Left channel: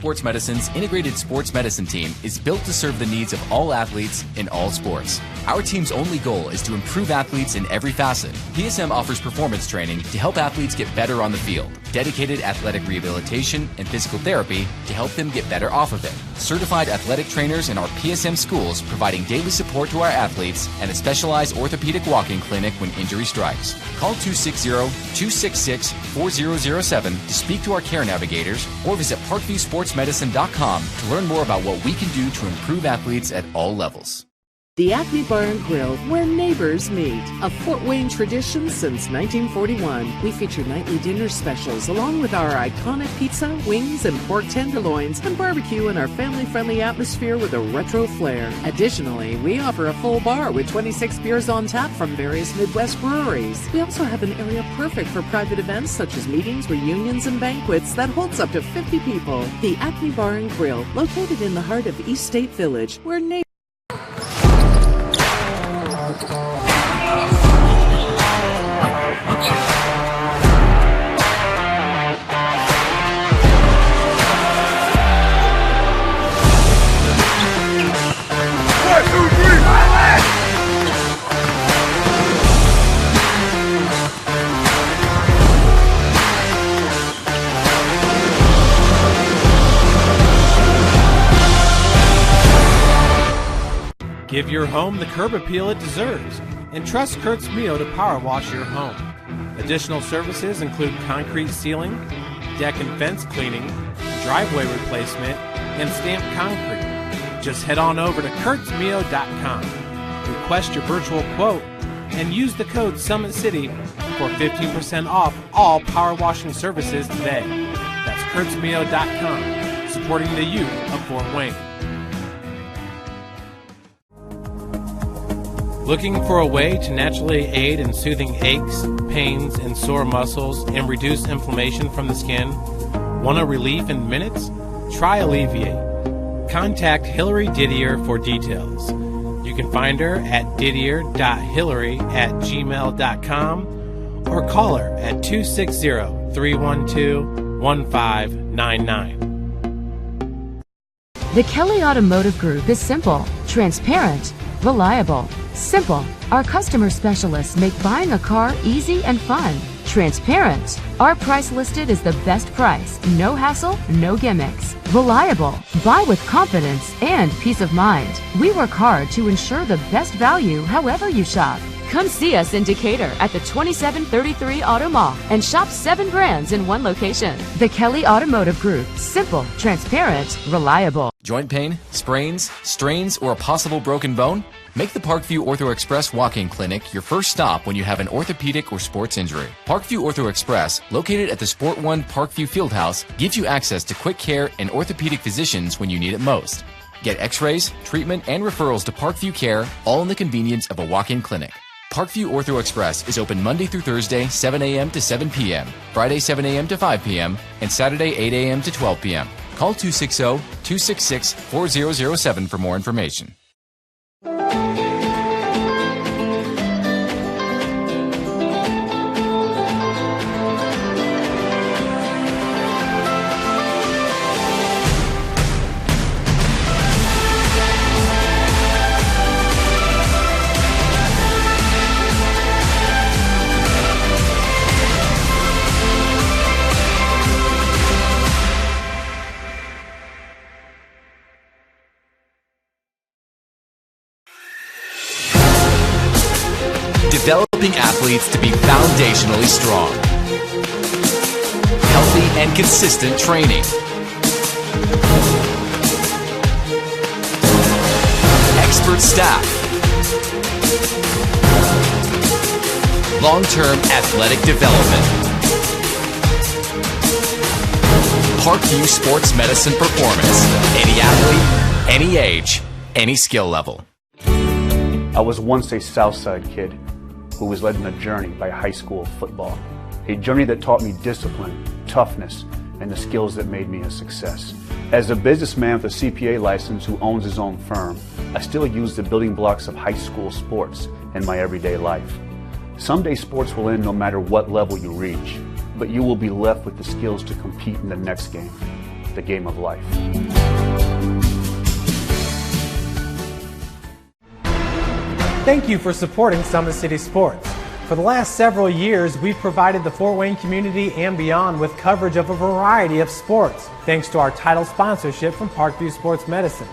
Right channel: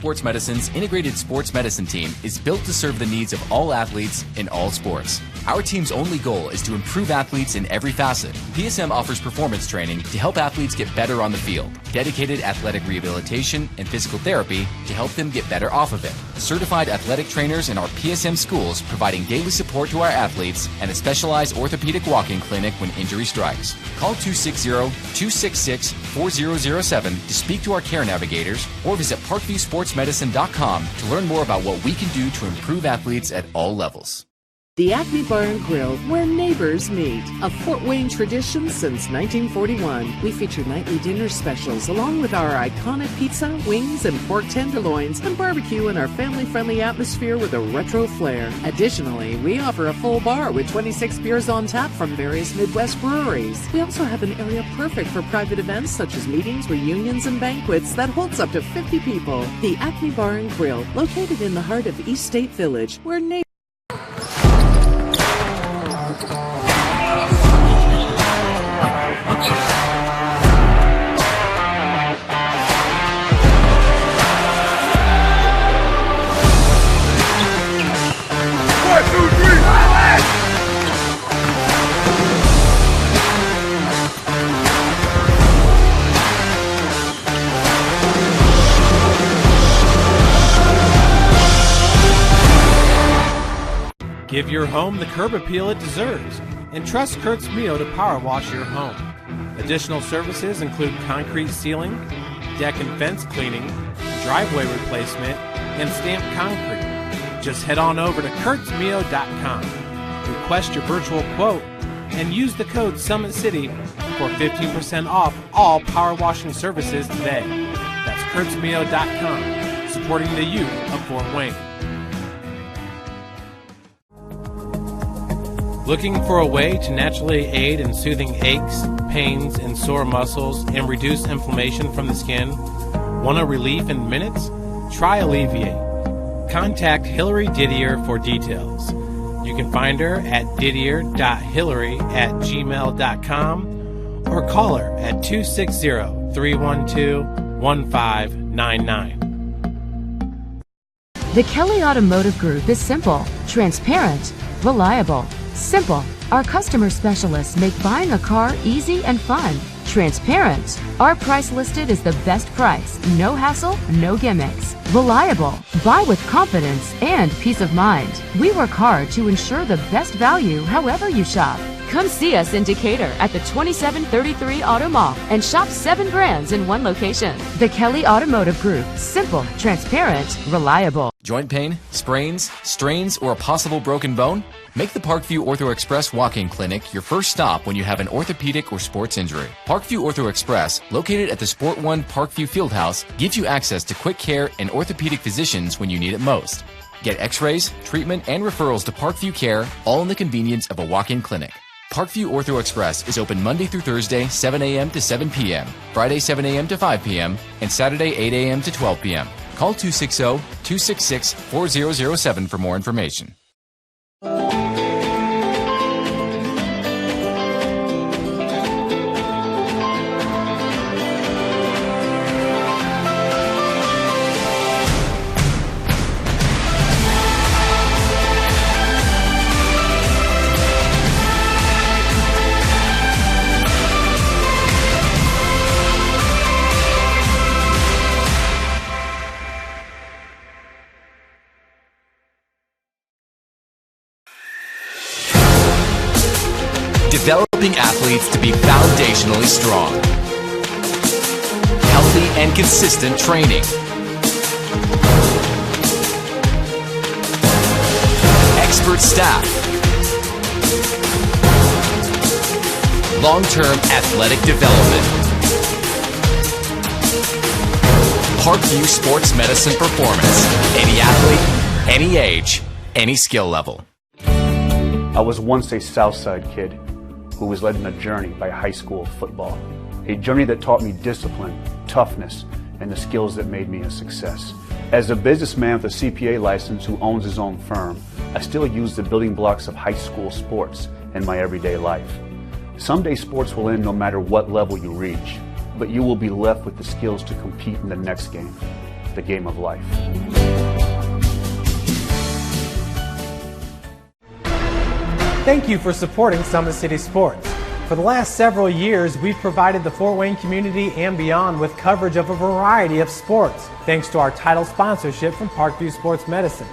Sports Medicine's integrated sports medicine team is built to serve the needs of all athletes in all sports. Our team's only goal is to improve athletes in every facet. PSM offers performance training to help athletes get better on the field, dedicated athletic rehabilitation and physical therapy to help them get better off of it, certified athletic trainers in our PSM schools providing daily support to our athletes, and a specialized orthopedic walk-in clinic when injury strikes. Call 260-266-4007 to speak to our care navigators or visit ParkviewSportsMedicine.com to learn more about what we can do to improve athletes at all levels. The Acme Bar and Grill, where neighbors meet. A Fort Wayne tradition since 1941. We feature nightly dinner specials along with our iconic pizza, wings, and pork tenderloins, and barbecue in our family-friendly atmosphere with a retro flair. Additionally, we offer a full bar with 26 beers on tap from various Midwest breweries. We also have an area perfect for private events such as meetings, reunions, and banquets that holds up to 50 people. The Acme Bar and Grill, located in the heart of East State Village, where neighbors... Give your home the curb appeal it deserves and trust Kurt's Mio to power wash your home. Additional services include concrete sealing, deck and fence cleaning, driveway replacement, and stamped concrete. Just head on over to kurtzmio.com. Request your virtual quote and use the code SummitCity for 15% off all power washing services today. That's kurtzmio.com, supporting the youth of Fort Wayne. Looking for a way to naturally aid in soothing aches, pains, and sore muscles and reduce inflammation from the skin? Want a relief in minutes? Try Alleviate. Contact Hillary Didier for details. You can find her at didier.hillary@gmail.com or call her at 260-312-1599. The Kelly Automotive Group is simple, transparent, reliable. Simple. Our customer specialists make buying a car easy and fun. Transparent. Our price listed is the best price. No hassle, no gimmicks. Reliable. Buy with confidence and peace of mind. We work hard to ensure the best value however you shop. Come see us in Decatur at the 2733 Auto Mall and shop 7 brands in one location. The Kelly Automotive Group. Simple, transparent, reliable. Joint pain, sprains, strains, or a possible broken bone? Make the Parkview Ortho Express walk-in clinic your first stop when you have an orthopedic or sports injury. Parkview Ortho Express, located at the Sport One Parkview Fieldhouse, gives you access to quick care and orthopedic physicians when you need it most. Get x-rays, treatment, and referrals to Parkview Care, all in the convenience of a walk-in clinic. Parkview Ortho Express is open Monday through Thursday, 7 a.m. to 7 p.m., Friday, 7 a.m. to 5 p.m., and Saturday, 8 a.m. to 12 p.m. Call 260-266-4007 for more information. Developing athletes to be foundationally strong. Healthy and consistent training. Expert staff. Long-term athletic development. Parkview Sports Medicine Performance. Any athlete, any age, any skill level. I was once a Southside kid who was led on a journey by high school football. A journey that taught me discipline, toughness, and the skills that made me a success. As a businessman with a CPA license who owns his own firm, I still use the building blocks of high school sports in my everyday life. Someday sports will end no matter what level you reach, but you will be left with the skills to compete in the next game. the game of life. Thank you for supporting Summit City Sports. For the last several years, we've provided the Fort Wayne community and beyond with coverage of a variety of sports, thanks to our title sponsorship from Parkview Sports Medicine.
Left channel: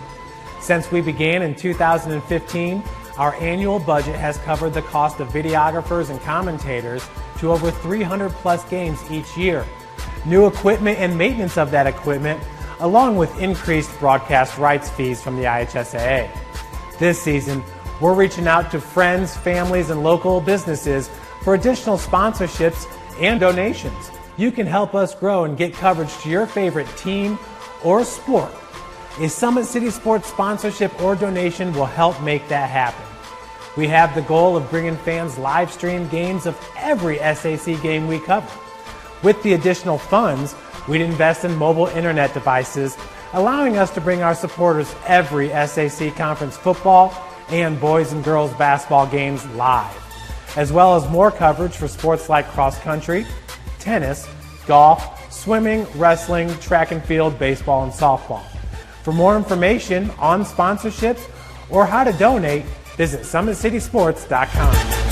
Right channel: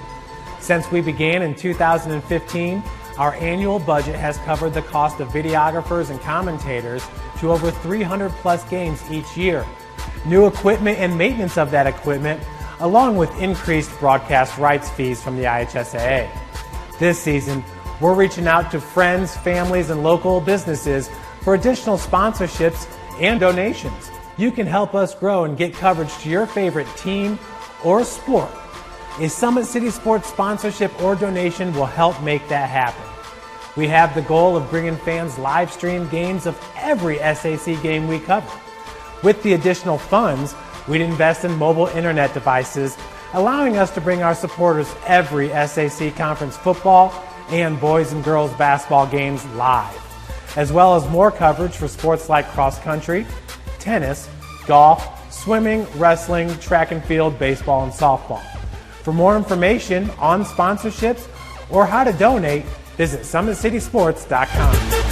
Since we began in 2015, our annual budget has covered the cost of videographers and commentators to over 300 plus games each year. New equipment and maintenance of that equipment, along with increased broadcast rights fees from the IHSAA. This season, we're reaching out to friends, families, and local businesses for additional sponsorships and donations. You can help us grow and get coverage to your favorite team or sport. A Summit City Sports sponsorship or donation will help make that happen. We have the goal of bringing fans live stream games of every SAC game we cover. With the additional funds, we'd invest in mobile internet devices, allowing us to bring our supporters every SAC conference football and boys and girls basketball games live, as well as more coverage for sports like cross country, tennis, golf, swimming, wrestling, track and field, baseball, and softball. For more information on sponsorships or how to donate, visit SummitCitySports.com.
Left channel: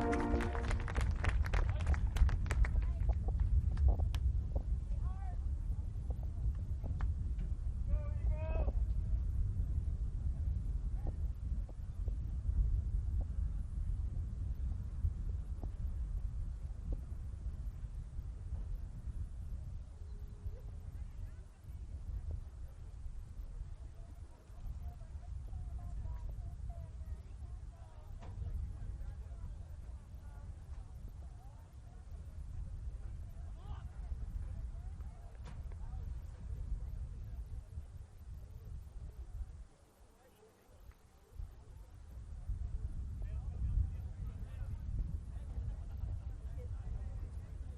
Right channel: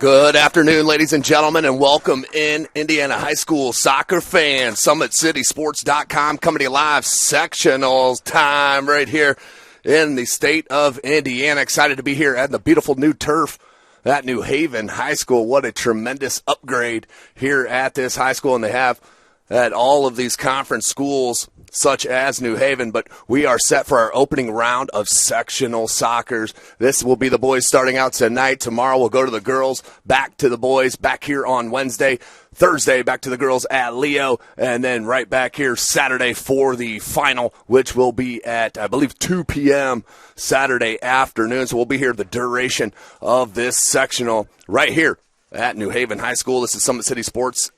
Good afternoon, ladies and gentlemen, and welcome in Indiana high school soccer fans. SummitCitySports.com coming to you live, sectionals time right here in the state of Indiana. Excited to be here at the beautiful new turf at New Haven High School. What a tremendous upgrade here at this high school, and they have at all of these conference schools such as New Haven, but we are set for our opening round of sectional soccer. This will be the boys starting out tonight. Tomorrow we'll go to the girls, back to the boys, back here on Wednesday. Thursday, back to the girls at Leo, and then right back here Saturday for the final, which will be at, I believe, 2 p.m. Saturday afternoon. So we'll be here the duration of this sectional right here at New Haven High School. This is SummitCitySports.com.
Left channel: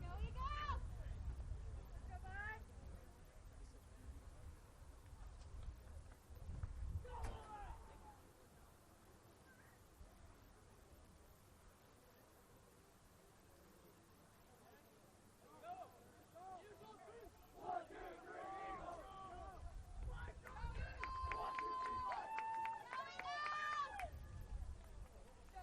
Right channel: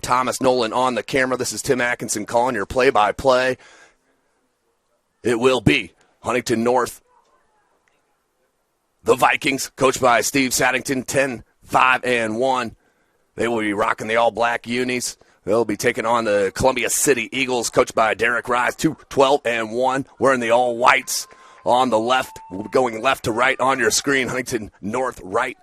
Thomas Nolan on the camera. This is Tim Atkinson calling your play-by-play. It will be Huntington North, the Vikings, coached by Steve Saddington, 10-5-1. They will be rocking the all-black unis. They'll be taking on the Columbia City Eagles, coached by Derek Rise, 12-1. Wearing the all-whites on the left, going left to right on your screen. Huntington North right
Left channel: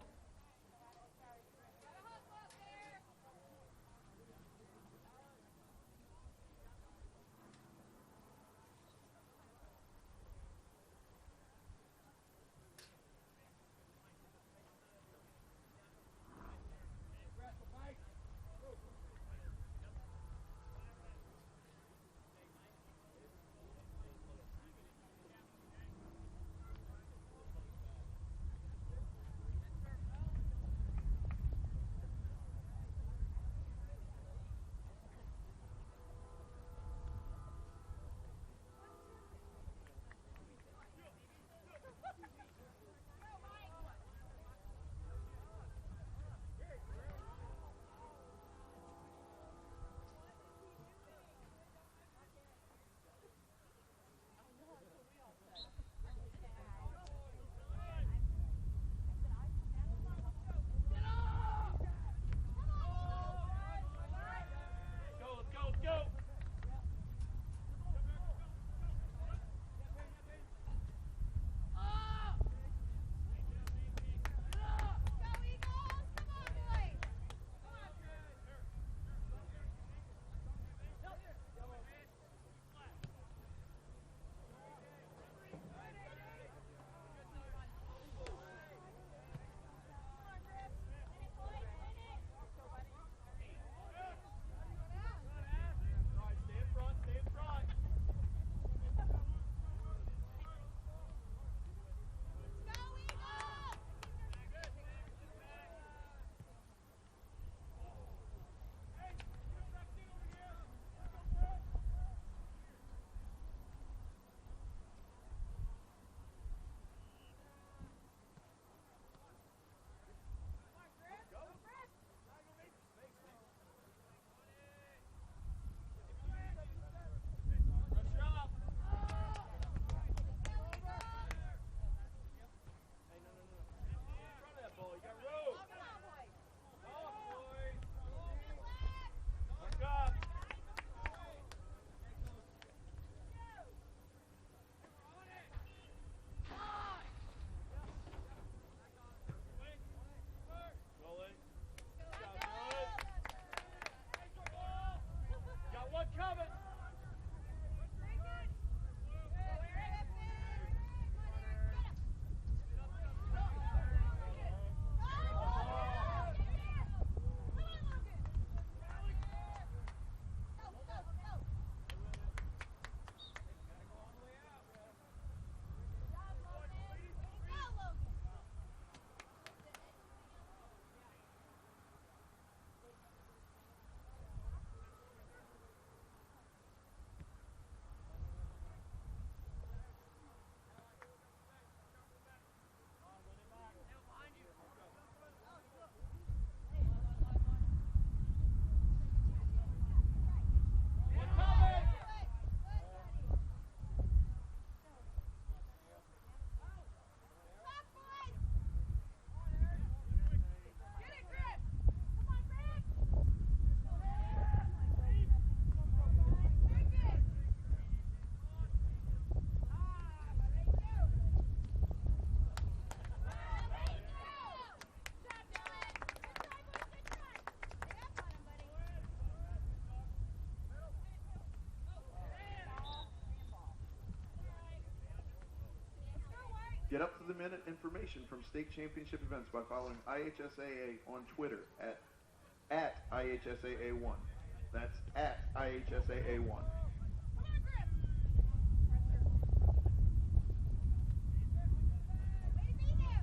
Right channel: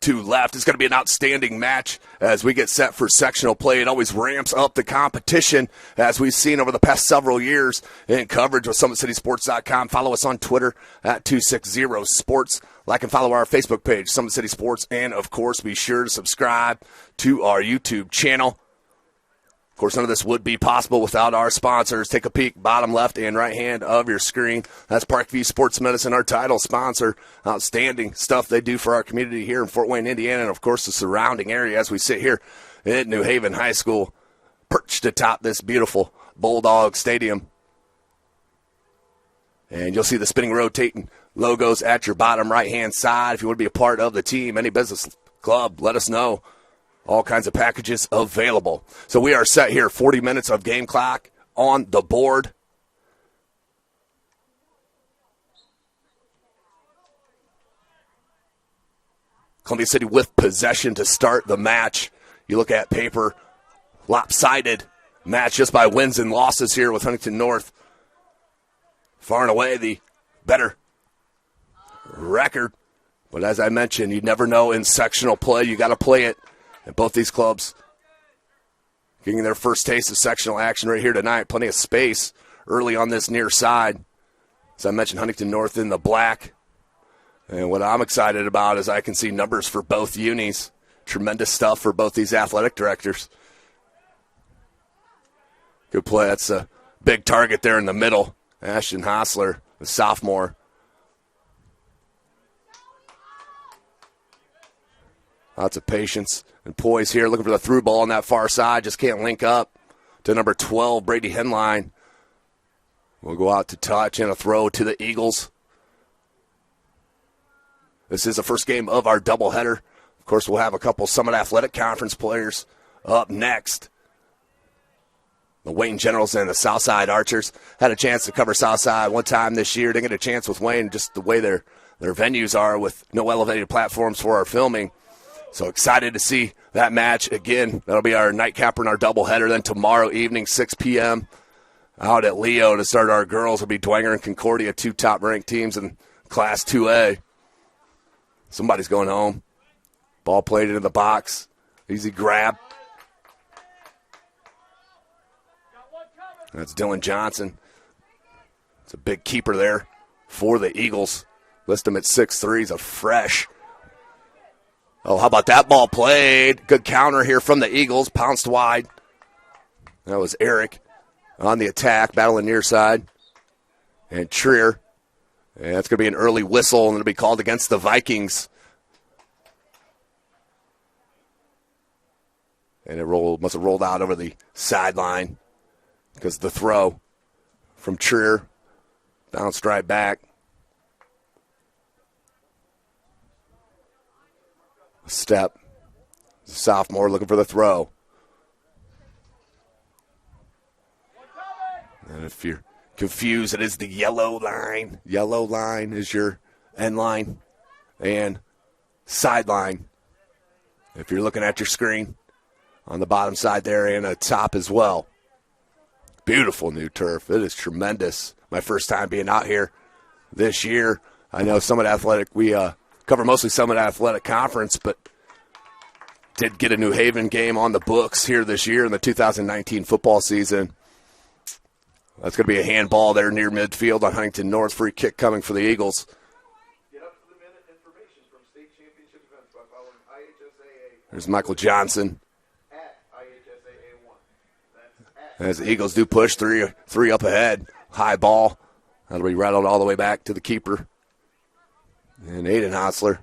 to left. It's going to be an outstanding match as we get set for sectional play. It always ramps up the competition, as we've seen over the past several years in coverage with SummitCitySports.com. Follow us on Twitter at 260sports. Like and follow our Facebook page, Summit City Sports, and, of course, be sure to subscribe to our YouTube channel. Of course, none of this would be possible without our sponsors. Take a peek, bottom left and right hand of your screen. That's Parkview Sports Medicine, our title sponsor. Outstanding stuff they do for our community here in Fort Wayne, Indiana, and, of course, the surrounding area as we sit here at New Haven High School, perched atop this beautiful Bulldog Stadium. And you'll see the spinning, rotating logos at your bottom right-hand side. If you want to be a part of the team, any business club, let us know. All kinds of packages available. So we are set here, 40 minutes of game clock on the board. Columbia City with possession to start the match. You look at paper, lopsided match just by wins and losses here with Huntington North. Far and away the better record. But as I mentioned, you never know in sectional play. You got to play it. And both these clubs getting their first taste of sectional action right here tonight. Plenty of space early on this near side. As I mentioned, Huntington North in the black. And what I'm excited about is I can see numbers for both unis. Tremendous stuff for both these athletic directors. Good play. That's a big target there in the middle. Ashton Hostler, the sophomore. Lots of patience and poise here, looking for the through ball on that far side. Just can't link up to number 12, Brady Henline. We'll go out to touch and a throw to the Eagles. This is the first game of our doubleheader. Of course, we'll have a couple Summit Athletic Conference players up next. The Wayne Generals and the Southside Archers had a chance to cover Southside one time this year. Didn't get a chance with Wayne, just the way their venues are with no elevated platforms for our filming. So excited to see that match again. That'll be our nightcapper and our doubleheader. Then tomorrow evening, 6 p.m., out at Leo to start our girls will be Dwenger and Concordia, 2 top-ranked teams in Class 2A. Somebody's going home. Ball played into the box. Easy grab. That's Dylan Johnson. It's a big keeper there for the Eagles. List him at 6'3". He's a fresh. Oh, how about that ball played? Good counter here from the Eagles. Pounced wide. That was Eric on the attack, battling near side. And Trier. And that's going to be an early whistle, and it'll be called against the Vikings. And it must have rolled out over the sideline because the throw from Trier bounced right back. Step. Sophomore looking for the throw. And if you're confused, it is the yellow line. Yellow line is your end line and sideline. If you're looking at your screen on the bottom side there and a top as well. Beautiful new turf. It is tremendous. My first time being out here this year. I know Summit Athletic, we cover mostly Summit Athletic Conference, but did get a New Haven game on the books here this year in the 2019 football season. That's going to be a handball there near midfield on Huntington North. Free kick coming for the Eagles. Get up to the minute information from state championship events by following IHSAA. There's Michael Johnson. At IHSAA 1. That's at As the Eagles do push three up ahead. High ball. That'll be rattled all the way back to the keeper. And Aiden Hostler.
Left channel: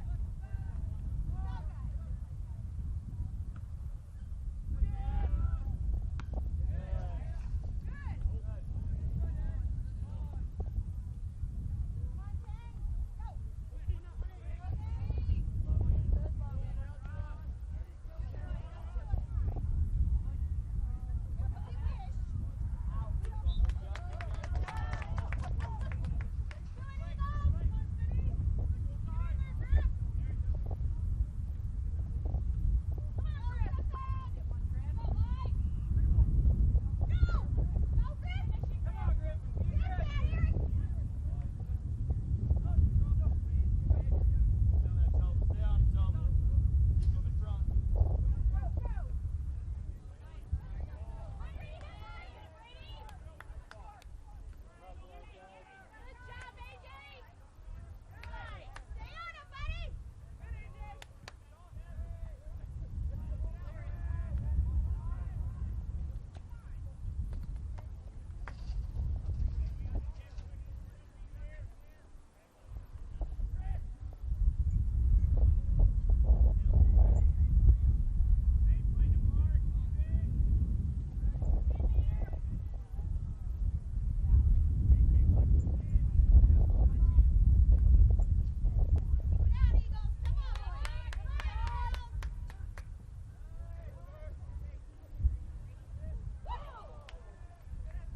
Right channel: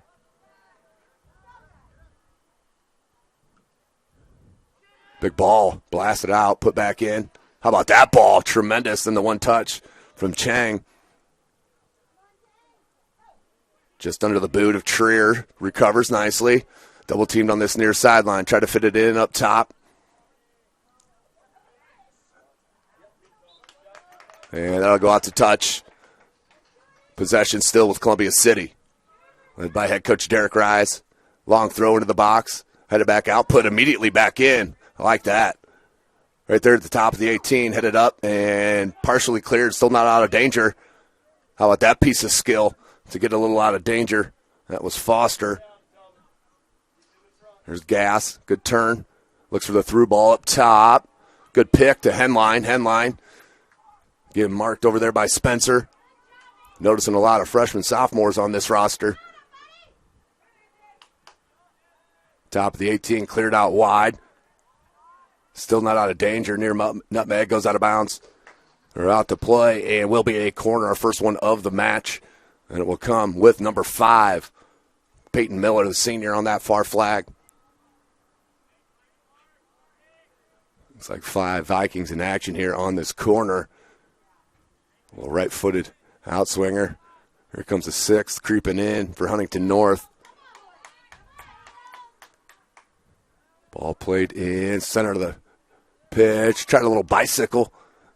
Big ball. Blasted out. Put back in. How about that ball? Tremendous. And the one touch from Chang. Just under the boot of Trier. Recovers nicely. Double teamed on this near sideline. Try to fit it in up top. And that'll go out to touch. Possession still with Columbia City. Led by head coach Derek Rise. Long throw into the box. Headed back out. Put immediately back in. I like that. Right there at the top of the 18. Headed up and partially cleared. Still not out of danger. How about that piece of skill to get a little out of danger? That was Foster. There's Gass. Good turn. Looks for the through ball up top. Good pick to Henline. Henline getting marked over there by Spencer. Noticing a lot of freshmen, sophomores on this roster. Top of the 18, cleared out wide. Still not out of danger. Near Nutmeg, goes out of bounds. They're out to play, and will be a corner, our first one of the match. And it will come with number 5, Peyton Miller, the senior, on that far flag. Looks like 5 Vikings in action here on this corner. A little right-footed outswinger. Here comes the 6th creeping in for Huntington North. Ball played in center of the pitch. Tried a little bicycle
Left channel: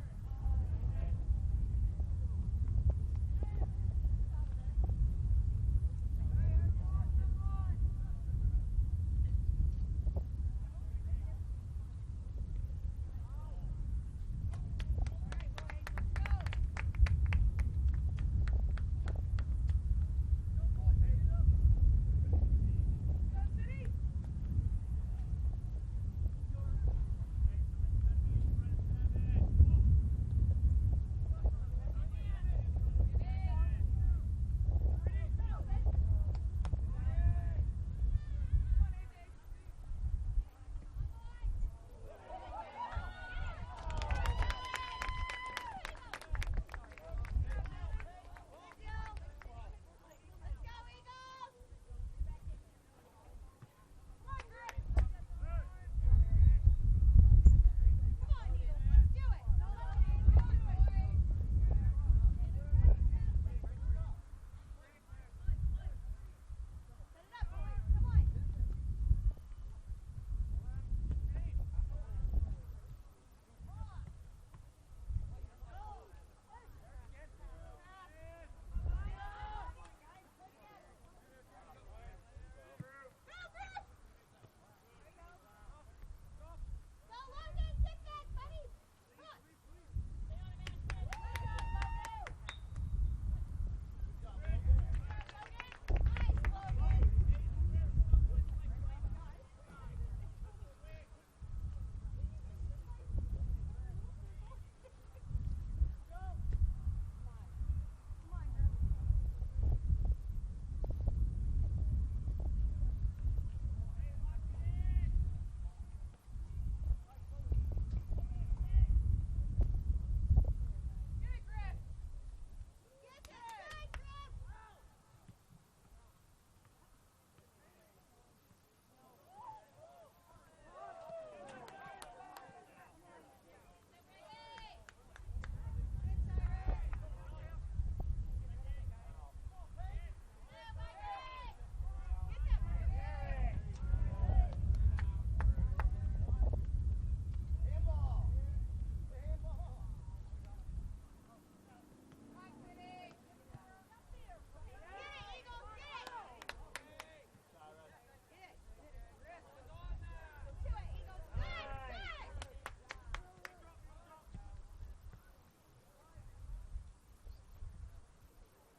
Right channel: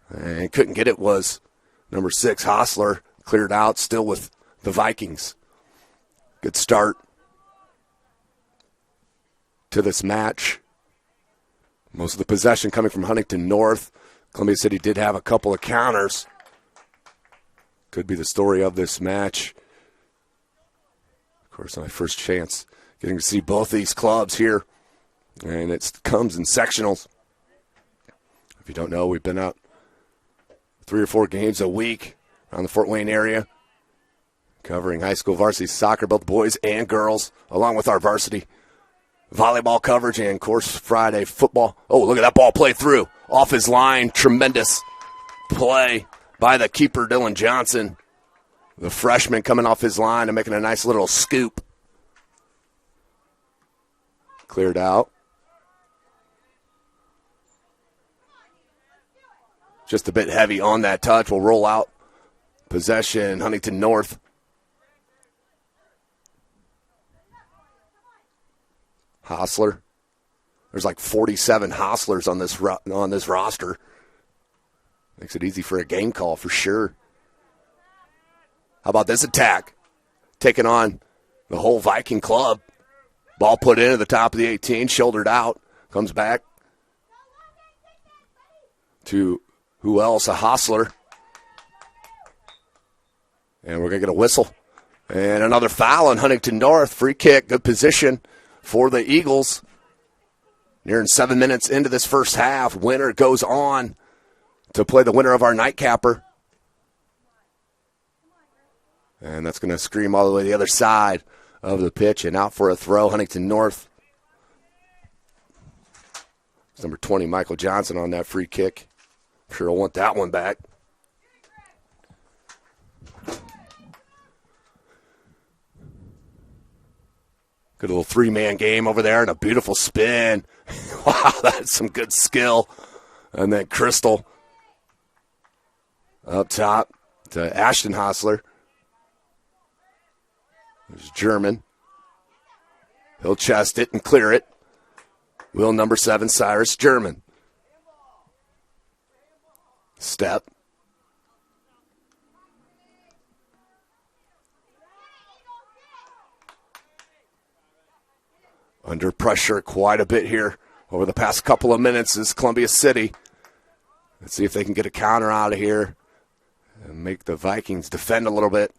and couldn't get it. Was number 6, Hostler. Cleared out, still with the Vikings. Good start to this match. Most of the possession coming from Huntington North. Columbia City did have a couple of counters. Could be the story of this match. Of course, my first chance getting to see both these clubs here. And it comes in sectionals. If you don't know, we've been out 3 or 4 games a week around the Fort Wayne area, covering high school varsity soccer, both boys and girls, along with our varsity volleyball coverage and, of course, Friday football. Oh, look at that ball play through. Off his line. Tremendous play by the keeper, Dylan Johnson. The freshman coming off his line and making a nice little scoop. Cleared out. Just a bit heavy on that touch. Will roll out. Possession, Huntington North. Hostler. There's like 47 Hostlers on this roster. Makes it easy for a game call for sure. How about this attack? Taking on the whole Viking club. Ball put in at the top of the 18, shouldered out. Comes back to who else? A Hostler. And we're going to get a whistle. And another foul on Huntington North. Free kick, good position for the Eagles. Nearing 7 minutes into this first half. Winner goes on to play the winner of our nightcapper. And that's going to scream all the way to the other side of the pitch. And out for a throw, Huntington North. It's number 20, Michael Johnson, on that free kick. I'm sure he'll want that one back. Good little three-man game over there and a beautiful spin. Wow, that's some good skill. And then Crystal up top to Ashton Hostler. There's German. He'll chest it and clear it. Wheel number 7, Cyrus German. Step. Under pressure quite a bit here over the past couple of minutes is Columbia City. Let's see if they can get a counter out of here and make the Vikings defend a little bit.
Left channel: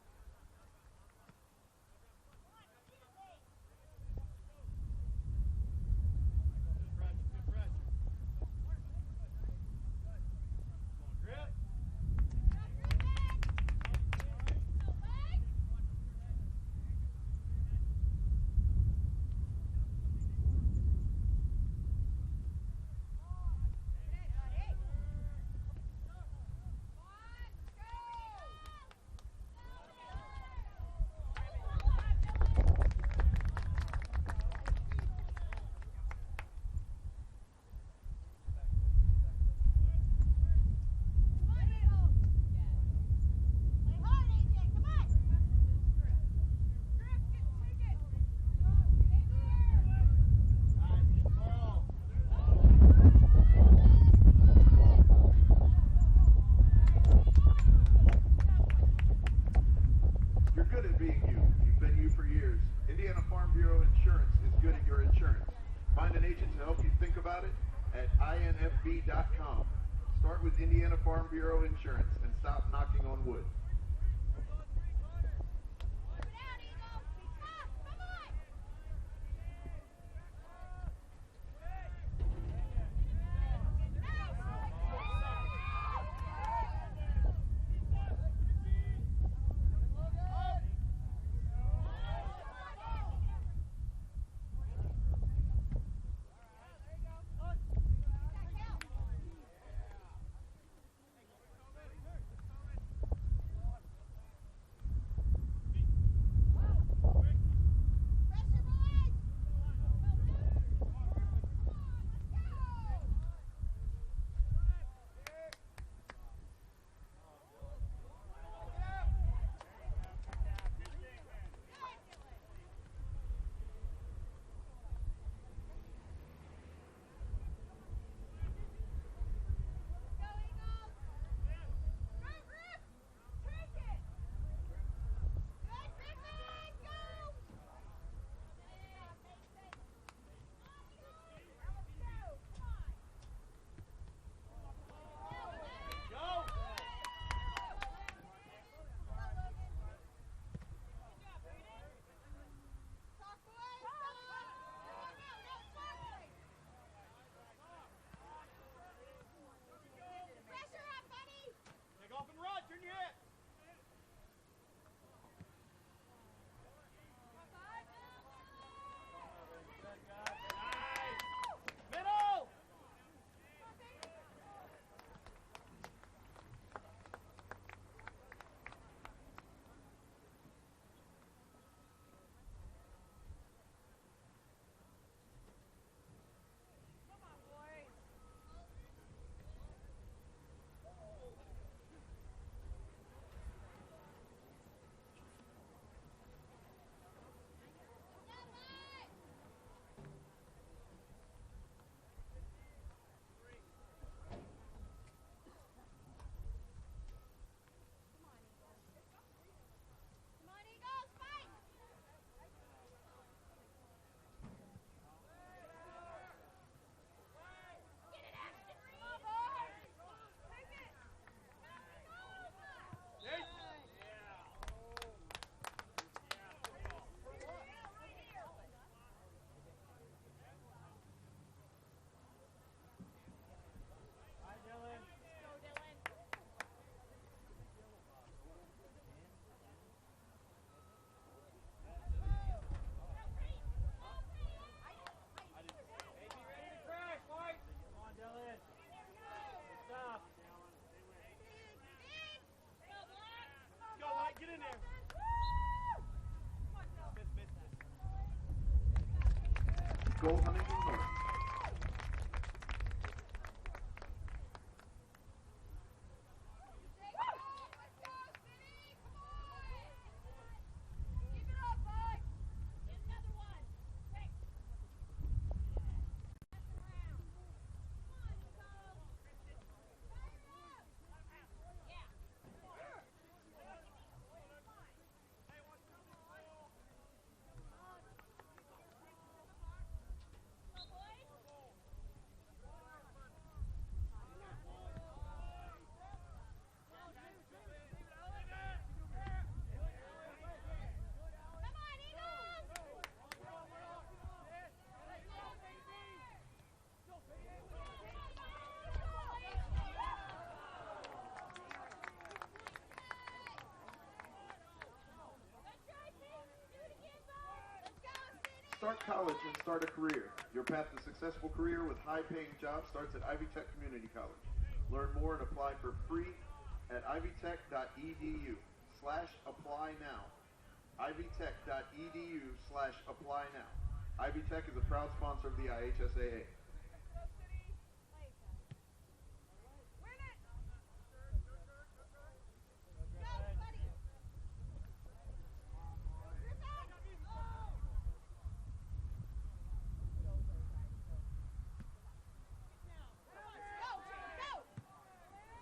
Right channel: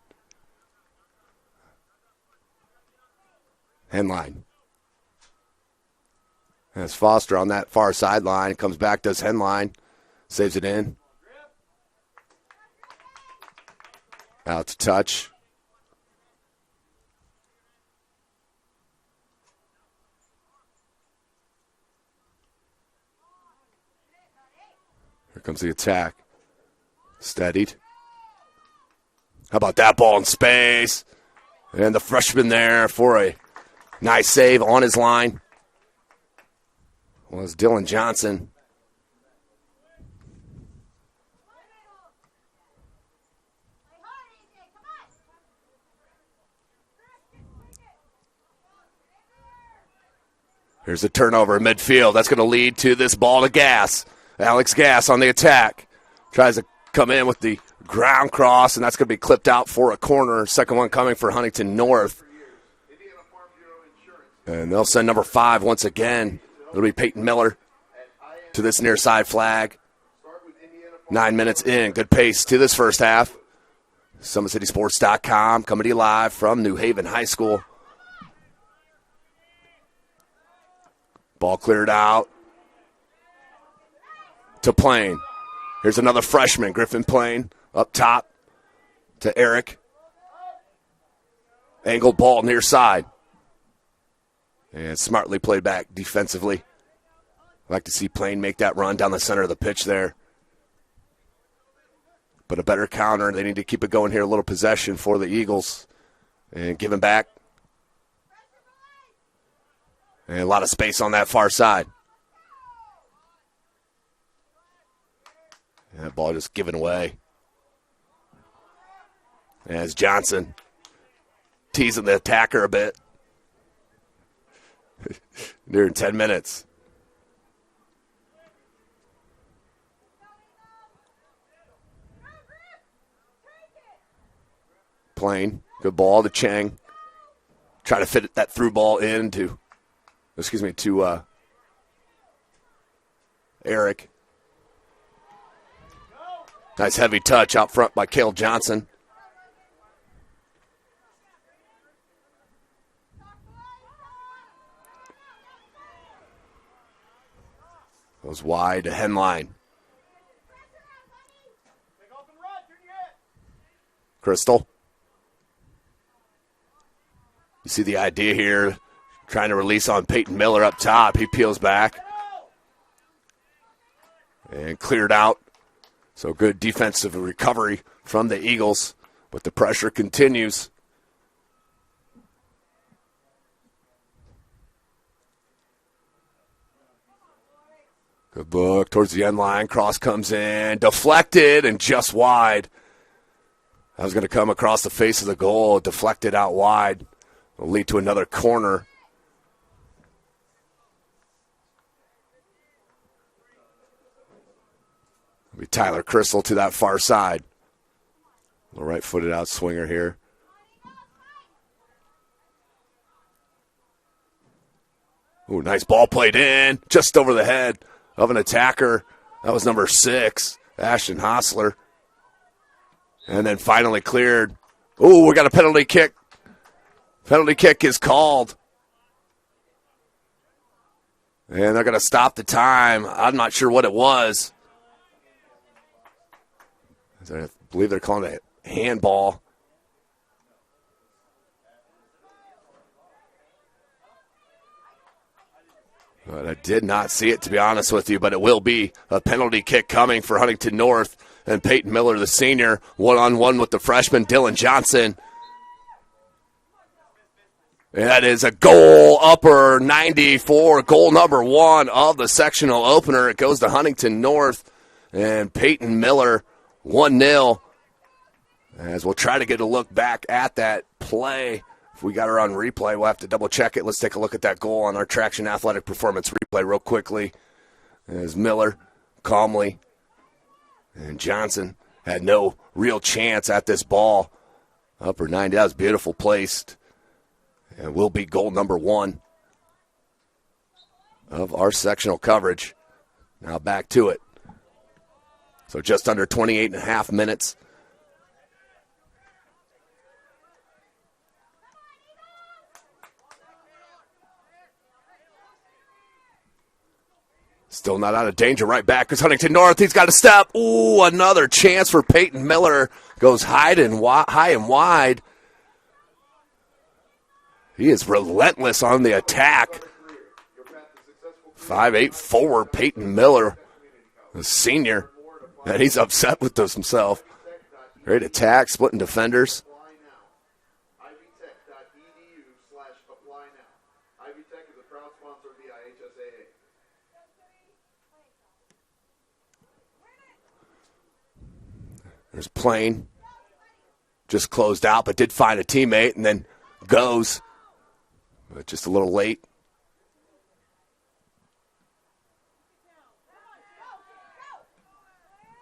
Henline. That's Foster on that far sideline. Comes back, does Henline. Saves it in. Out to touch. Here comes the attack. Steadied. How about that ball in space? And the freshman there for a nice save on his line was Dylan Johnson. Here's a turnover in midfield. That's going to lead to this ball to Gass. Alex Gass on the attack. Tries to come in with the ground cross, and that's going to be clipped out for a corner. Second one coming for Huntington North. And they'll send number 5 once again. It'll be Peyton Miller to this near side flag. 9 minutes in. Good pace to this first half. SummitCitySports.com coming to you live from New Haven High School. Ball cleared out to Plain. Here's another freshman, Griffin Plain, up top to Eric. Angled ball near side. And smartly played back defensively. Like to see Plain make that run down the center of the pitch there. But a better counter. They need to keep it going here. A little possession for the Eagles. And give him back. And a lot of space on that far side. And that ball just given away. As Johnson teasing the attacker a bit. Near 10 minutes. Plain. Good ball to Chang. Try to fit that through ball into, to Eric. Nice heavy touch out front by Cale Johnson. Was wide to Henline. Crystal. You see the idea here, trying to release on Peyton Miller up top. He peels back. And cleared out. So good defensive recovery from the Eagles, but the pressure continues. Good look towards the end line. Cross comes in, deflected, and just wide. That was going to come across the face of the goal, deflected out wide. Will lead to another corner. It'll be Tyler Crystal to that far side. A right-footed out swinger here. Ooh, nice ball played in, just over the head of an attacker. That was number 6, Ashton Hostler. And then finally cleared. Ooh, we got a penalty kick. Penalty kick is called. And they're going to stop the time. I'm not sure what it was. I believe they're calling it a handball. But I did not see it, to be honest with you, but it will be a penalty kick coming for Huntington North. And Peyton Miller, the senior, one-on-one with the freshman, Dylan Johnson. And that is a goal, upper 94, goal number 1 of the sectional opener. It goes to Huntington North and Peyton Miller, 1-0. As we'll try to get a look back at that play. If we got her on replay, we'll have to double-check it. Let's take a look at that goal on our Traction Athletic Performance replay real quickly. As Miller calmly and Johnson had no real chance at this ball. Upper 90, that was beautiful placed. And will be goal number 1 of our sectional coverage. Now back to it. So just under 28 and a half minutes. Still not out of danger. Right back is Huntington North. He's got a step. Ooh, another chance for Peyton Miller. Goes high and wide. He is relentless on the attack. 5'8" forward Peyton Miller, the senior. And he's upset with this himself. Great attack, splitting defenders. IvyTech.edu/apply now. IvyTech is a proud sponsor of the IHSAA. There's Plain. Just closed out, but did find a teammate and then goes. But just a little late.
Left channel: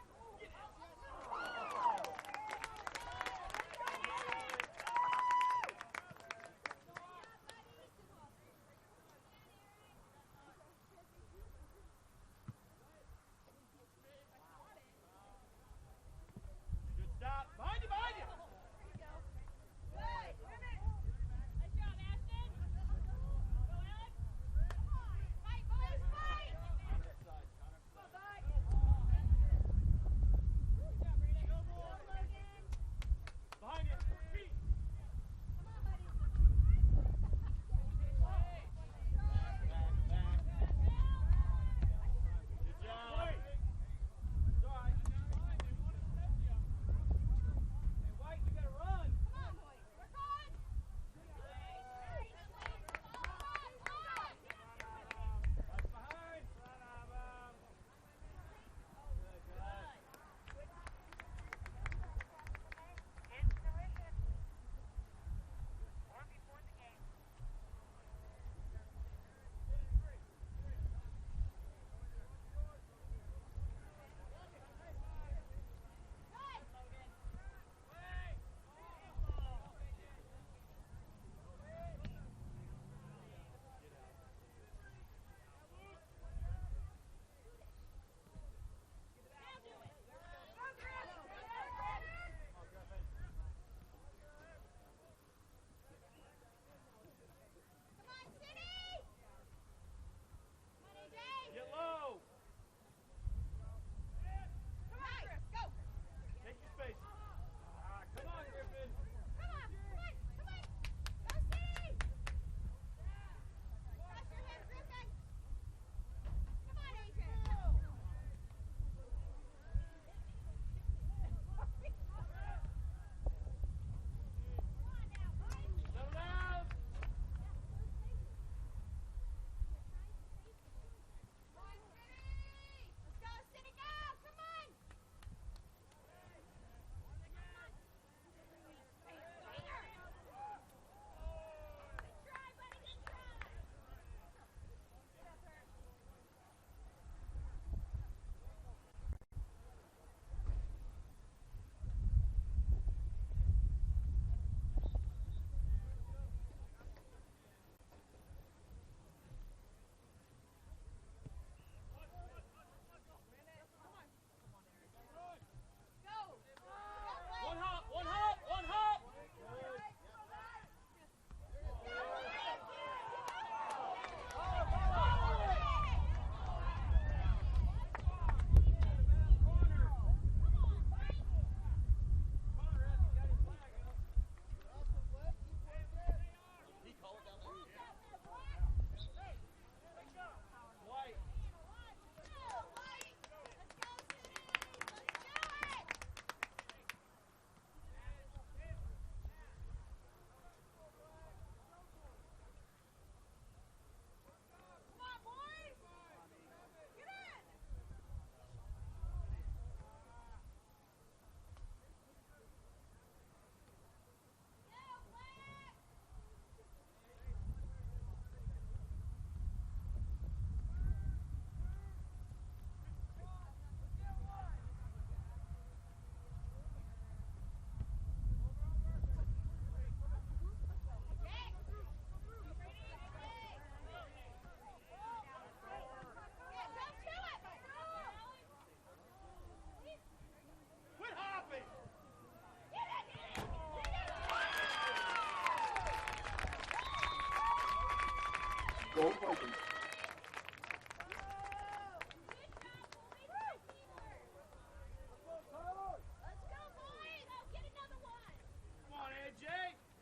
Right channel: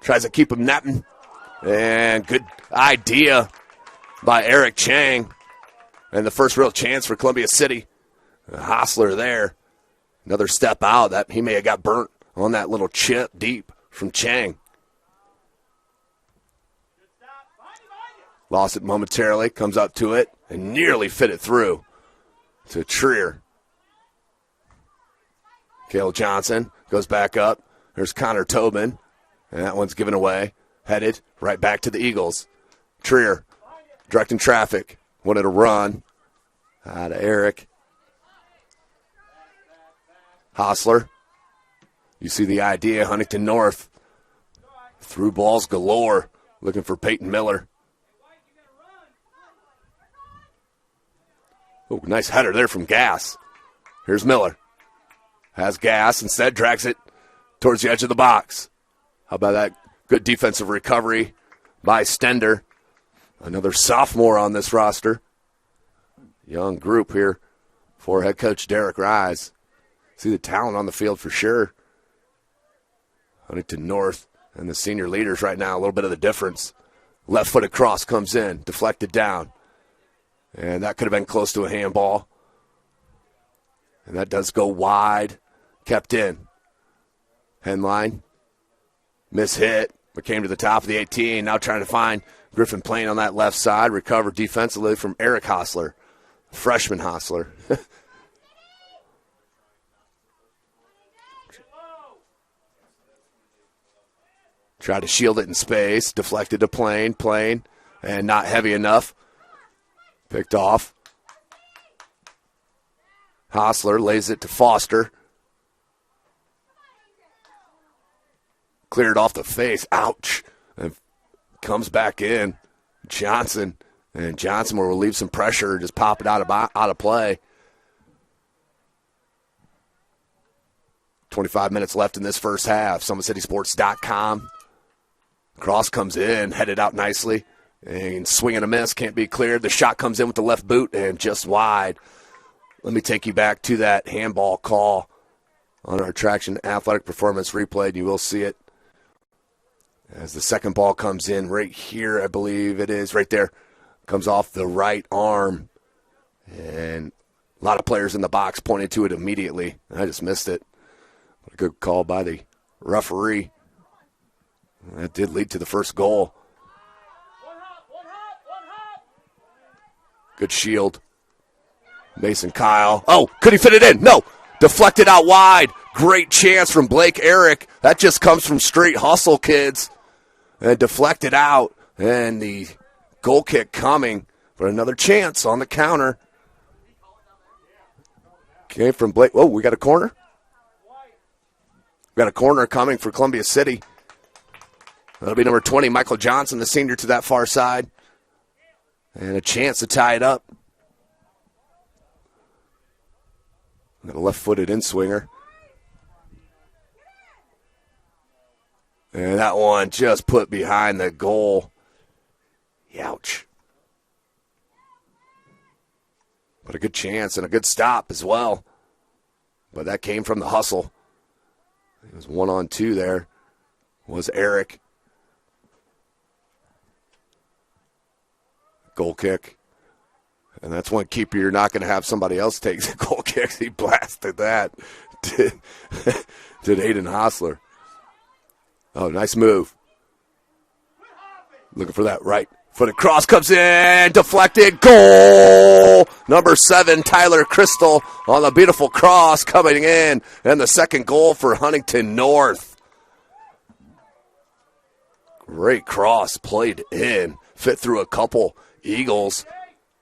Tries to keep him netting. And good idea by Eric Chang. And the first real chance for Columbia City. Hostler there. Another step out. That he may have got burnt on that little chip deep from Chang. Lost it momentarily. Comes up to it and nearly fit it through to Trier. Cale Johnson goes back up. There's Connor Tobin. And that one's given away. Headed right back to the Eagles. Trier directing traffic. Wanted a run. Out of Eric. Hostler. You see the idea. Huntington North. Through balls galore. Looking for Peyton Miller. Oh, nice header there from Gass. Here's Miller. Has Gass. Instead drags it towards the edge of the box. How about that good defensive recovery by Stender. Another sophomore on this roster. Young group here for head coach Derek Rise. See the talent on the field for sure. Huntington North and the senior leaders right now, a little bit of the difference. Left-footed cross comes in, deflected down. And that could have been close to a handball. And that does go wide. Kept in. Henline. Mishit, but came to the top of the 18. Now trying to find Griffin Plain on that left side. Recovered defensively from Eric Hostler. Freshman Hostler. Tried to shield it in space. Deflected to Plain. Plain. And not heavy enough. Picked off. Hostler lays it to Foster. Cleared off the face. Ouch. And comes back in. Johnson. And Johnson will relieve some pressure. Just pop it out of play. 25 minutes left in this first half. SummitCitySports.com. Cross comes in, headed out nicely. And swing and a miss, can't be cleared. The shot comes in with the left boot and just wide. Let me take you back to that handball call on our Traction Athletic Performance replay, and you will see it. As the second ball comes in right here, I believe it is, right there. Comes off the right arm. And a lot of players in the box pointed to it immediately. I just missed it. A good call by the referee. That did lead to the first goal. Good shield. Mason Kyle. Oh, could he fit it in? No. Deflected out wide. Great chance from Blake Eric. That just comes from straight hustle, kids. And deflected out. And the goal kick coming for another chance on the counter. Came from Blake. Oh, we got a corner. We got a corner coming for Columbia City. That'll be number 20, Michael Johnson, the senior, to that far side. And a chance to tie it up. Got a left-footed in-swinger. And that one just put behind the goal. Ouch. But a good chance and a good stop as well. But that came from the hustle. It was 1-on-2 there. Was Eric. Goal kick. And that's one keeper you're not going to have somebody else take the goal kicks. He blasted that. Did Aiden Hostler. Oh, nice move. Looking for that right footed cross. Comes in. Deflected. Goal. Number 7, Tyler Crystal on the beautiful cross coming in. And the second goal for Huntington North. Great cross played in. Fit through a couple Eagles.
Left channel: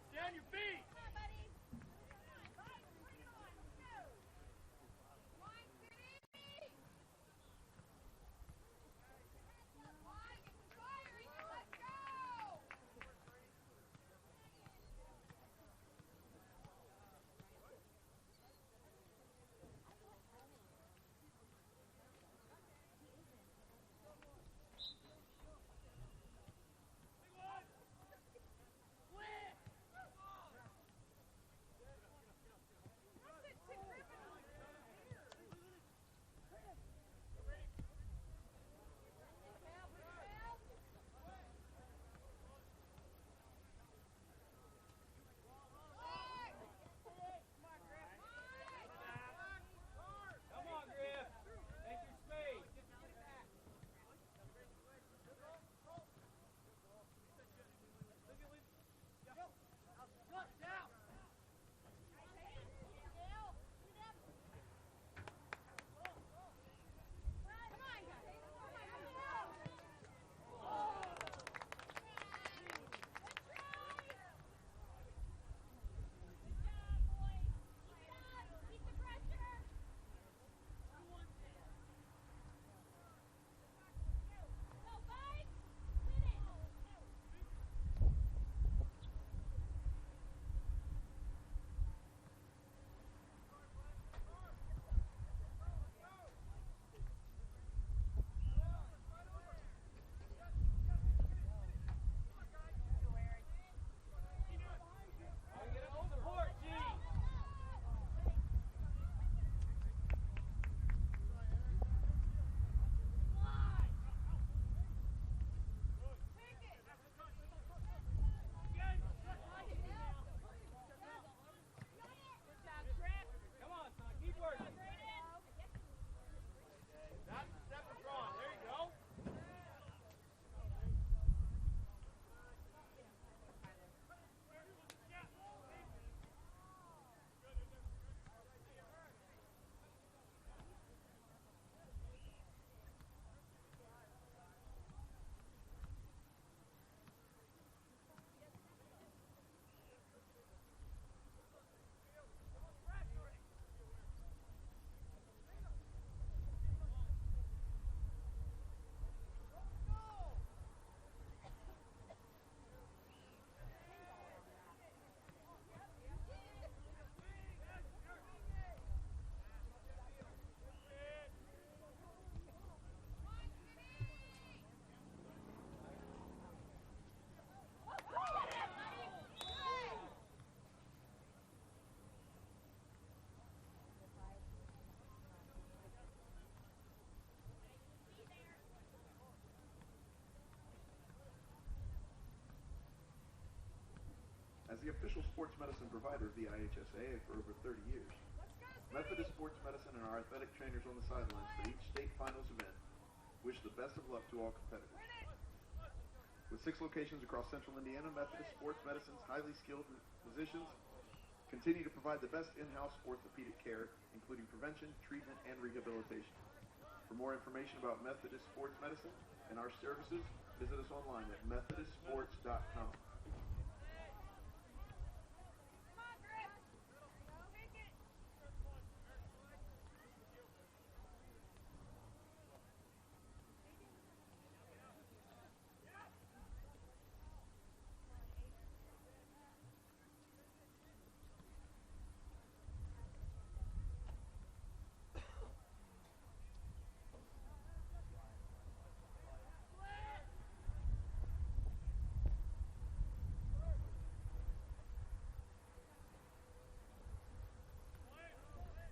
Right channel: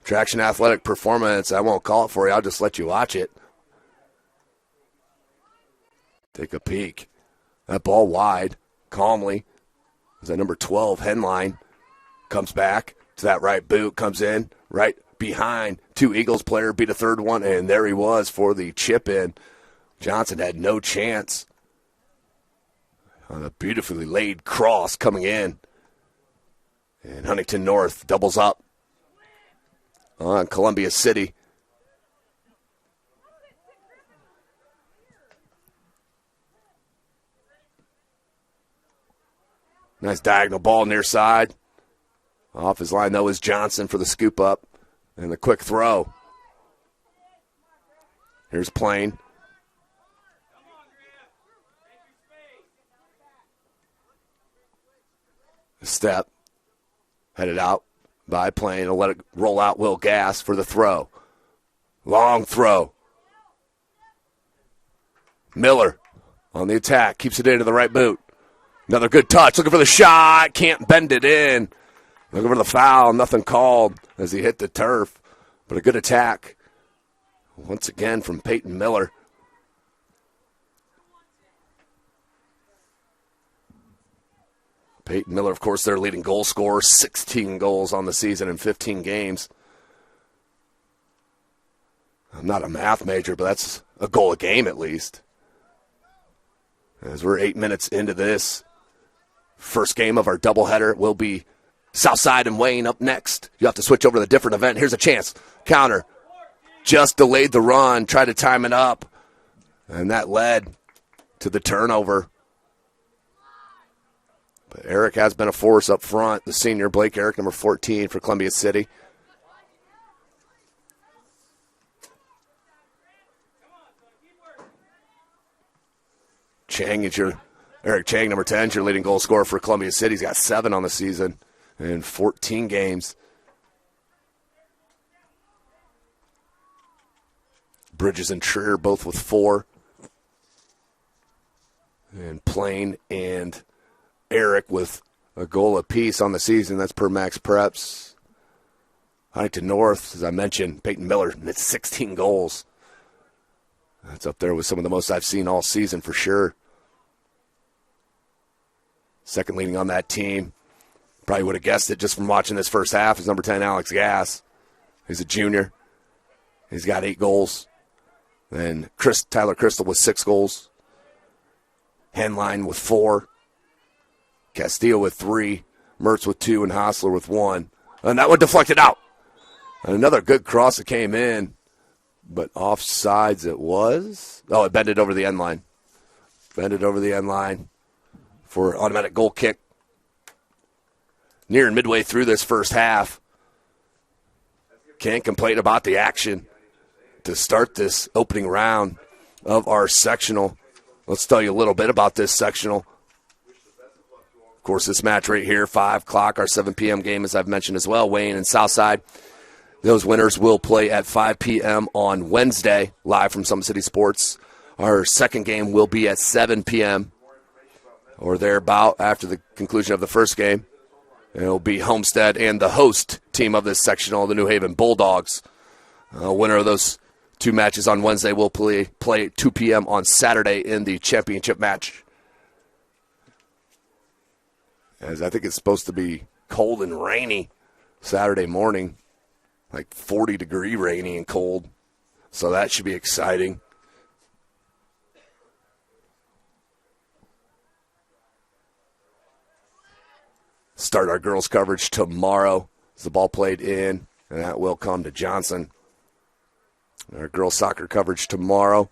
Traction Athletic Performance. I won't call it for you. I'll just let you watch it. Take a peek. That ball wide. Calmly. Is that number 12, Henline. Comes back to that right boot. Comes in right behind 2 Eagles player. Beat a third one. And there he was for the chip in. Johnson had no chance. On a beautifully laid cross coming in. And Huntington North doubles up on Columbia City. Nice diagonal ball near side. Off his line, though, is Johnson for the scoop up and the quick throw. Here's Plain. Step. Headed out by Plain. He'll let it roll out. Will Gass for the throw. Long throw. Miller on the attack. Keeps it into the right boot. Another good touch. Looking for the shot. Can't bend it in. Looking for the foul. Nothing called as he hit the turf. But a good attack. Once again from Peyton Miller. Peyton Miller, of course, their leading goal scorer. 16 goals on the season in 15 games. I'm not a math major, but that's a goal a game at least. As we're 8 minutes into this first game of our doubleheader, will be Southside and Wayne up next. You have to switch over to a different event. Here's a chance. Counter. Just delayed the run. Tried to time it up. And that led to the turnover. But Eric has been a force up front. The senior, Blake Eric, number 14 for Columbia City. Chang is Eric Chang, number 10, is your leading goal scorer for Columbia City. He's got 7 on the season in 14 games. Bridges and Trier both with 4. And Plain and Eric with a goal apiece on the season. That's per Max Preps. Huntington North, as I mentioned, Peyton Miller, it's 16 goals. That's up there with some of the most I've seen all season for sure. Second leading on that team. Probably would have guessed it just from watching this first half is number 10, Alex Gass. He's a junior. He's got 8 goals. Then Tyler Crystal with 6 goals. Henline with 4. Castillo with 3. Mertz with 2, and Hostler with 1. And that one deflected out. And another good cross that came in, but offsides it was. Oh, it bended over the end line. Bended over the end line for automatic goal kick. Nearing midway through this first half. Can't complain about the action to start this opening round of our sectional. Let's tell you a little bit about this sectional. Of course, this match right here, 5 o'clock, our 7 p.m. game, as I've mentioned as well, Wayne and Southside. Those winners will play at 5 p.m. on Wednesday, live from Summit City Sports. Our second game will be at 7 p.m. or thereabout after the conclusion of the first game. And it'll be Homestead and the host team of this sectional, the New Haven Bulldogs. Winner of those 2 matches on Wednesday will play at 2 p.m. on Saturday in the championship match. As I think it's supposed to be cold and rainy Saturday morning, like 40-degree rainy and cold. So that should be exciting. Start our girls' coverage tomorrow as the ball played in, and that will come to Johnson. Our girls' soccer coverage tomorrow.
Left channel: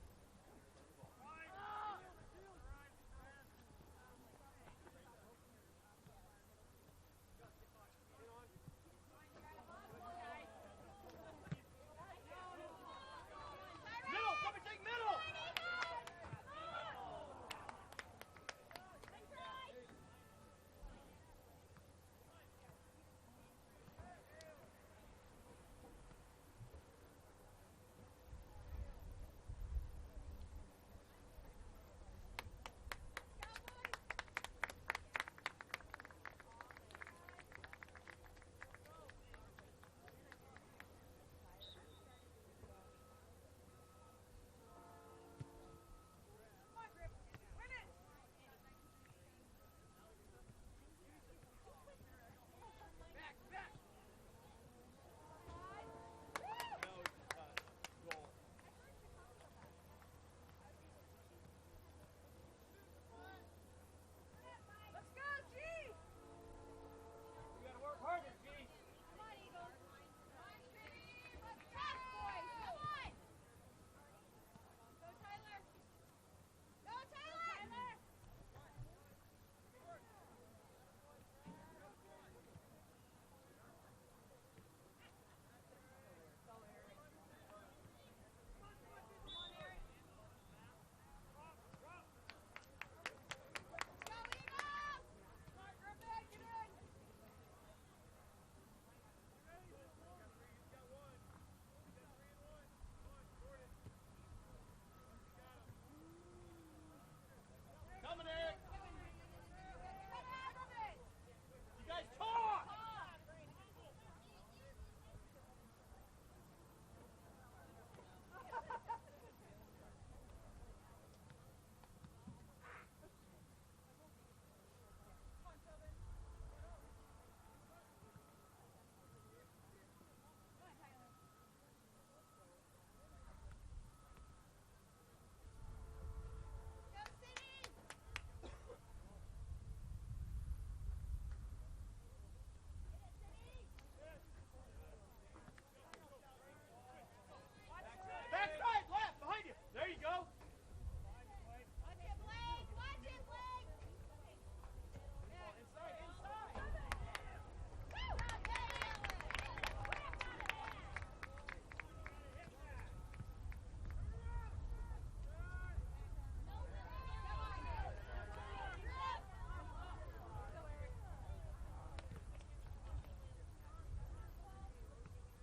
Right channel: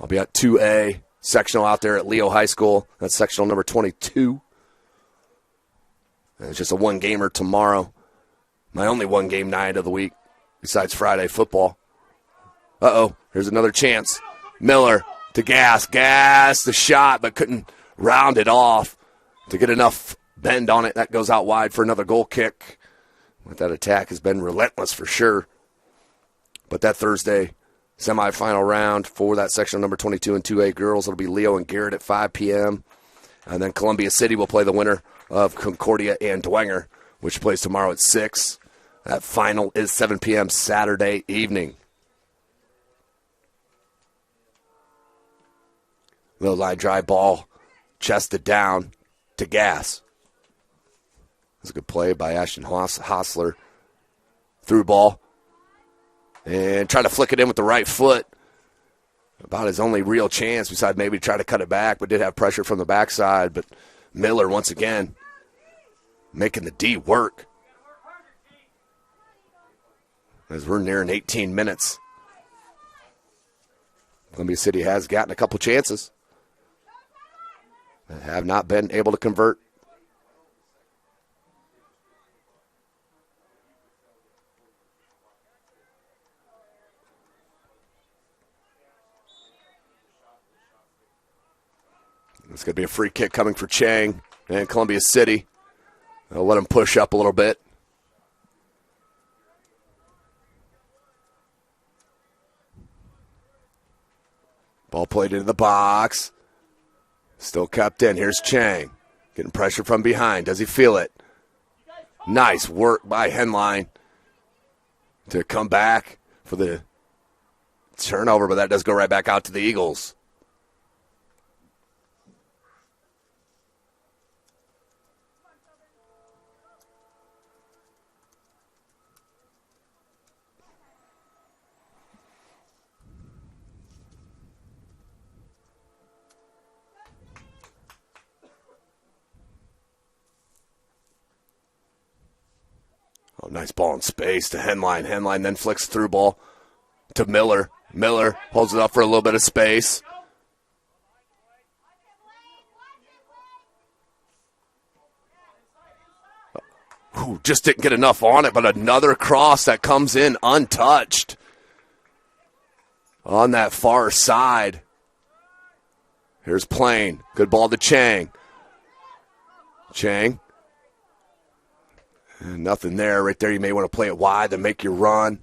I'll be at 2A sectional out there at Leo High School. That's sectional number 22. And it's just a one-gamer tomorrow. My only one-game night of the week besides Friday football. Uh-oh, here's another chance. Miller to Gas the shot, but couldn't round it off to get enough bend on it. That goes out wide for another goal kick. But that attack has been relentless for sure. But that Thursday semifinal round for that section number 22 and 2A girls, it'll be Leo and Garrett at 5 p.m. And then Columbia City will play the winner of Concordia and Dwenger, which plays tomorrow at 6. That final is 7 p.m. Saturday evening. Low line drive ball, chested down to Gas. That's a good play by Ashton Hostler. Through ball. And trying to flick it in with the right foot. About his only real chance, besides maybe try to cut it back, but did have pressure from the backside. But Miller, once again, making the D work. As we're nearing 18 minutes. Columbia City has gotten a couple chances. They have not been able to convert. It's going to be a free kick coming for Chang and Columbia City. They'll let him push up a little bit. Ball played into the box. Still kept in. Here's Chang. Getting pressure from behind. Does he feel it? Nice work by Henline to come back for the turnover, but that does go right back out to the Eagles. Oh, nice ball in space to Henline. Henline then flicks through ball to Miller. Miller holds it up for a little bit of space. Ooh, just didn't get enough on it, but another cross that comes in untouched on that far side. Here's Plain. Good ball to Chang. Chang. And nothing there. Right there, you may want to play it wide to make your run.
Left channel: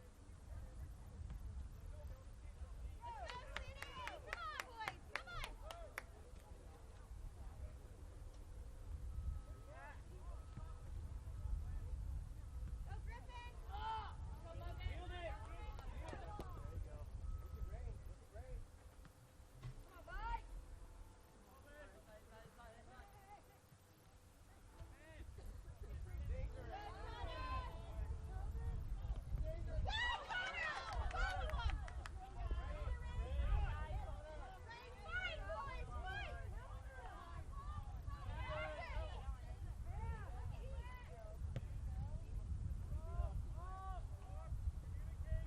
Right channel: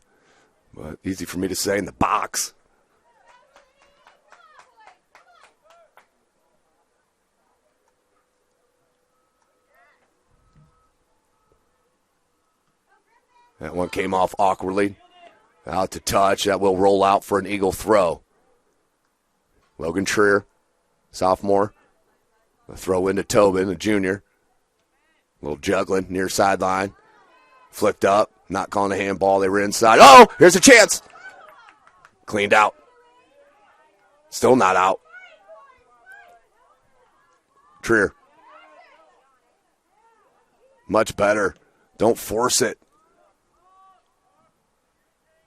But easy for me to say in the box. That one came off awkwardly. Out to touch. That will roll out for an Eagle throw. Logan Trier, sophomore. A throw into Tobin, a junior. A little juggling near sideline. Flicked up. Not calling a handball. They were inside. Oh, here's a chance. Cleaned out. Still not out. Trier. Much better. Don't force it.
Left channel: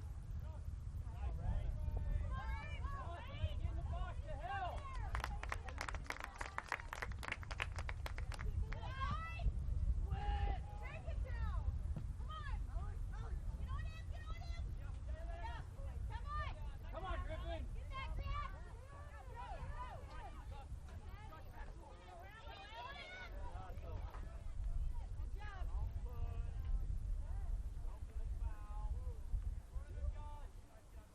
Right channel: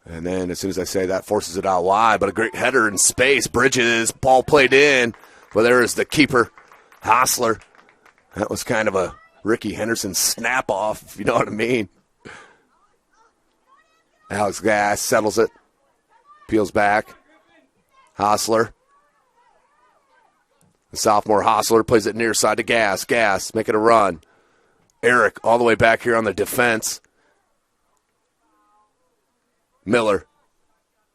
And then as soon as I say that, forces it out wide. But a great header in space. Bridges, ball played in. Well, there is the keeper, Hostler. That was kind of a Ricky Henderson snap-off, if you know what I mean. Alex Gass settles it. Peels back. Hostler. The sophomore Hostler plays it near side to Gass. Gass making a run. Eric all the way back here on the defense. Miller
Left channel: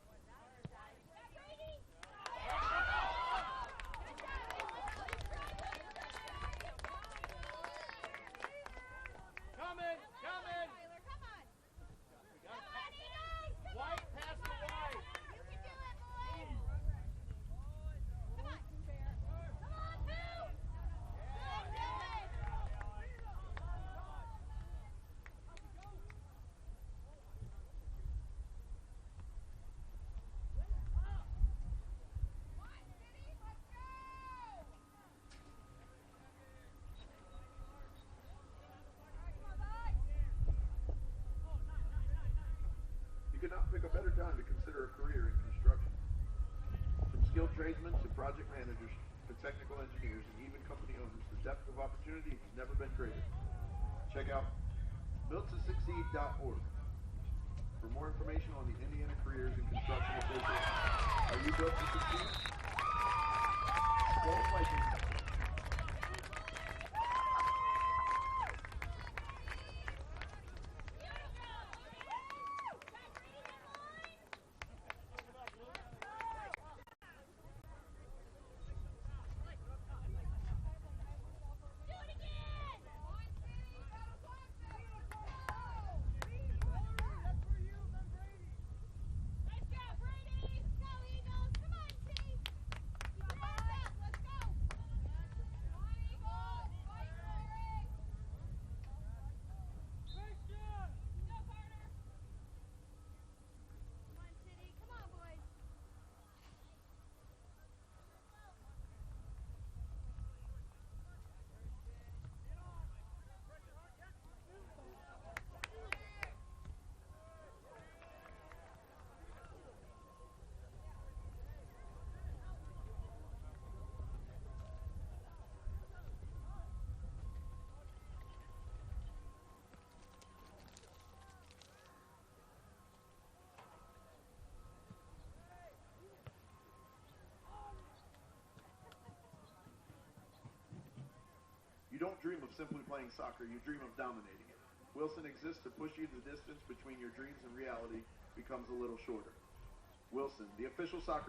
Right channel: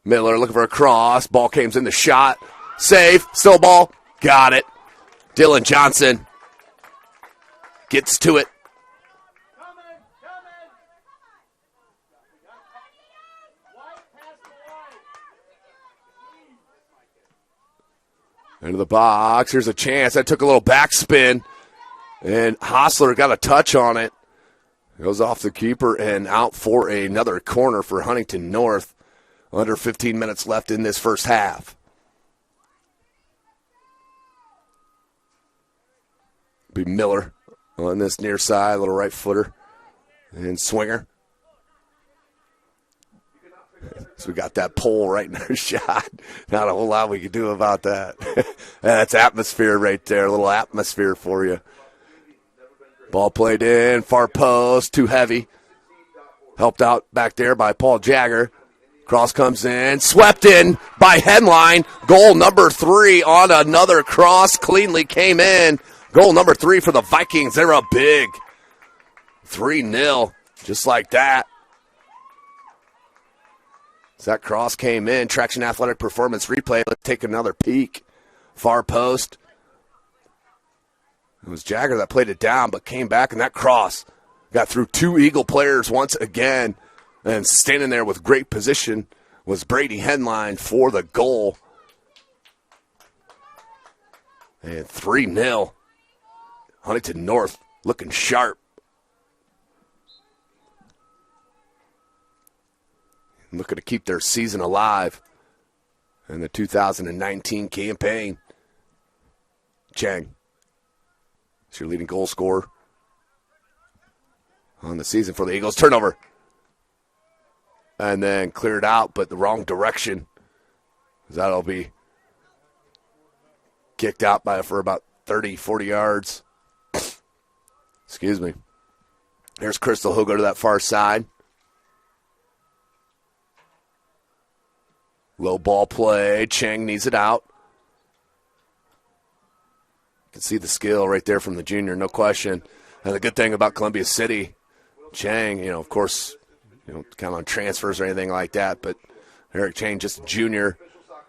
looking for a cross. Ball came in the shot. Save. Still ball. Got it. Dylan Johnson gets to it. Into the box. Here's a chance. That took a little backspin. And Hostler got a touch on it. Goes off the keeper and out for another corner for Huntington North. Under 15 minutes left in this first half. Be Miller on this near side, little right footer. And Swinger. So we got that pole right in our shot. Not a whole lot we can do about that. That's atmosphere right there. A little atmosphere for you. Ball played in, far post, too heavy. Helped out back there by Paul Jagger. Cross comes in, swept in by Headline. Goal number 3 on another cross, cleanly came in. Goal number 3 for the Vikings. They're up big. 3-0, just like that. As that cross came in, Traction Athletic Performance replay. Let's take another peek. Far post. It was Jagger that played it down, but came back, and that cross got through 2 Eagle players once again. And standing there with great position was Brady Headline for the goal. And 3-0. Huntington North looking sharp. Looking to keep their season alive in the 2019 campaign. Chang. It's your leading goal scorer on the season for the Eagles. Turnover. And then cleared out, but the wrong direction. That'll be kicked out for about 30, 40 yards. Excuse me. There's Crystal. He'll go to that far side. Low ball play. Chang needs it out. You can see the skill right there from the junior, no question. And the good thing about Columbia City, Chang, of course, count on transfers or anything like that, but Eric Chang, just a junior,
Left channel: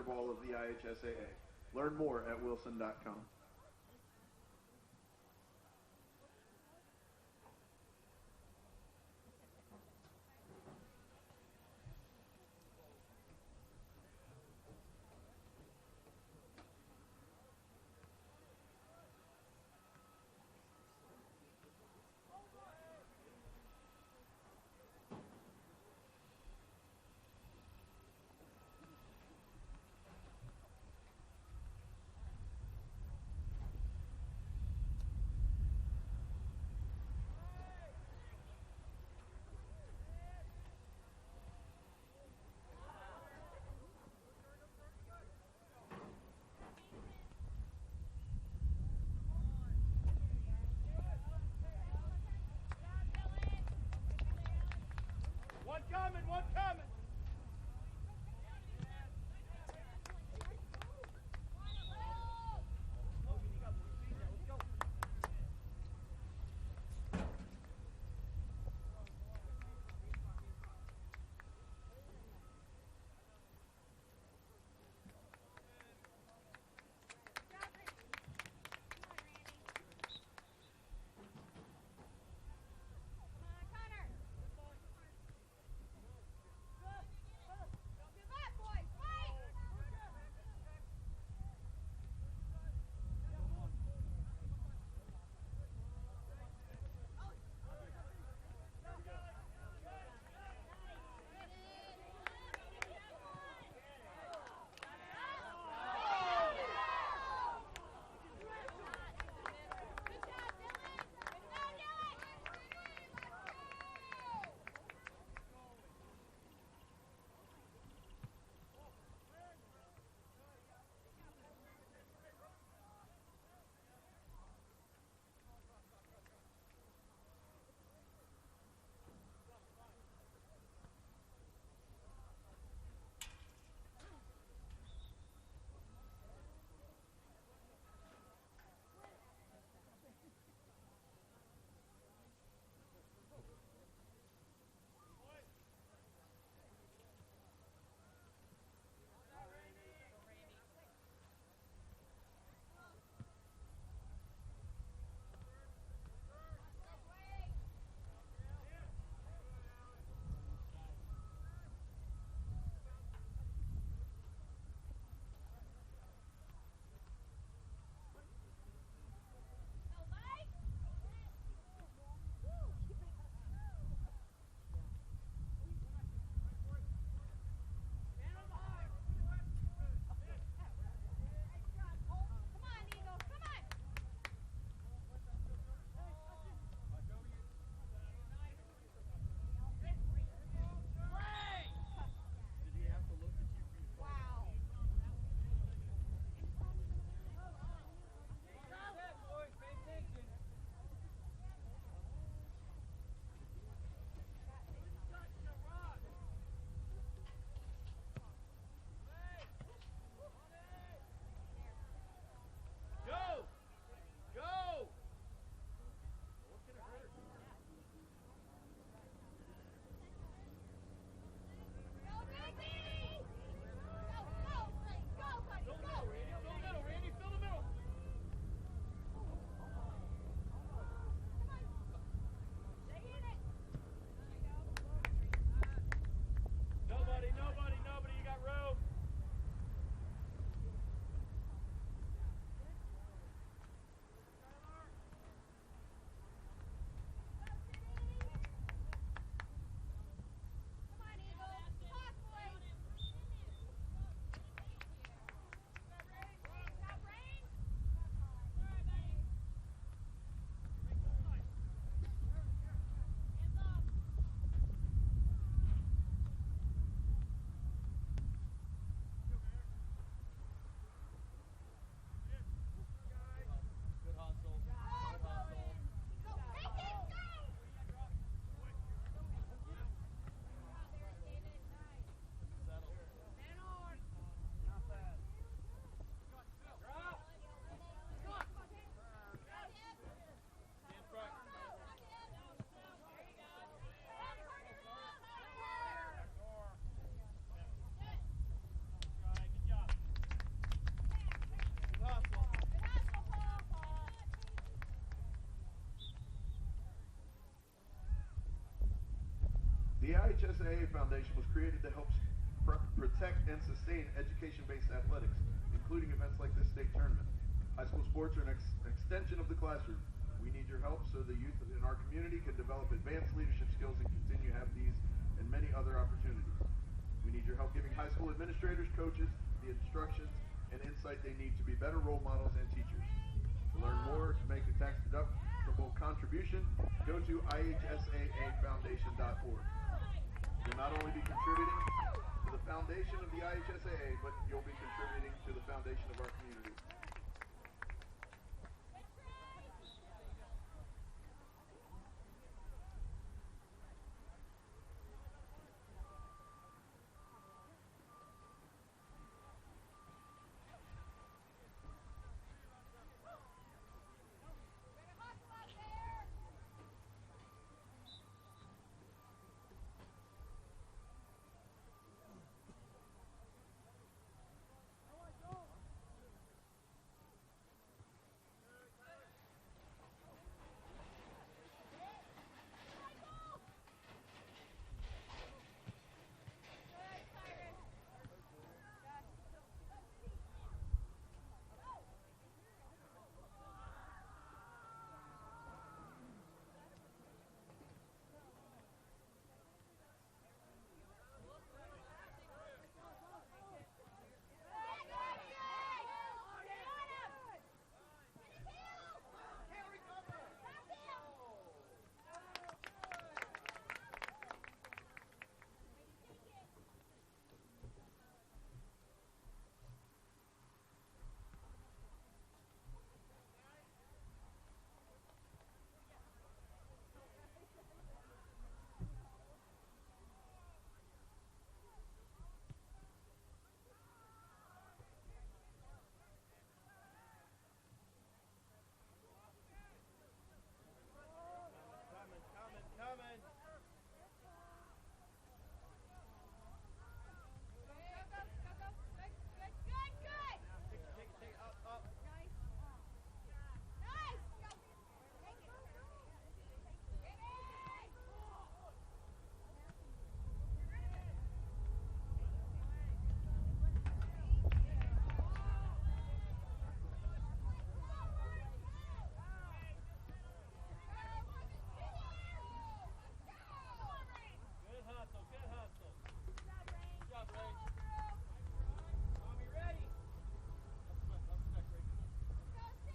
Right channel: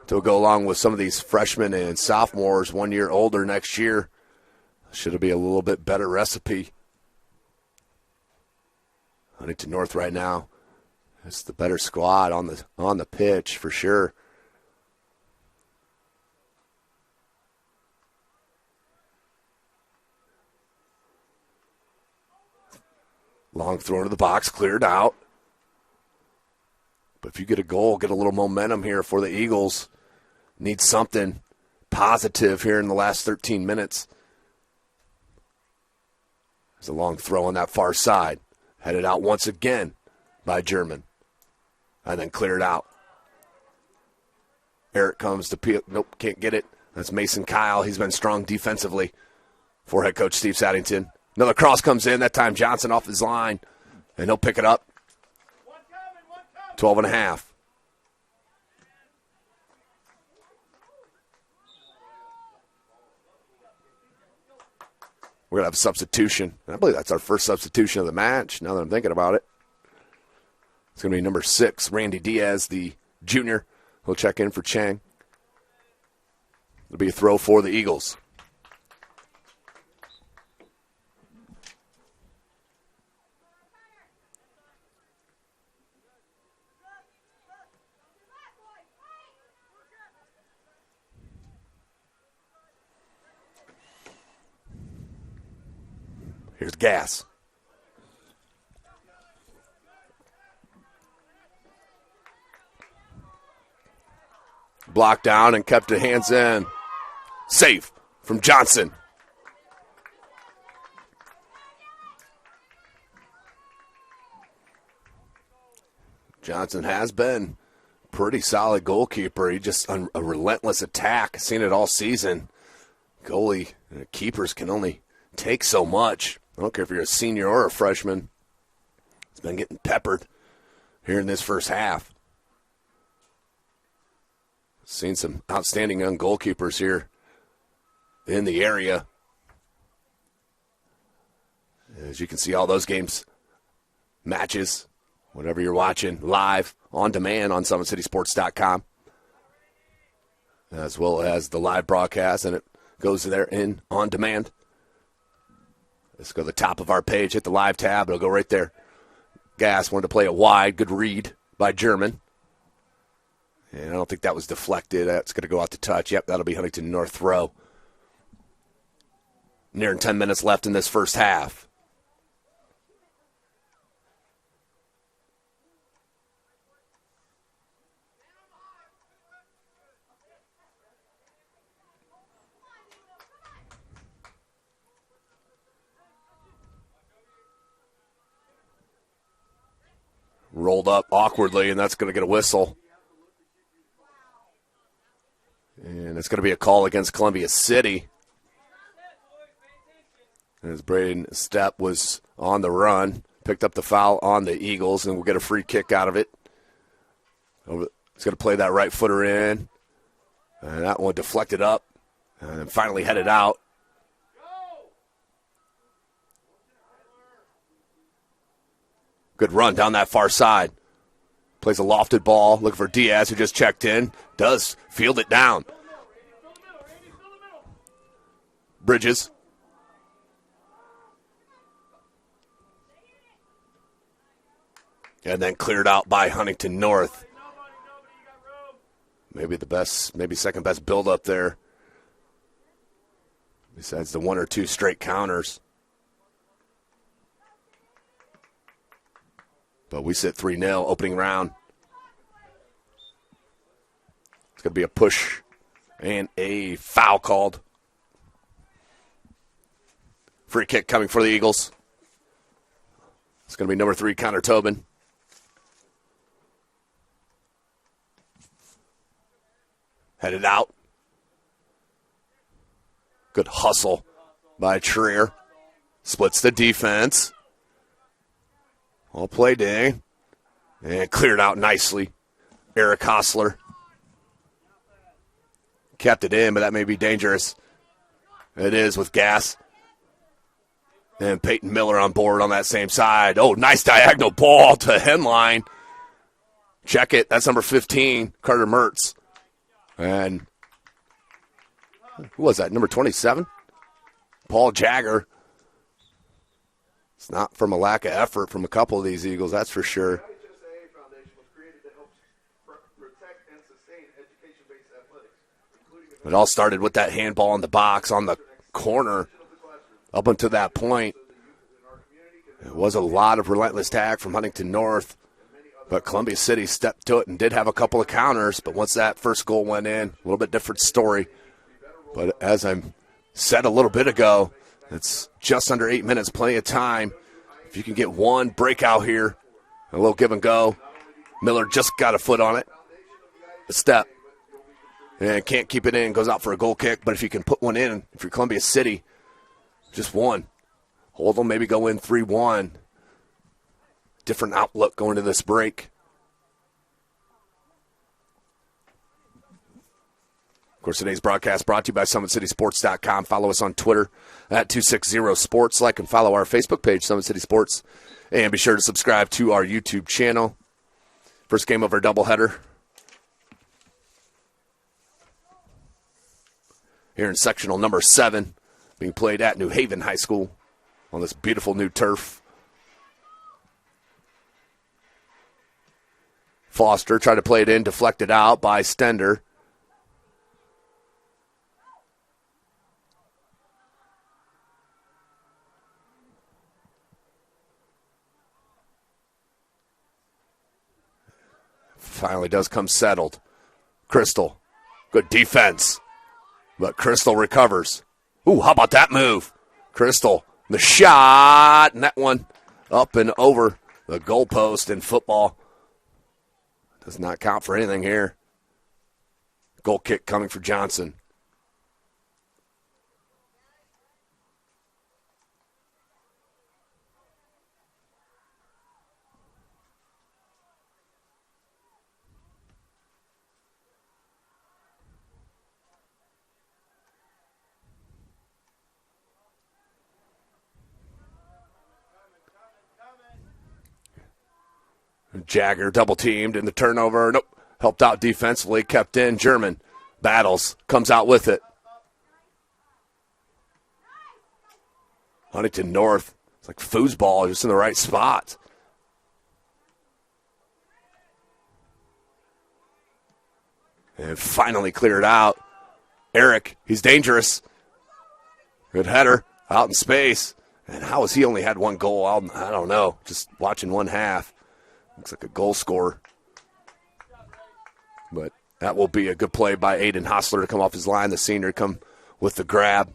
to go along with some of these freshmen and sophomores 1 year older next year. Should be a little bit better recipe. Huntington North right now is the better squad on the pitch for sure. Long throw into the box, cleared out. But if you get a goal, get a little momentum here for the Eagles. Need something positive here in the last 13 minutes. There's a long throw on that far side. Headed out once again by German. And then cleared out. Eric comes to peel. Nope, can't get it. That's Mason Kyle. He's been strong defensively for head coach Steve Saddington. Another cross comes in. That time Johnson off his line. And he'll pick it up. 12 and a half. We're going to have a substitution. I believe that's our first substitution of the match, now that I'm thinking about it. It's going to be number 6, Randy Diaz, the junior. He'll check in for Chang. It'll be a throw for the Eagles. Here's Gas. Blocked down and kept it hands in. Safe from Johnson. Johnson has been pretty solid goalkeeper. He just a relentless attack. Seen it all season. Goalie keepers can only take so much. I don't care if you're a senior or a freshman. He's been getting peppered here in this first half. Seen some outstanding young goalkeepers here in the area. As you can see, all those games, matches, whatever you're watching, live, on demand on SummitCitySports.com, as well as the live broadcast, and it goes there in on demand. Let's go to the top of our page, hit the live tab. It'll go right there. Gass wanted to play a wide, good read by German. And I don't think that was deflected. That's going to go out to touch. Yep, that'll be Huntington North throw. Nearing 10 minutes left in this first half. Rolled up awkwardly, and that's going to get a whistle. And it's going to be a call against Columbia City. As Braden Stepp was on the run, picked up the foul on the Eagles, and we'll get a free kick out of it. It's going to play that right footer in. And that one deflected up and finally headed out. Good run down that far side. Plays a lofted ball. Looking for Diaz, who just checked in. Does field it down. Bridges. And then cleared out by Huntington North. Maybe the best, maybe second best build up there. Besides the one or two straight counters. But we sit 3-0 opening round. It's going to be a push and a foul called. Free kick coming for the Eagles. It's going to be number 3, Connor Tobin. Headed out. Good hustle by Trier. Splits the defense. All play day. And cleared out nicely. Eric Hostler. Kept it in, but that may be dangerous. It is with Gass. And Peyton Miller on board on that same side. Oh, nice diagonal ball to Henline. Check it. That's number 15, Carter Mertz. And who was that? Number 27? Paul Jagger. It's not from a lack of effort from a couple of these Eagles, that's for sure. The IHSAA Foundation was created to help protect and sustain education-based athletics, including it all started with that handball in the box on the corner. Up until that point, it was a lot of relentless tag from Huntington North, but Columbia City stepped to it and did have a couple of counters, but once that first goal went in, a little bit different story. But as I said a little bit ago, it's just under 8 minutes, plenty of time. If you can get one breakout here, a little give and go. Miller just got a foot on it. A step. And can't keep it in, goes out for a goal kick. But if you can put one in, if you're Columbia City, just one. Hold them, maybe go in 3-1. Different outlook going to this break. Of course, today's broadcast brought to you by SummitCitySports.com. Follow us on Twitter at 260sports. Like and follow our Facebook page, Summit City Sports. And be sure to subscribe to our YouTube channel. First game of our doubleheader. Here in sectional number 7, being played at New Haven High School on this beautiful new turf. Foster tried to play it in, deflected out by Stender. Finally does come settled. Crystal, good defense. But Crystal recovers. Ooh, how about that move? Crystal, the shot, and that one up and over the goalpost in football. Does not count for anything here. Goal kick coming for Johnson. Jagger double teamed in the turnover. Nope. Helped out defensively. Kept in. German battles. Comes out with it. Huntington North. It's like foosball, just in the right spot. And finally cleared out. Eric, he's dangerous. Good header. Out in space. And how has he only had one goal? I don't know. Just watching one half. Looks like a goal scorer. But that will be a good play by Aiden Hostler to come off his line. The senior to come with the grab.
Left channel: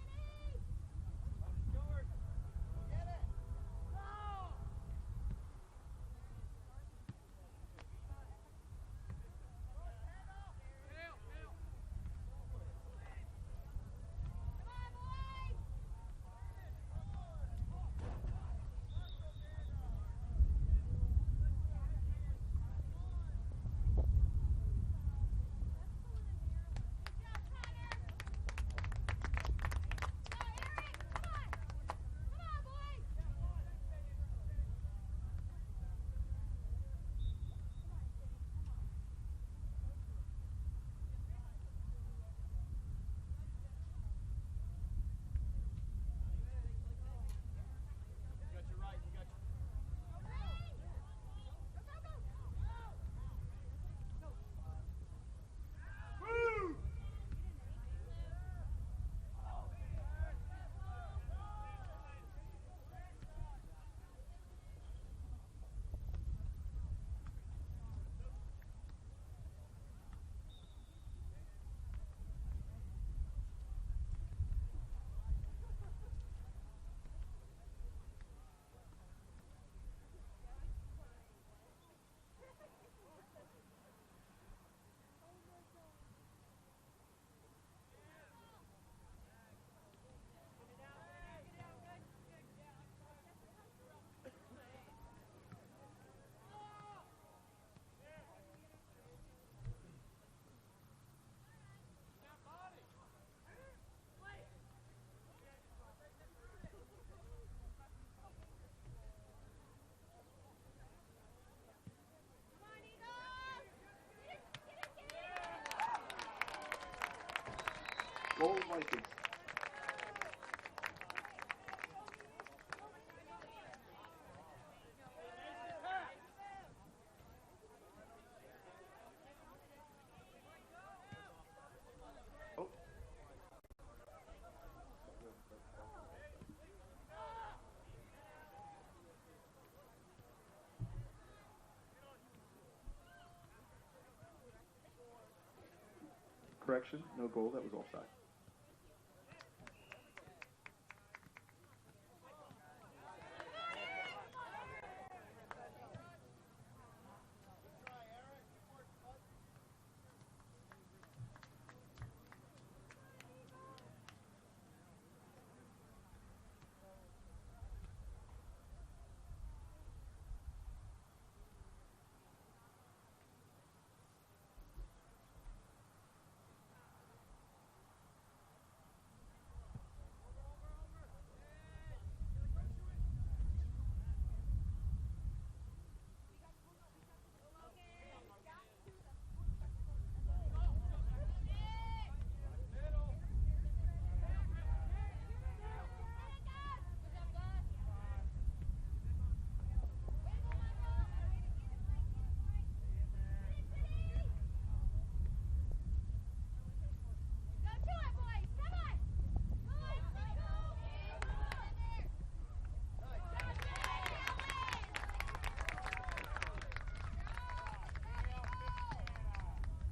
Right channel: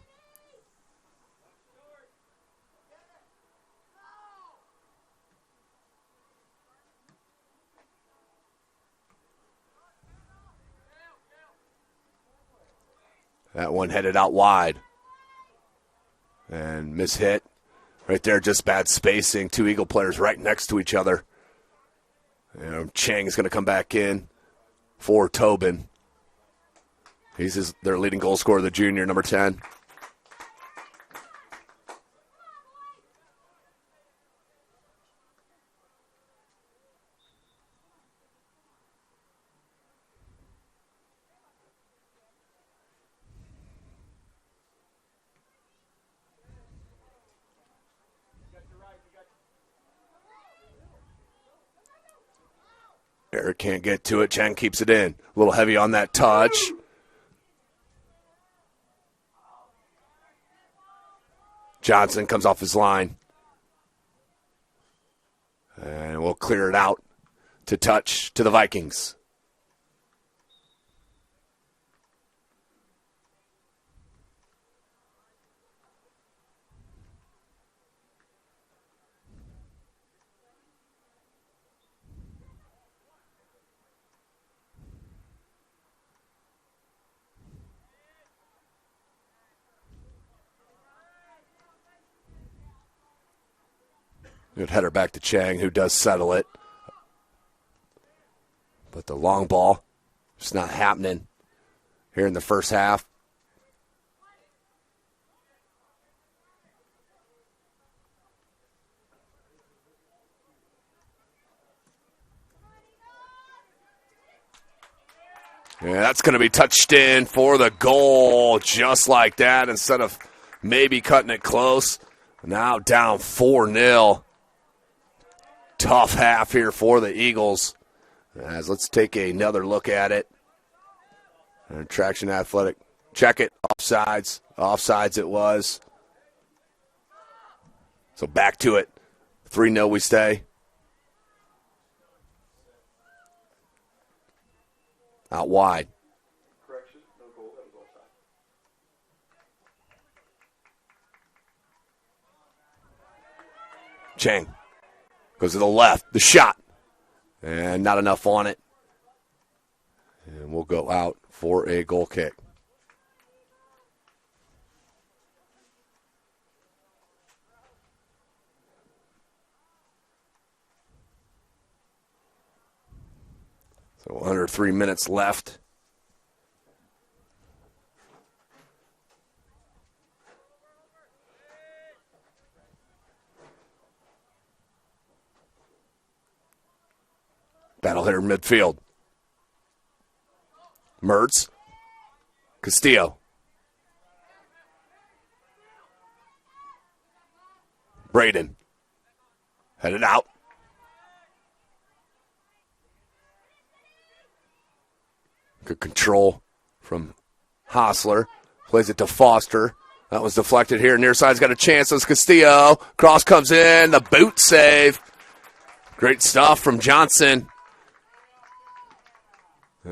That one headed out wide. And mishit. Right there, just bad spacing. Two Eagle players right next to each other. And Chang is going to come back in for Tobin. He's their leading goal scorer, the junior, number 10. Eric can't get to it. Chang keeps it in. A little heavy on that touch. Johnson comes off his line. And we'll clear it out to touch to the Vikings. Good header back to Chang, who does settle it. But the long ball, just not happening here in the first half. Yeah, that's going to be touched in for the goal, just like that, instead of maybe cutting it close. Now down 4-0. Tough half here for the Eagles. As let's take another look at it. And Traction Athletic. Check it. Offsides. Offsides it was. So back to it. 3-0 we stay. Out wide. Correction, no goal. That was offside. Chang goes to the left. The shot. And not enough on it. And we'll go out for a goal kick. So under 3 minutes left. Battle hitter midfield. Mertz. Castillo. Braden. Headed out. Good control from Hostler. Plays it to Foster. That was deflected here. Near side's got a chance. That's Castillo. Cross comes in. The boot save. Great stuff from Johnson.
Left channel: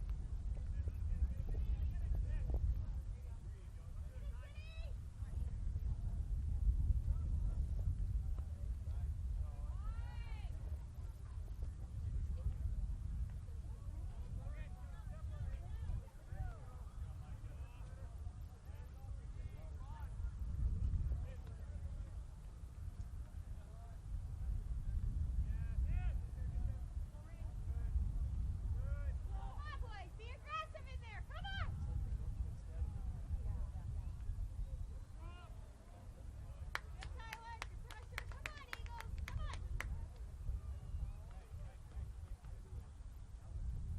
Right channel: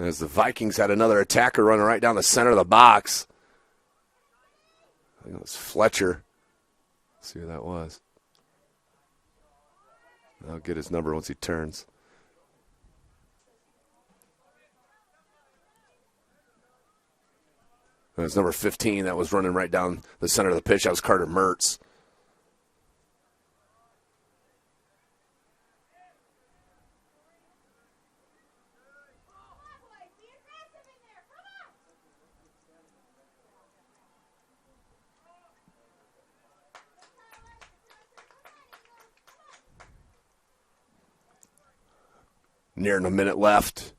As the Vikings had another attacker running right down the center of the box. I think it was Fletcher. Let's see who that was. I'll get his number once he turns. It was number 15 that was running right down the center of the pitch. That was Carter Mertz. Nearing a minute left.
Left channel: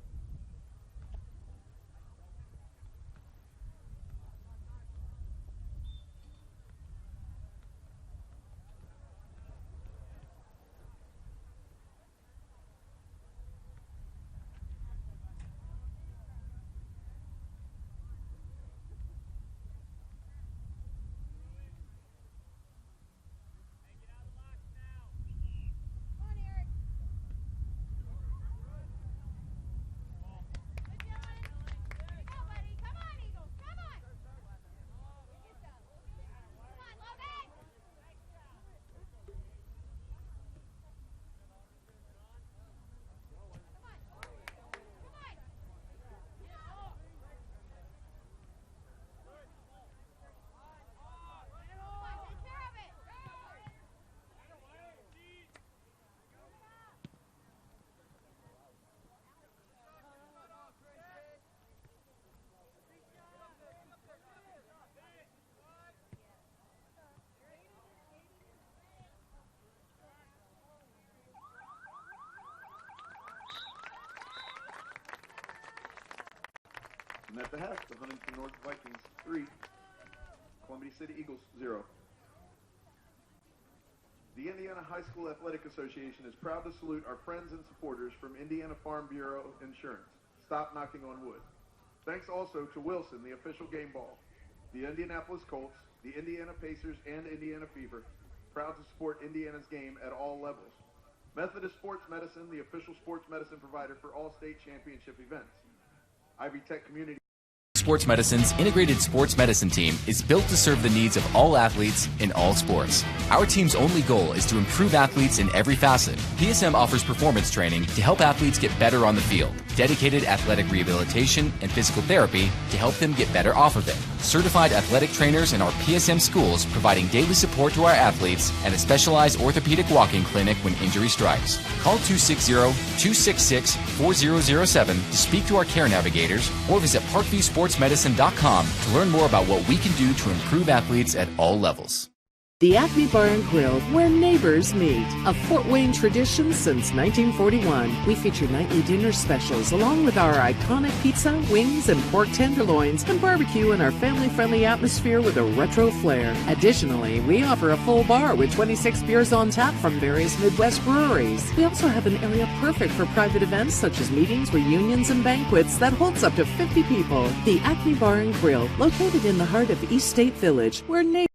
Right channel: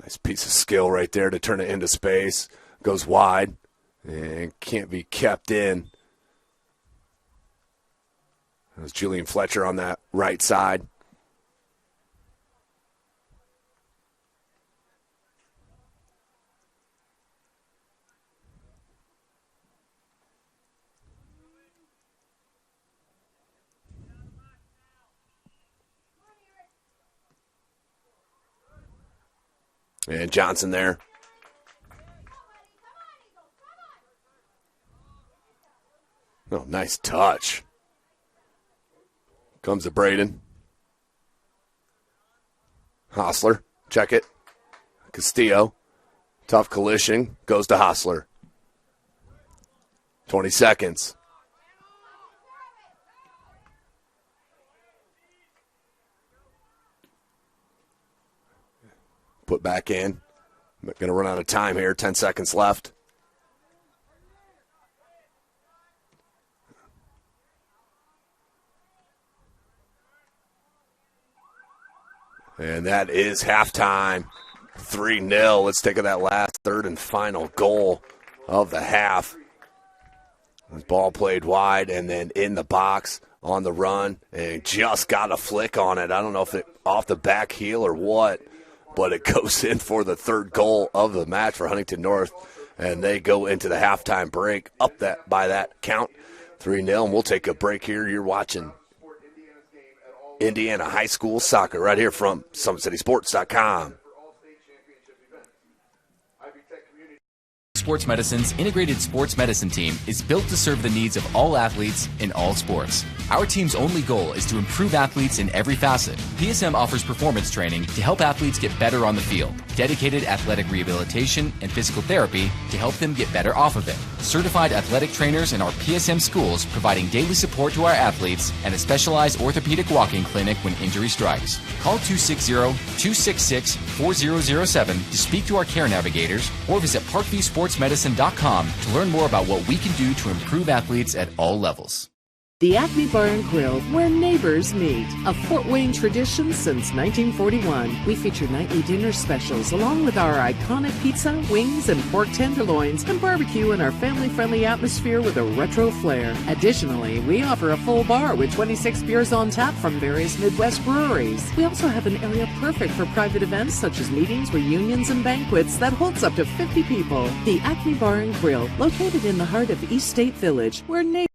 Nice piece of skill right there to turn it into space. Goes wide and can't be kept in. There's Julian Fletcher on that right side. And Johnson there. Oh, nice touch. Comes to Braden. Hostler, check it. Castillo, tough collision, goes to Hostler. 20 seconds. Put back in. Going to run out of time here. 10 seconds left. And that is halftime. 3-0. Let's take that last third and final goal of the half. The ball played wide and then in the box on the run and just got a flick on it. I don't know if it off the back heel or what, but it goes in for the third goal of the match for Huntington North, and they go into the halftime break up that by that count, 3-0. And we'll take a break here. You're watching Indiana High School Soccer right here from SummitCitySports.com. Sports Medicine's integrated sports medicine team is built to serve the needs of all athletes in all sports. Our team's only goal is to improve athletes in every facet. PSM offers performance training to help athletes get better on the field, dedicated athletic rehabilitation and physical therapy to help them get better off of it, certified athletic trainers in our PSM schools providing daily support to our athletes, and a specialized orthopedic walk-in clinic when injury strikes. Call 260-266-4007 to speak to our care navigators or visit parkviewsportsmedicine.com to learn more about what we can do to improve athletes at all levels. The Acme Bar and Grill, where neighbors meet. A Fort Wayne tradition since 1941. We feature nightly dinner specials along with our iconic pizza, wings, and pork tenderloins, and barbecue in our family-friendly atmosphere with a retro flair. Additionally, we offer a full bar with 26 beers on tap from various Midwest breweries. We also have an area perfect for private events such as meetings, reunions, and banquets that holds up to 50 people. The Acme Bar and Grill, located in the heart of East State Village, where neighbors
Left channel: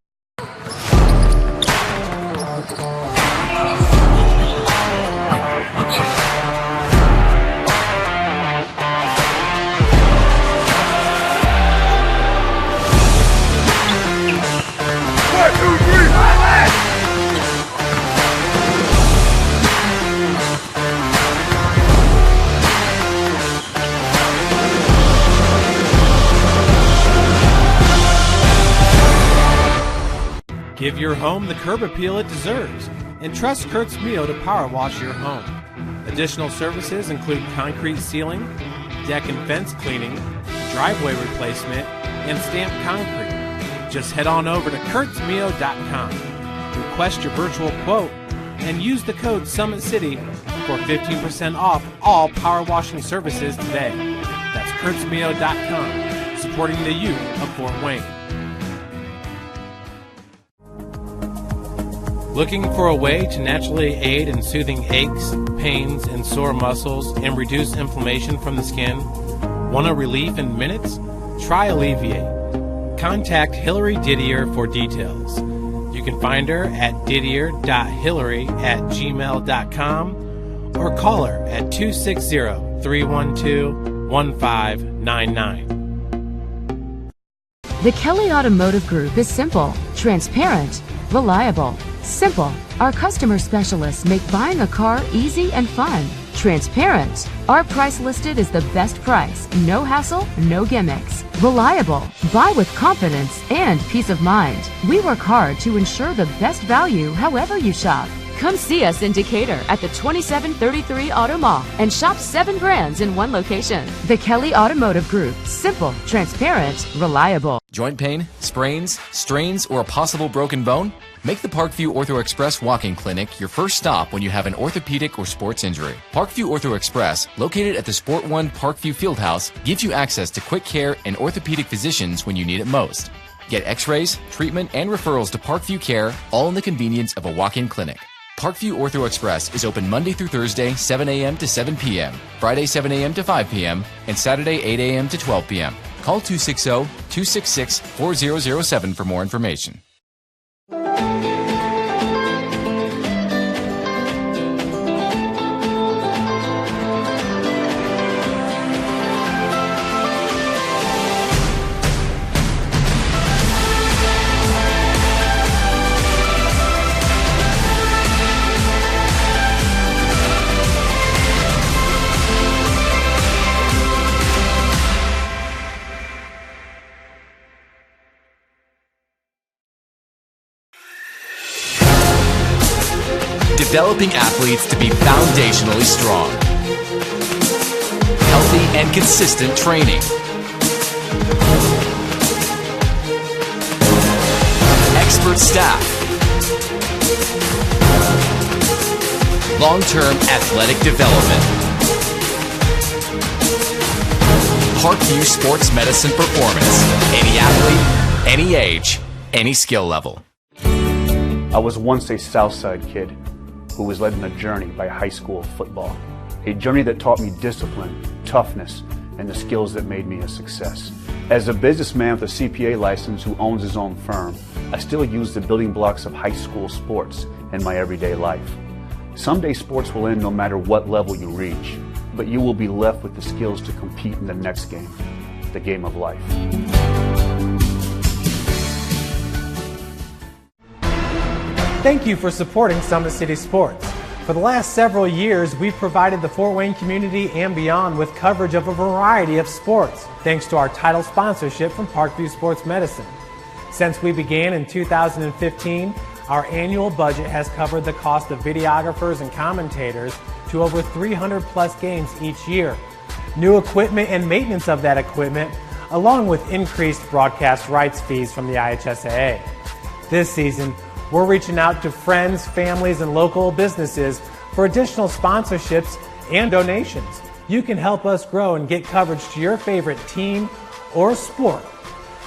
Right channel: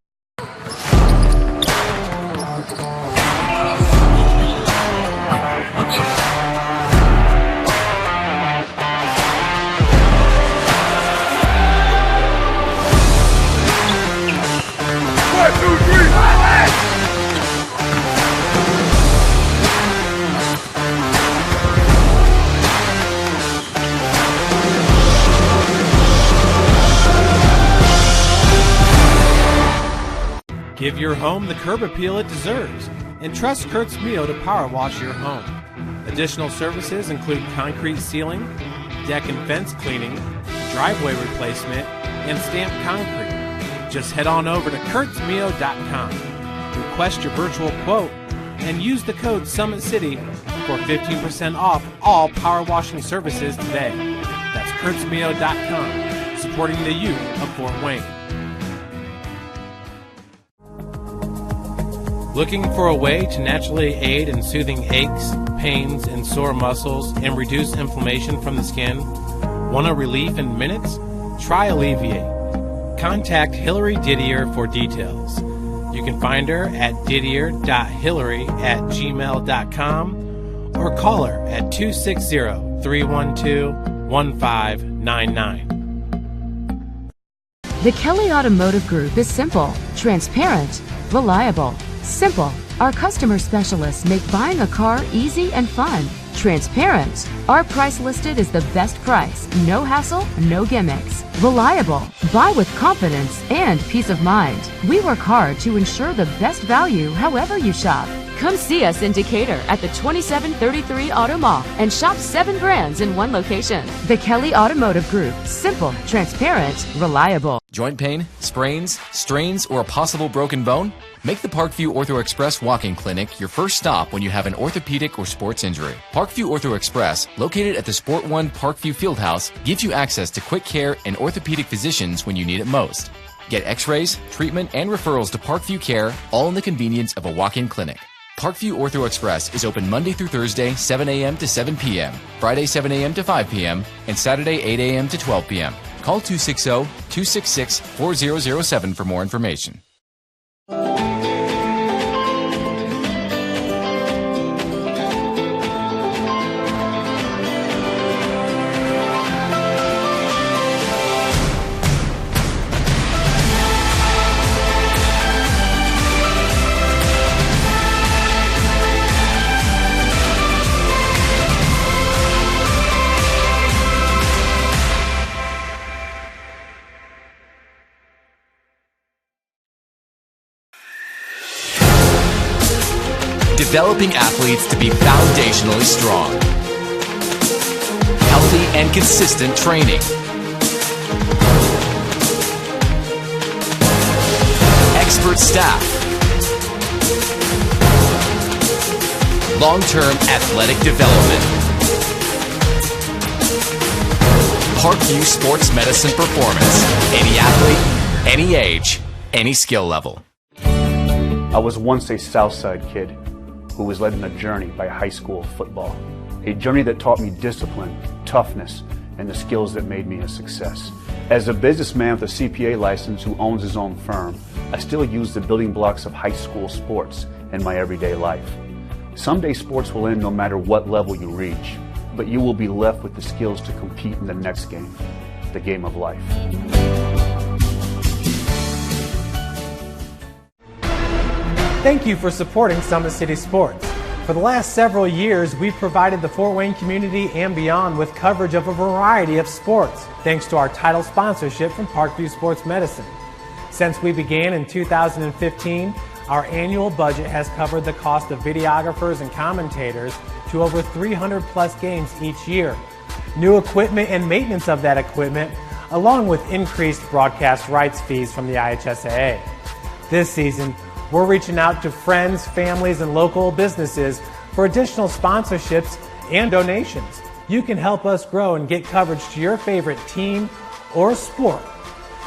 Give your home the curb appeal it deserves and trust Kurt's Mio to power wash your home. Additional services include concrete sealing, deck and fence cleaning, driveway replacement, and stamped concrete. Just head on over to kurtzmio.com. Request your virtual quote and use the code SummitCity for 15% off all power washing services today. That's kurtzmio.com, supporting the youth of Fort Wayne. Looking for a way to naturally aid in soothing aches, pains, and sore muscles and reduce inflammation from the skin? Want a relief in minutes? Try Alleviate. Contact Hillary Didier for details. You can find her at didier.hillary@gmail.com or call her at 260-312-1599. The Kelly Automotive Group is simple, transparent, reliable, simple. Our customer specialists make buying a car easy and fun. Transparent. Our price listed is the best price. No hassle, no gimmicks. Reliable. Buy with confidence and peace of mind. We work hard to ensure the best value however you shop. Come see us in Decatur at the 2733 Auto Mall and shop 7 brands in one location. The Kelly Automotive Group. Simple, transparent, reliable. Joint pain, sprains, strains, or a possible broken bone? Make the Parkview Ortho Express Walk-In Clinic your first stop when you have an orthopedic or sports injury. Parkview Ortho Express, located at the Sport One Parkview Fieldhouse, gives you access to quick care and orthopedic physicians when you need it most. Get x-rays, treatment, and referrals to Parkview Care, all in the convenience of a walk-in clinic. Parkview Ortho Express is open Monday through Thursday, 7 a.m. to 7 p.m., Friday, 7 a.m. to 5 p.m., and Saturday, 8 a.m. to 12 p.m. Call 260-266-4007 for more information. Developing athletes to be foundationally strong. Healthy and consistent training. Expert staff. Long-term athletic development. Parkview Sports Medicine Performance. Any athlete, any age, any skill level. I was once a Southside kid who was led on a journey by high school football. A journey that taught me discipline, toughness, and the skills that made me a success. As a businessman with a CPA license who owns his own firm, I still use the building blocks of high school sports in my everyday life. Someday sports will end no matter what level you reach, but you will be left with the skills to compete in the next game, the game of life. Thank you for supporting Summit City Sports. For the last several years, we've provided the Fort Wayne community and beyond with coverage of a variety of sports, thanks to our title sponsorship from Parkview Sports Medicine. Since we began in 2015, our annual budget has covered the cost of videographers and commentators to over 300 plus games each year. New equipment and maintenance of that equipment, along with increased broadcast rights fees from the IHSAA. This season, we're reaching out to friends, families, and local businesses for additional sponsorships and donations. You can help us grow and get coverage to your favorite team or sport.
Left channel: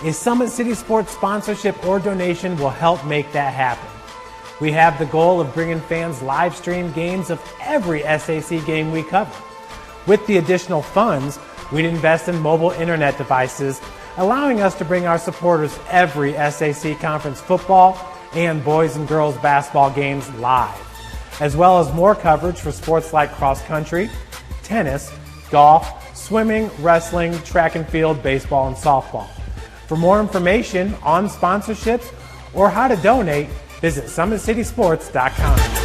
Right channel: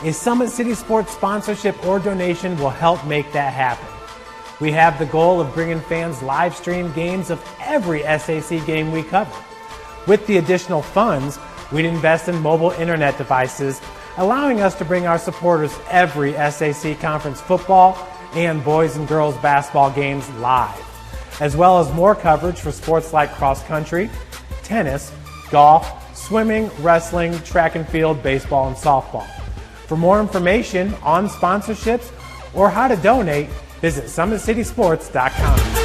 A Summit City Sports sponsorship or donation will help make that happen. We have the goal of bringing fans live stream games of every SAC game we cover. With the additional funds, we'd invest in mobile internet devices, allowing us to bring our supporters every SAC conference football and boys and girls basketball games live, as well as more coverage for sports like cross country, tennis, golf, swimming, wrestling, track and field, baseball, and softball. For more information on sponsorships or how to donate, visit SummitCitySports.com.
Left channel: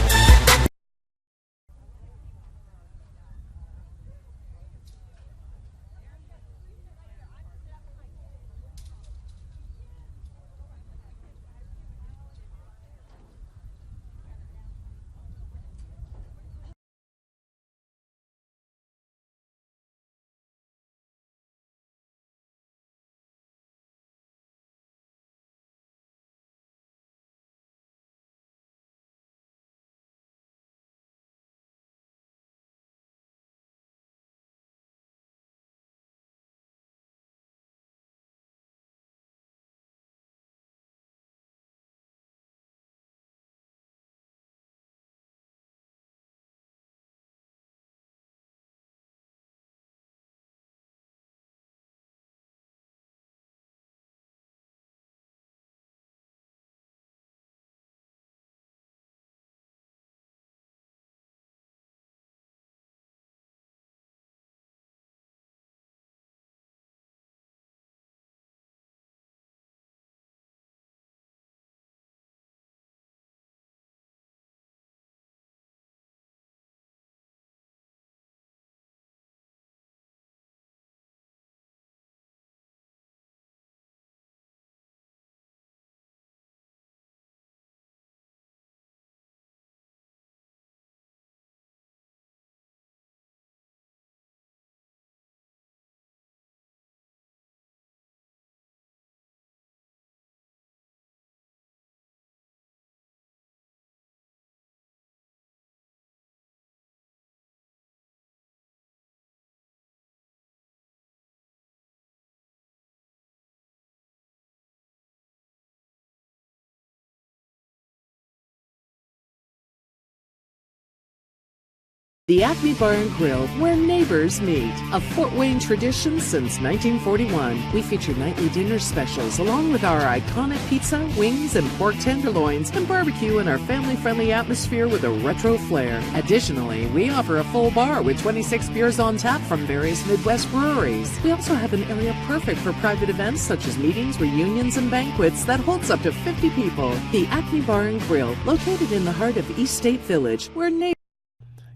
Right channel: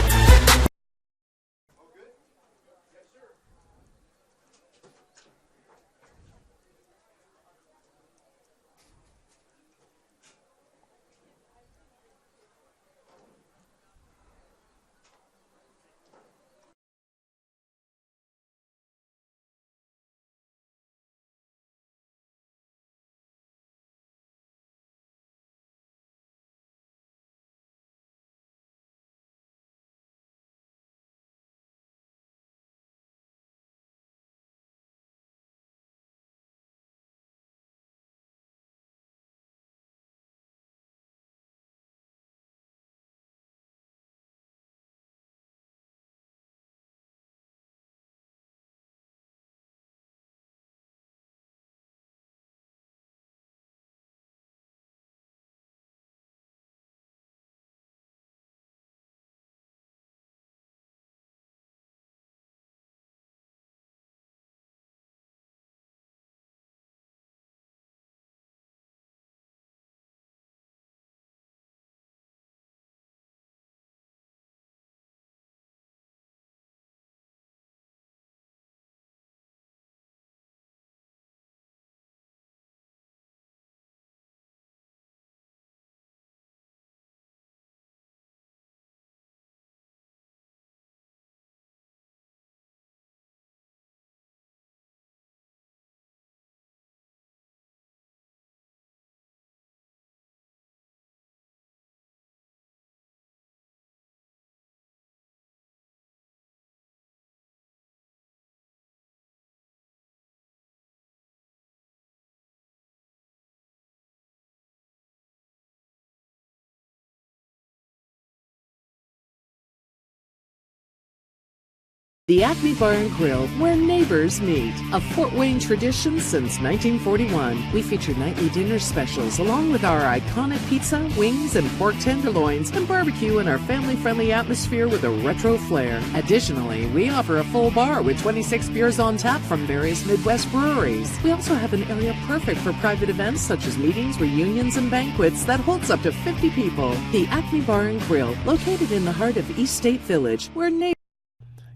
The Acme Bar and Grill, where neighbors meet. A Fort Wayne tradition since 1941. We feature nightly dinner specials along with our iconic pizza, wings, and pork tenderloins, and barbecue in our family-friendly atmosphere with a retro flair. Additionally, we offer a full bar with 26 beers on tap from various Midwest breweries. We also have an area perfect for private events such as meetings, reunions, and banquets that holds up to 50 people. The Acme Bar and Grill, located in the heart of East State Village, where neighbors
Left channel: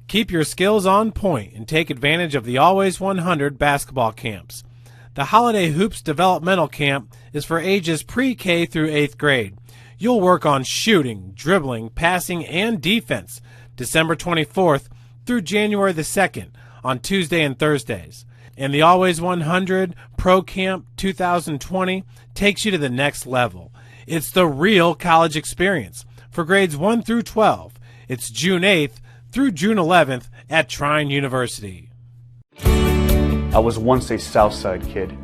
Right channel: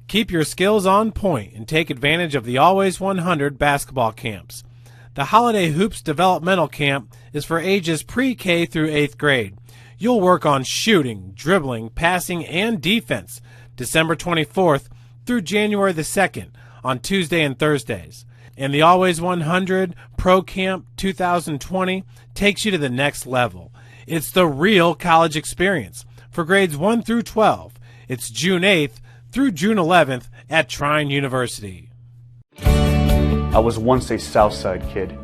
Keep your skills on point and take advantage of the Always 100 basketball camps. The Holiday Hoops Developmental Camp is for ages pre-K through 8th grade. You'll work on shooting, dribbling, passing, and defense December 24th through January the 2nd on Tuesday and Thursdays. And the Always 100 Pro Camp 2020 takes you to the next level. It's the real college experience for grades 1 through 12. It's June 8th through June 11th at Trine University. I was once a Southside kid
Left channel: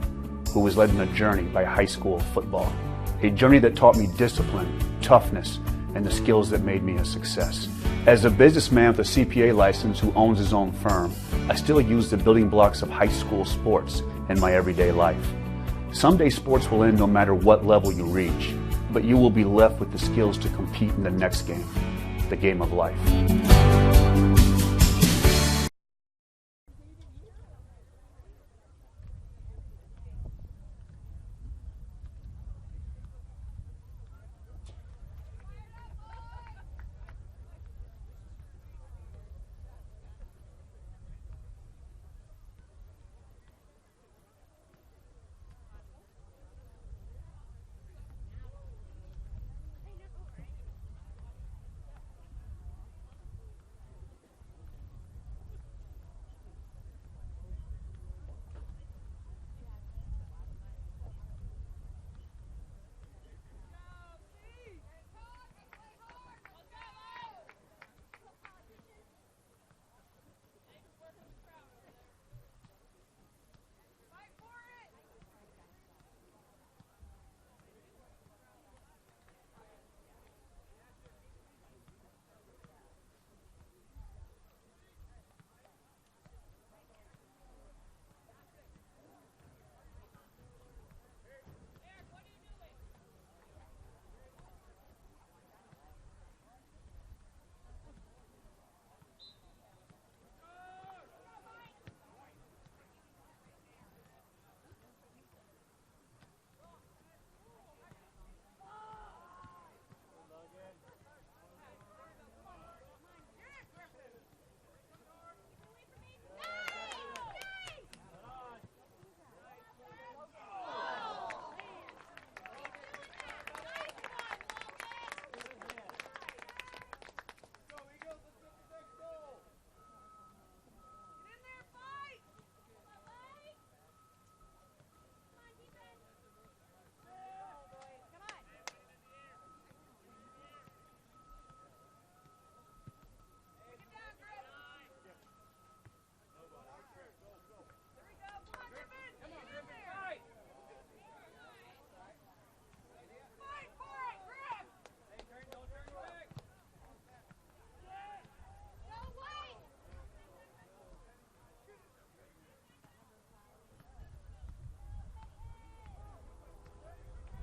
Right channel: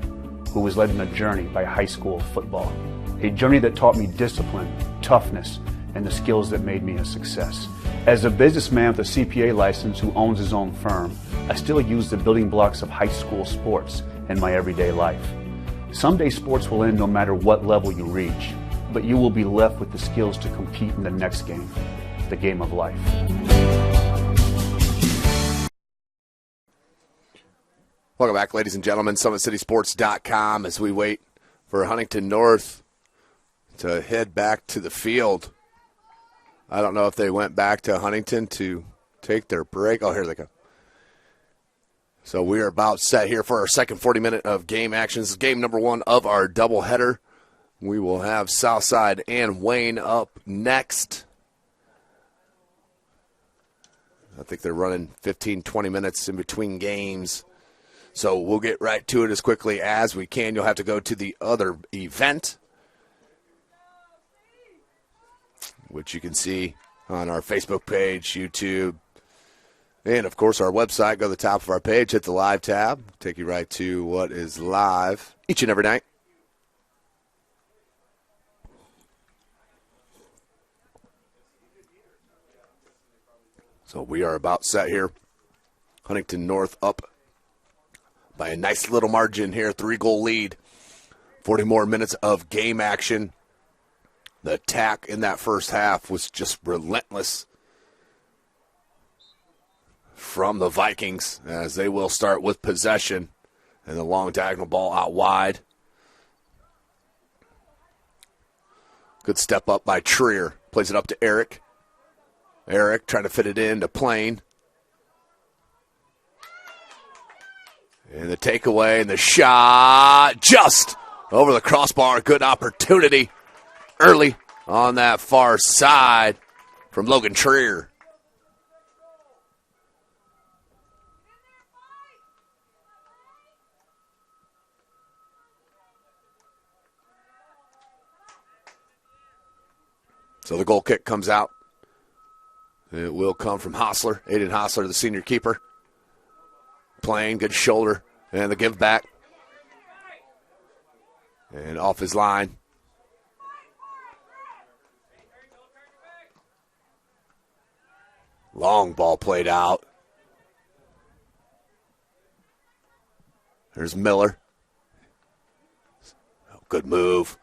who was led on a journey by high school football. A journey that taught me discipline, toughness, and the skills that made me a success. As a businessman with a CPA license who owns his own firm, I still use the building blocks of high school sports in my everyday life. Someday sports will end no matter what level you reach, but you will be left with the skills to compete in the next game, the game of life. Welcome back, ladies and gentlemen. SummitCitySports.com as we wait for Huntington North to head back to the field. I don't know if they went back to Huntington to take their break. Oh, here they go. So we are about set here for our second 40-minute of game action. This is game number one of our doubleheader. We will have Southside and Wayne up next. I think they're running 15, 20 minutes in between games. So we'll get right to it as quickly as we can. You'll have to go to the other event, which you can see on our Facebook page, YouTube, and, of course, our website. Go to the top of our page, hit the live tab, take you right to what is live each and every night. So we are about set here. Huntington North up by a nice little margin here, 3-goal lead. 40 more minutes of game action. The attack in that first half was just relentless from the Vikings, as they will start with possession and the long diagonal ball out wide. Good step up by Trier. Plays it up to Eric. Eric trying to fit it in to Plain. And the takeaway and the shot just over the crossbar. Good opportunity early on that far side from Logan Trier. So the goal kick comes out. It will come from Hostler, Aiden Hostler, the senior keeper. Playing, good shoulder, and the give back. And off his line. Long ball played out. There's Miller. Good move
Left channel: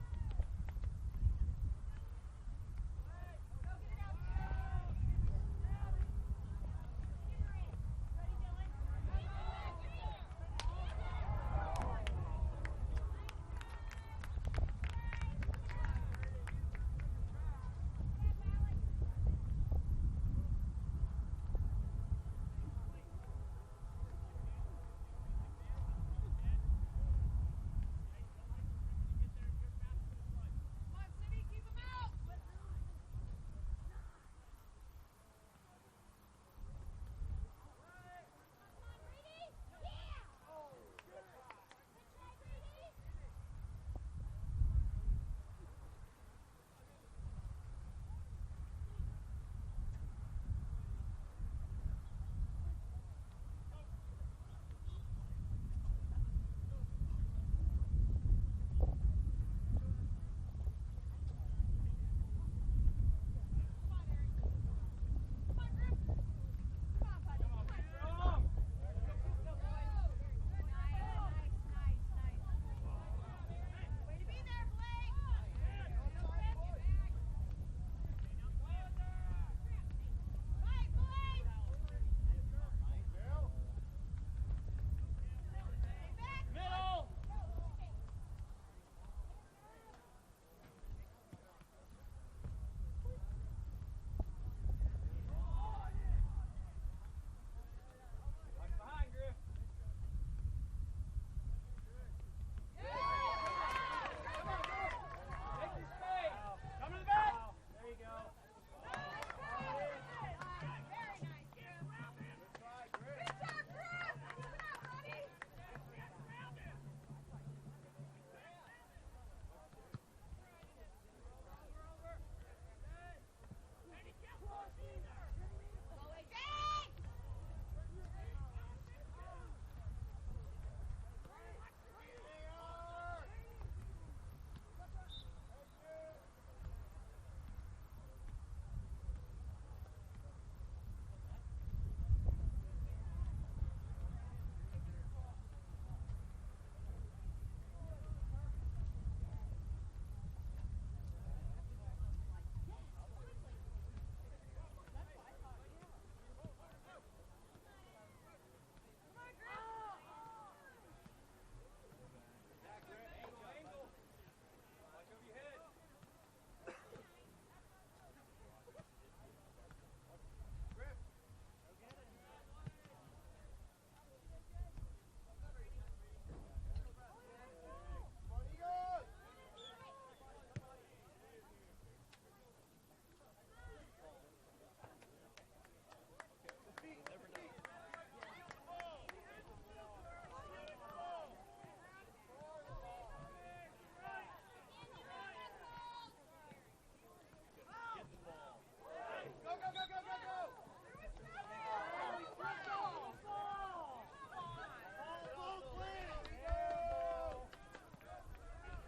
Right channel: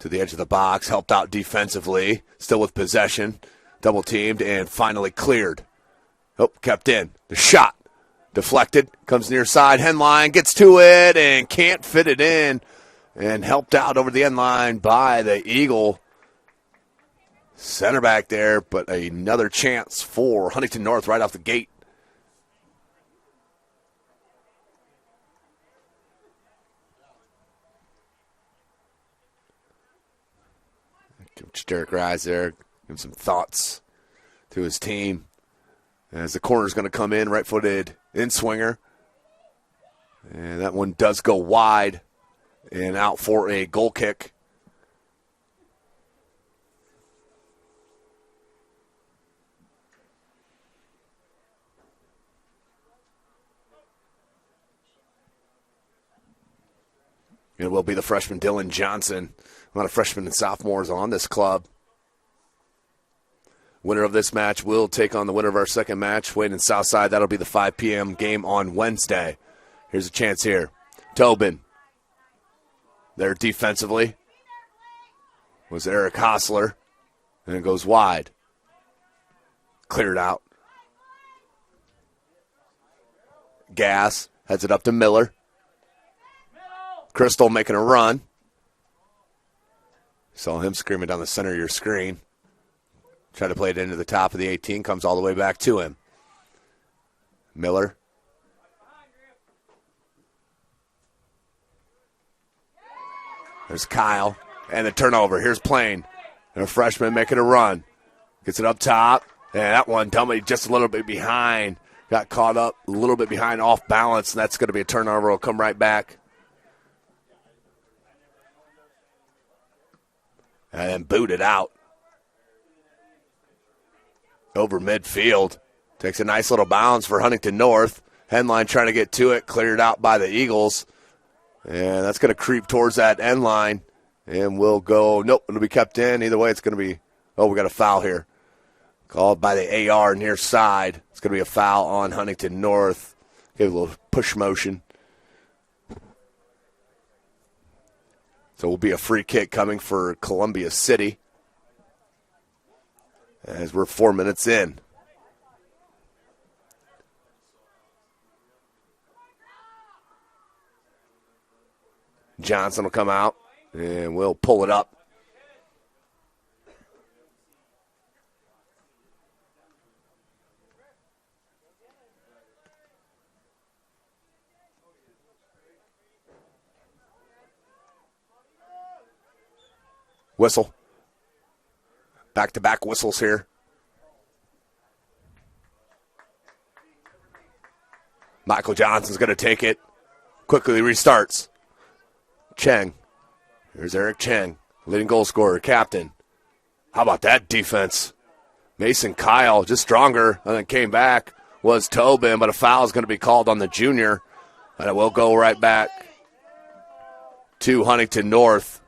to the edge of the box, helped out defensively, still with possession, double teamed, and finally cleared. Oh, kept in. The shot deflected, comes near side, Henline gets to it and can't fit it in, and helped out over the end line by the Eagle center back there, but another chance for Huntington North right off the gate. Coach Derek Rise there, give some thoughts to his team. As the corner's going to come in, right-footed in-swinger. And that one does go wide and out for a goal kick. It will be the freshman Dylan Johnson. A lot of freshmen and sophomores on this club. Winner of this match will take on the winner of our second match. Wayne and Southside, that'll be the 5 p.m. game on Wednesday. Here's a chance here. Tobin. There defensively was Eric Hostler. And it goes wide. Cleared out. Gass heads it up to Miller. Crystal making a run. Saw him screaming down the center of your screen. Tried to play it into the top of the 18. Comes all the way back to him. Miller. There's Kyle. And the turnover. Here's Plain. And a freshman making a run. Gets it up top. And that one, dummy, just a little bit behind. Got caught up a little bit behind, off balance. And that's going to be a turnover. Will come right back. And then booted out. Over midfield. Takes a nice little bounce for Huntington North. Headline trying to get to it. Cleared out by the Eagles. And that's going to creep towards that end line. And we'll go, nope, it'll be kept in. Either way, it's going to be, we got a foul here. Called by the AR near side. It's going to be a foul on Huntington North. Give a little push motion. So it will be a free kick coming for Columbia City. As we're 4 minutes in. Johnson will come out, and we'll pull it up. Whistle. Back-to-back whistles here. Michael Johnson's going to take it. Quickly restarts. Cheng. Here's Eric Cheng, leading goal scorer, captain. How about that defense? Mason Kyle, just stronger, and then came back, was Tobin, but a foul is going to be called on the junior. And it will go right back to Huntington North.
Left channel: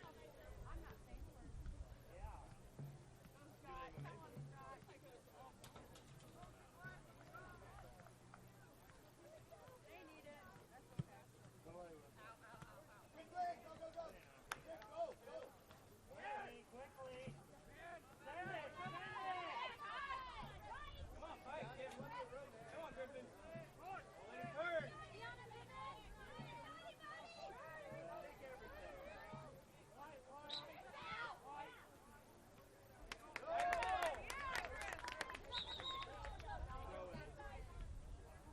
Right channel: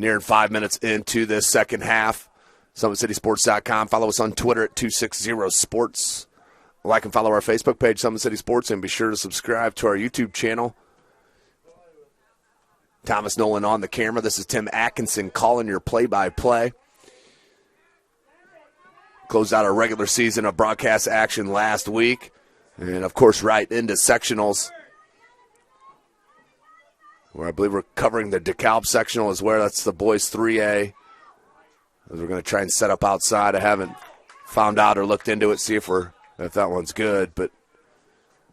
Nearing 5 minutes into this second half. SummitCitySports.com. Follow us on Twitter at 260sports. Like and follow our Facebook page, Summit City Sports, and be sure to subscribe to our YouTube channel. Thomas Nolan on the camera. This is Tim Atkinson calling your play-by-play. Closed out our regular season of broadcast action last week. And, of course, right into sectionals, where I believe we're covering the DeKalb sectional as well. That's the boys 3A. As we're going to try and set up outside. I haven't found out or looked into it, see if that one's good. But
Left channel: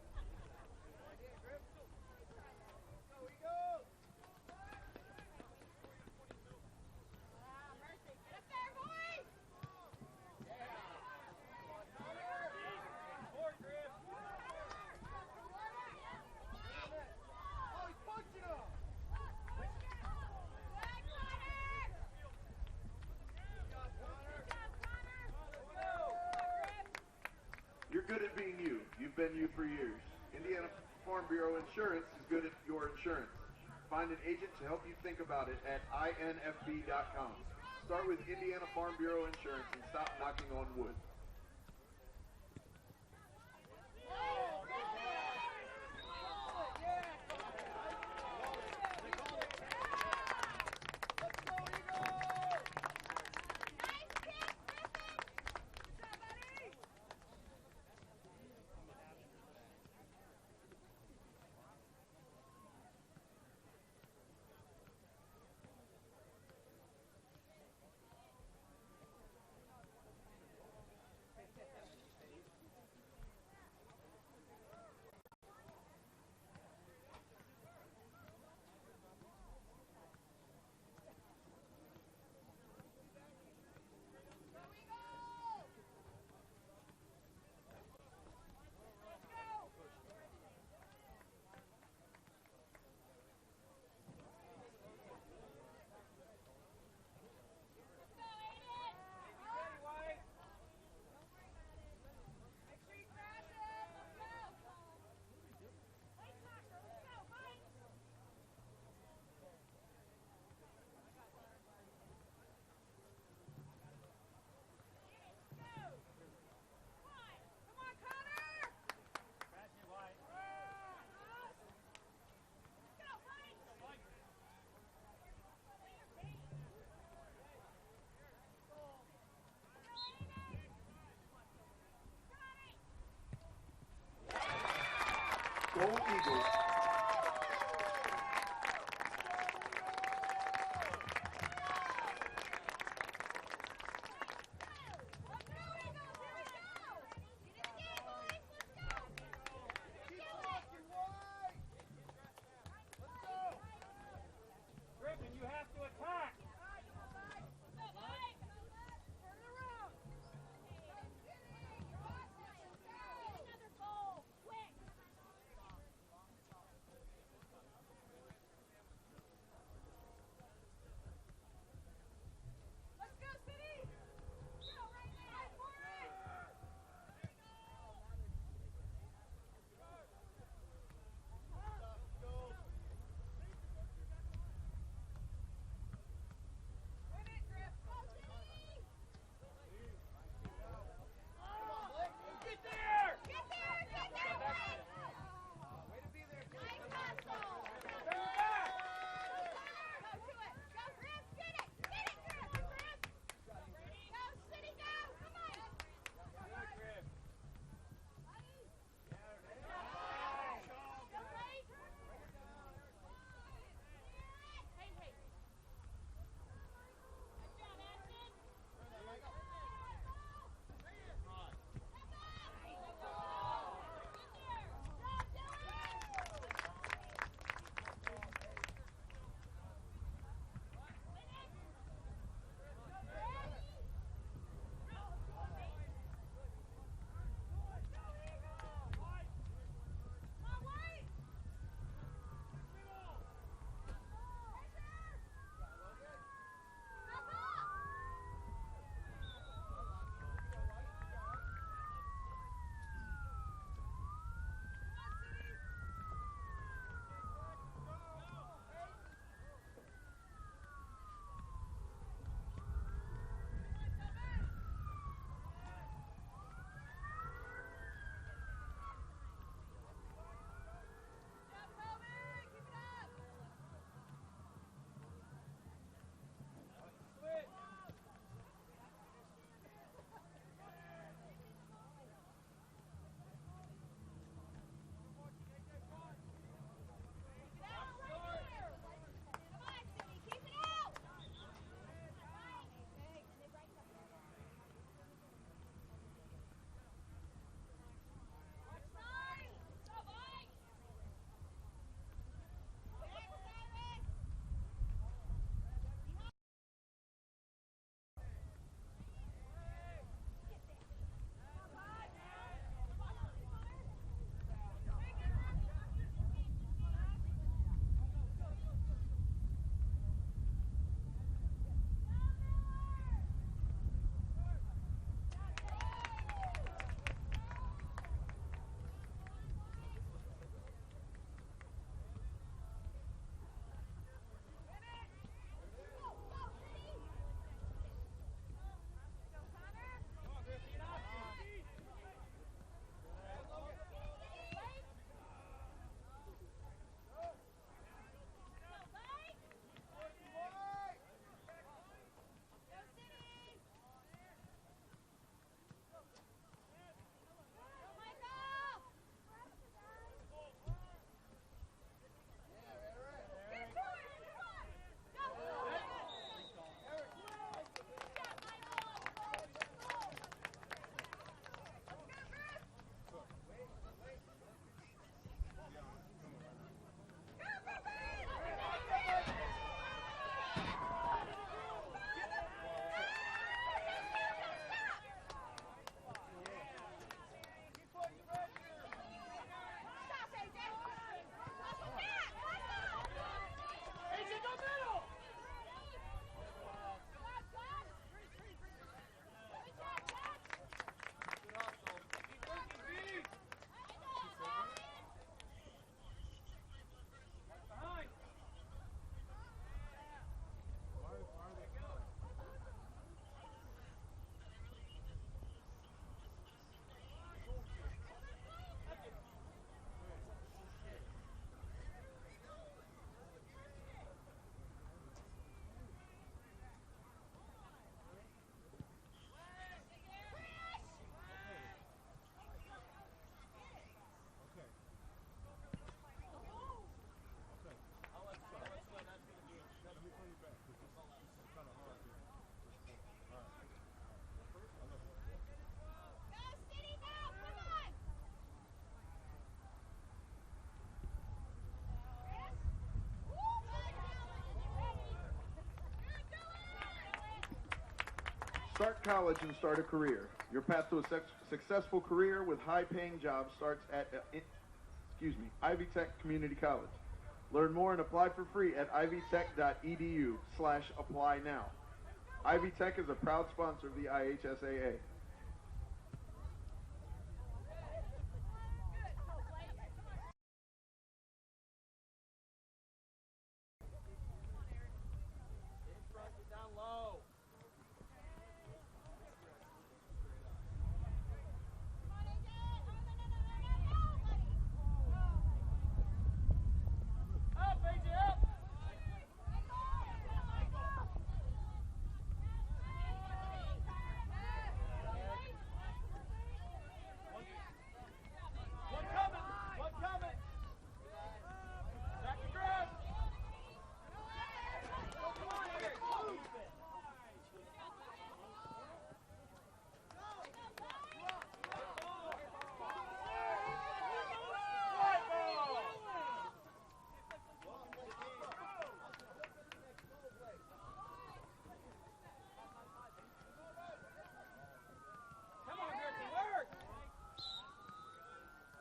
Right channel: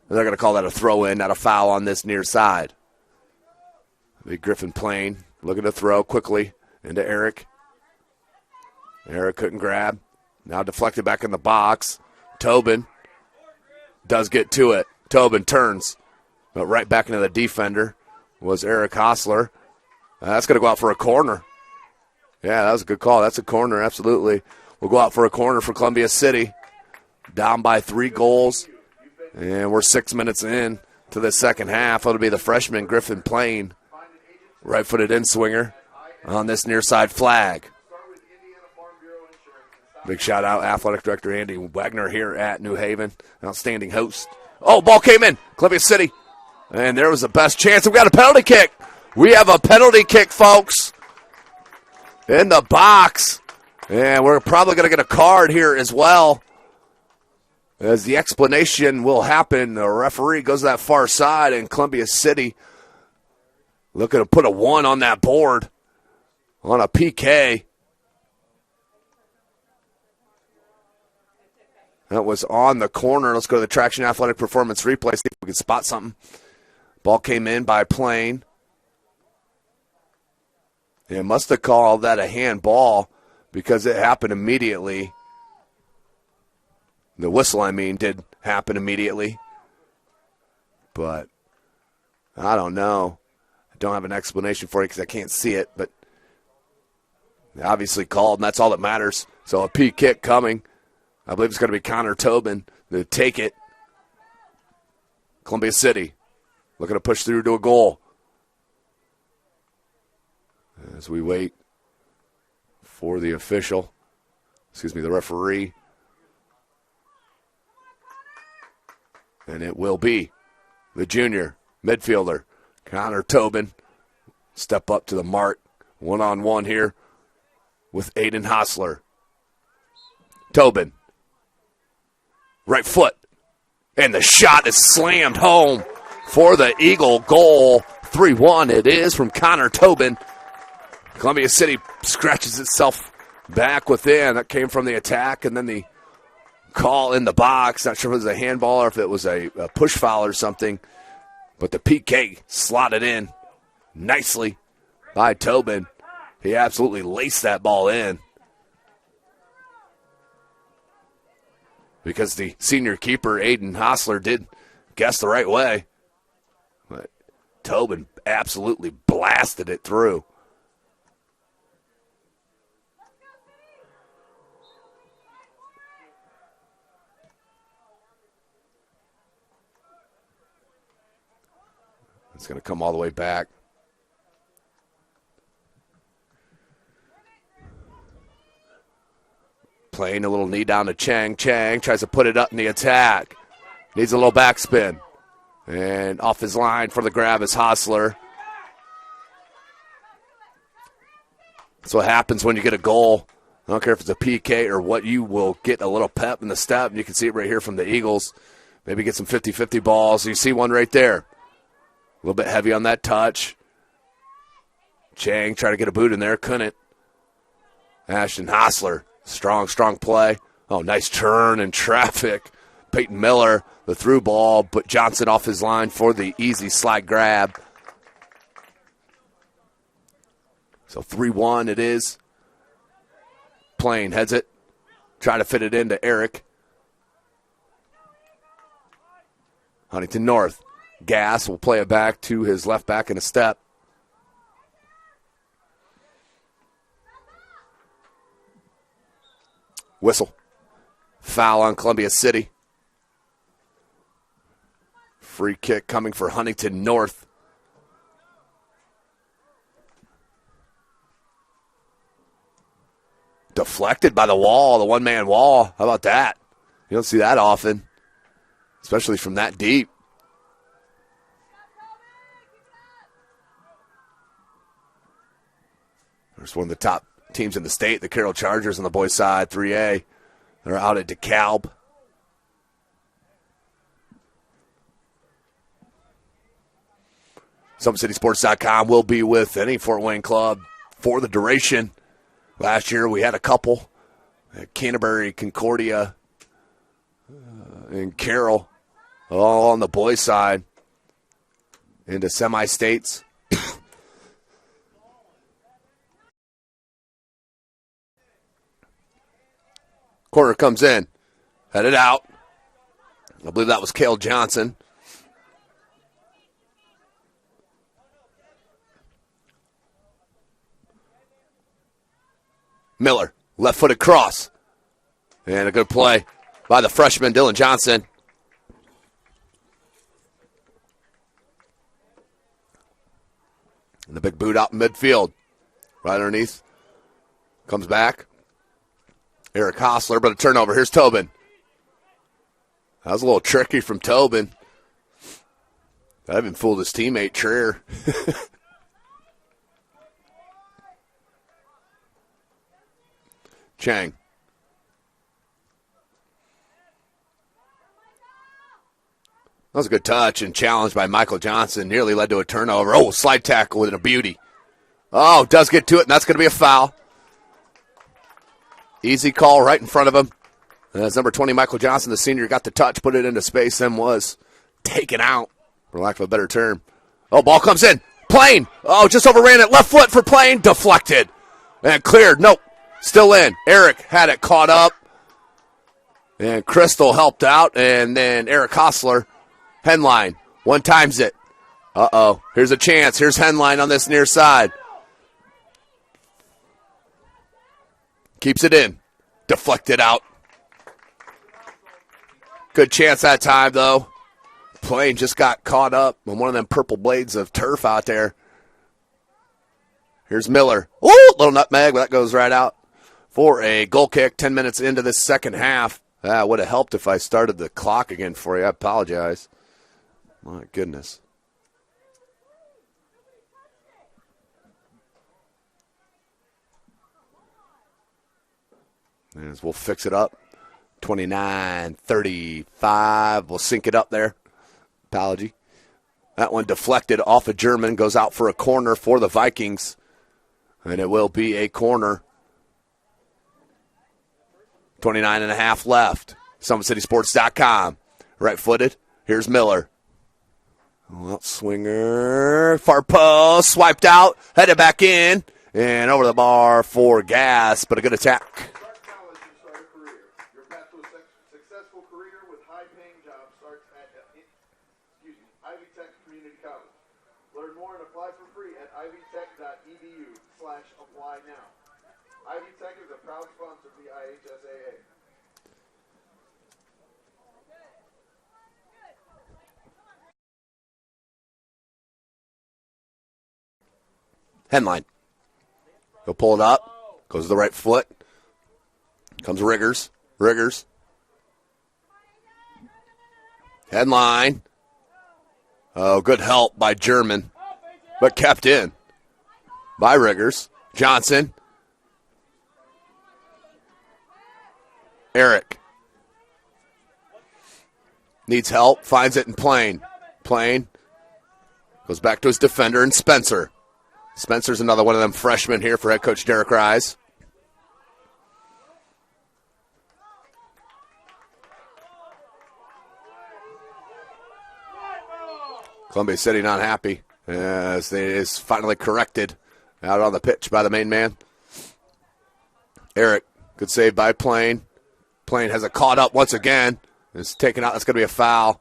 they're going to call that a throw-in, not a foul on this near side. Big Griffin Plain looking to throw quickly into Eric. Eric couldn't grab. Now deflected back in the box. Tobin does get to it. Tobin turns. But right back into the defender was Eric Hostler. That's going to go out for a corner. Yeah, that was a good call. That's a corner, absolutely. We'll go out for a corner for Columbia City. Down by 3 goals. And we're 6 minutes in to the second half. It'll be the freshman Griffin Plain. Right-footed in-swinger on this near-side flag. Big shout-out, Athletic Director Andy Wagner here at New Haven. Outstanding host. Oh, ball came in. Columbia City. And there was the best chance. We got a penalty kick. We have a penalty kick, folks, in the box. And we're probably going to get a card here as well, as the explanation will happen. The referee goes to that far side, and Columbia City looking to put a 1 on that board on a PK. That was on the corner. Let's go to the Traction Athletic Performance replay, see if we can spot something. Ball came in by Plain. It must have called that a handball because it happened immediately. The whistle, did happen immediately. But I don't know. I don't have an explanation for it because I can't see it, but they obviously called, and that's all that matters. So a P kick coming. I believe it's going to be Connor Tobin to take it. Columbia City looking to push through to a goal. As we wait for the official. the referee. And it will be the junior midfielder, Connor Tobin. Step up to the mark. One-on-one here with Aiden Hostler. Tobin. Right foot. And the shot is slammed home for the Eagle goal. 3-1 it is from Connor Tobin. Columbia City scratches itself back within. That came from the attack, and then the call in the box. Not sure if it was a handball or if it was a push foul or something. But the PK slotted in nicely by Tobin. He absolutely laced that ball in. Because the senior keeper, Aiden Hostler, did guess the right way. But Tobin absolutely blasted it through. It's going to come all the way back. Playing a little knee down to Chang. Chang tries to put it up in the attack. Needs a little backspin. And off his line for the grab is Hostler. That's what happens when you get a goal. I don't care if it's a PK or what, you will get a little pep in the step. And you can see it right here from the Eagles. Maybe get some 50-50 balls. You see one right there. A little bit heavy on that touch. Chang tried to get a boot in there. Couldn't. Ashton Hostler. Strong play. Oh, nice turn in traffic. Peyton Miller, the through ball, but Johnson off his line for the easy slide grab. So 3-1 it is. Plain heads it. Try to fit it into Eric. Huntington North. Gass will play it back to his left back in a step. Whistle. Foul on Columbia City. Free kick coming for Huntington North. Deflected by the wall, the one-man wall. How about that? You don't see that often, especially from that deep. There's one of the top teams in the state, the Carroll Chargers on the boys' side, 3A. They're out at DeKalb. SummitCitySports.com will be with any Fort Wayne club for the duration. Last year we had a couple at Canterbury, Concordia, and Carroll, all on the boys' side into semi-states. Corner comes in, headed out. I believe that was Cale Johnson. Miller, left-footed cross. And a good play by the freshman, Dylan Johnson. And the big boot out in midfield. Right underneath. Comes back. Eric Hostler, but a turnover. Here's Tobin. That was a little tricky from Tobin. I even fooled his teammate, Trier. Chang. That was a good touch and challenge by Michael Johnson. Nearly led to a turnover. Oh, slide tackle with a beauty. Oh, does get to it, and that's going to be a foul. Easy call right in front of him. And as number 20, Michael Johnson, the senior, got the touch, put it into space, and was taken out, for lack of a better term. Oh, ball comes in. Plain. Oh, just overran it. Left foot for Plain. Deflected. And cleared. Nope. Still in. Eric had it caught up. And Crystal helped out. And then Eric Hostler, Henline, one times it. Uh-oh. Here's a chance. Here's Henline on this near side. Keeps it in. Deflected out. Good chance that time, though. Plain just got caught up on one of them purple blades of turf out there. Here's Miller. Ooh, little nutmeg, but that goes right out. for a goal kick 10 minutes into this second half. That would have helped if I started the clock again for you. I apologize. My goodness. As we'll fix it up. 29-35. We'll sync it up there. Apology. That one deflected off of German. Goes out for a corner for the Vikings. And it will be a corner. 29.5 left. SummitCitySports.com. Right-footed. Here's Miller. Well, swinger. Far post. Swiped out. Headed back in. And over the bar for Gas. But a good attack. Start college and start a career. Your path to a successful career with high-paying jobs starts at Ivy Tech Community College. Learn more and apply for free at ivytech.edu/apply now. Ivy Tech is a proud sponsor of the IHSAA. Headline. He'll pull it up. Goes to the right foot. Comes Riggers. Headline. Oh, good help by German. But kept in by Riggers. Johnson. Eric. Needs help. Finds it in Plain. Plain. Goes back to his defender and Spencer. Spencer's another one of them freshmen here for head coach Derek Rise. Columbia City not happy as it is finally corrected out on the pitch by the main man. Eric, good save by Plain. Plain has it caught up once again. It's taken out. That's going to be a foul.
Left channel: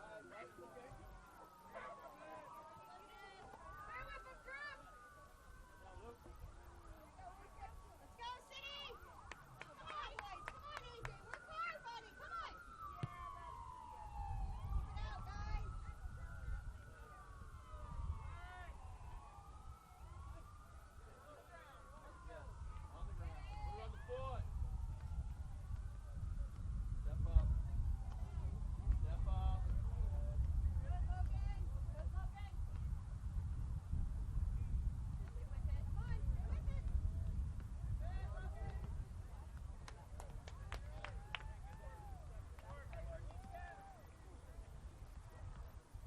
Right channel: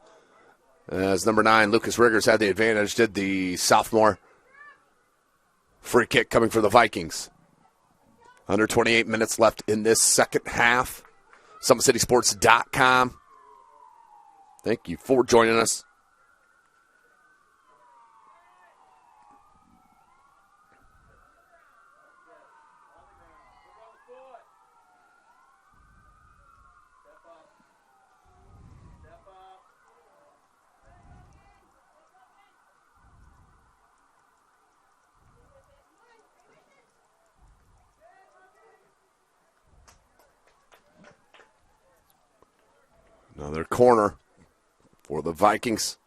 As number 9, Lucas Riggers had the advantage, did the sophomore. Free kick coming for the Vikings. Under 28 minutes left in this second half. SummitCitySports.com. Thank you for joining us. Another corner for the Vikings.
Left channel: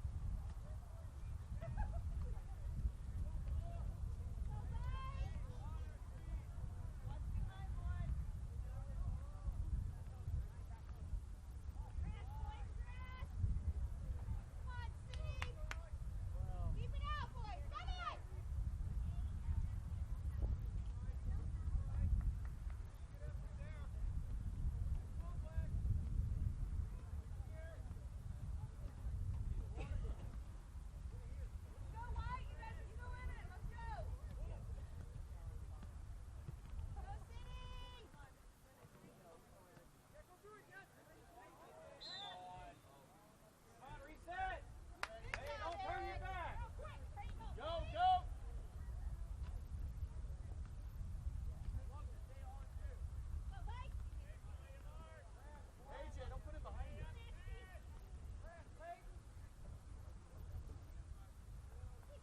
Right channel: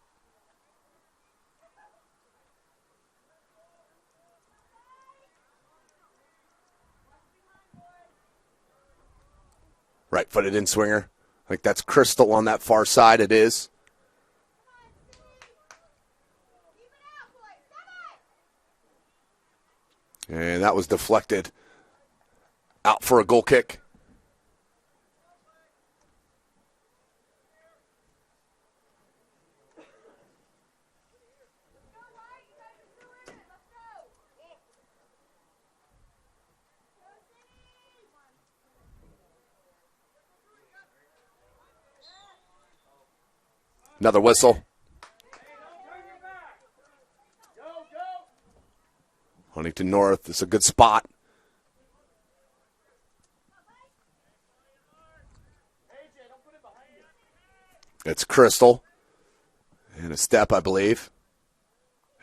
Right-footed in swinger. I think that's Crystal on that far side. It is. And that was deflected out for a goal kick. Another whistle. Huntington North. It's a good spot. It's Crystal. And a step, I believe.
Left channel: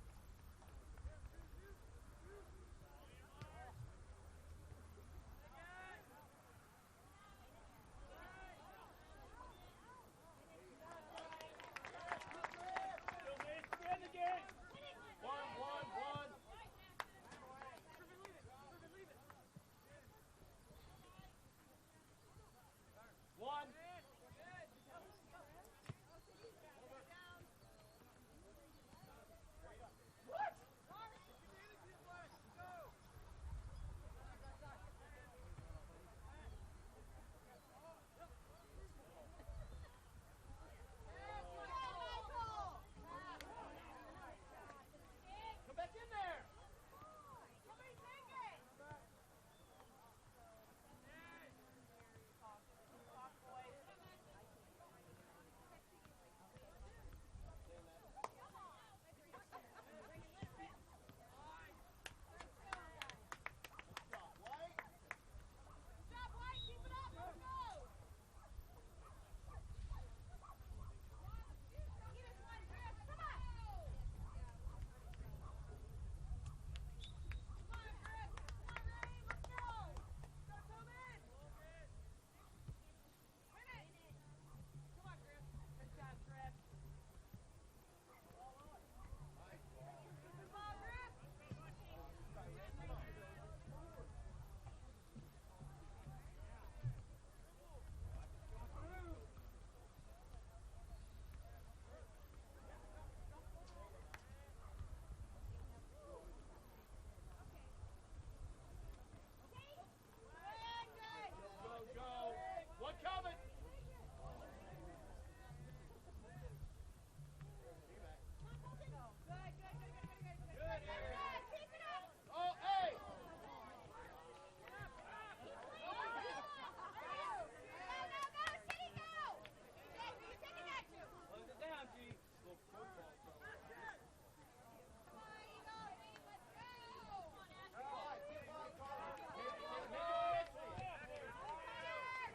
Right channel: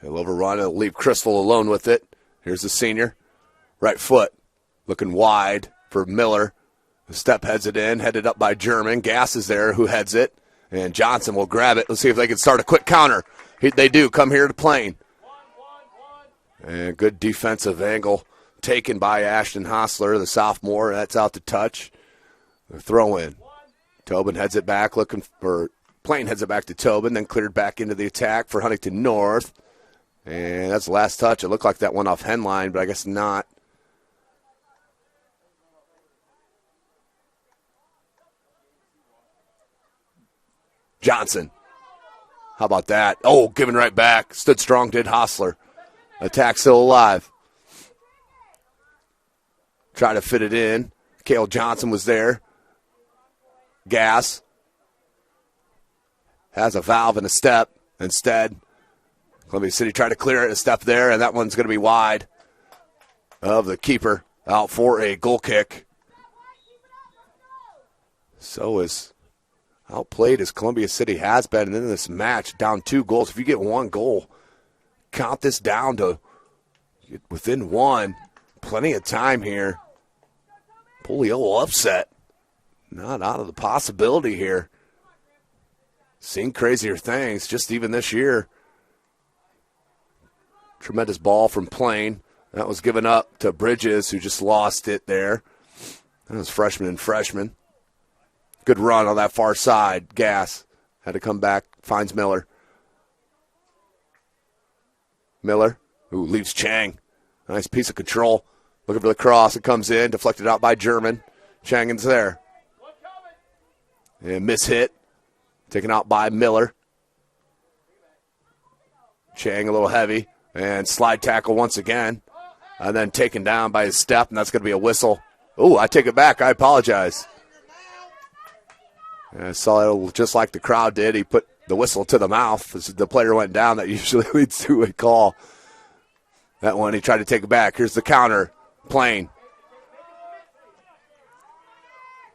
He'll overrun. He'll leave Crystal alone with it. Here's the senior. Right foot. Looking wide for Miller. The step heads it in. Headed up by German. Gass is there who heads it. And Johnson will grab it. Let's see if they can start a quick counter. They do. Come here to Plain. And good defensive angle taken by Ashton Hostler, the sophomore. That's out to touch. The throw in. Tobin heads it back, looking for Plain heads it back to Tobin, then cleared back into the attack for Huntington North. And that's the last touch. It looked like that went off Henline, but I guess not. Johnson. How about that? Oh, giving right back. Stood strong, did Hostler. Attack still alive. Try to fit it in. Cale Johnson was there. Gas. Has a valve and a step. Instead, Columbia City tried to clear it, a step there, and that one's going to be wide of the keeper. Out for a goal kick. So is outplayed as Columbia City has been in this match, down 2 goals. If you get 1 goal, count this down to within 1. Plenty of time here. Polio upset. Not out of the possibility here. Seen crazier things just even this year. Tremendous ball from Plain. That was given up to Bridges, who just lost it there. That was freshman and freshman. Good run on that far side. Gass had to come back. Finds Miller. Miller, who leaves Chang. Nice piece of control. Looking for the cross. It comes in. Deflected out by German. Changin's there. And miss hit. Taken out by Miller. Chang a little heavy. And slide tackle once again. And then taken down by his step, and that's going to be a whistle. Oh, I take it back. I apologize. And I saw it just like the crowd did. He put the whistle to the mouth as the player went down. That usually leads to a call. That one, he tried to take it back. Here's the counter. Plain.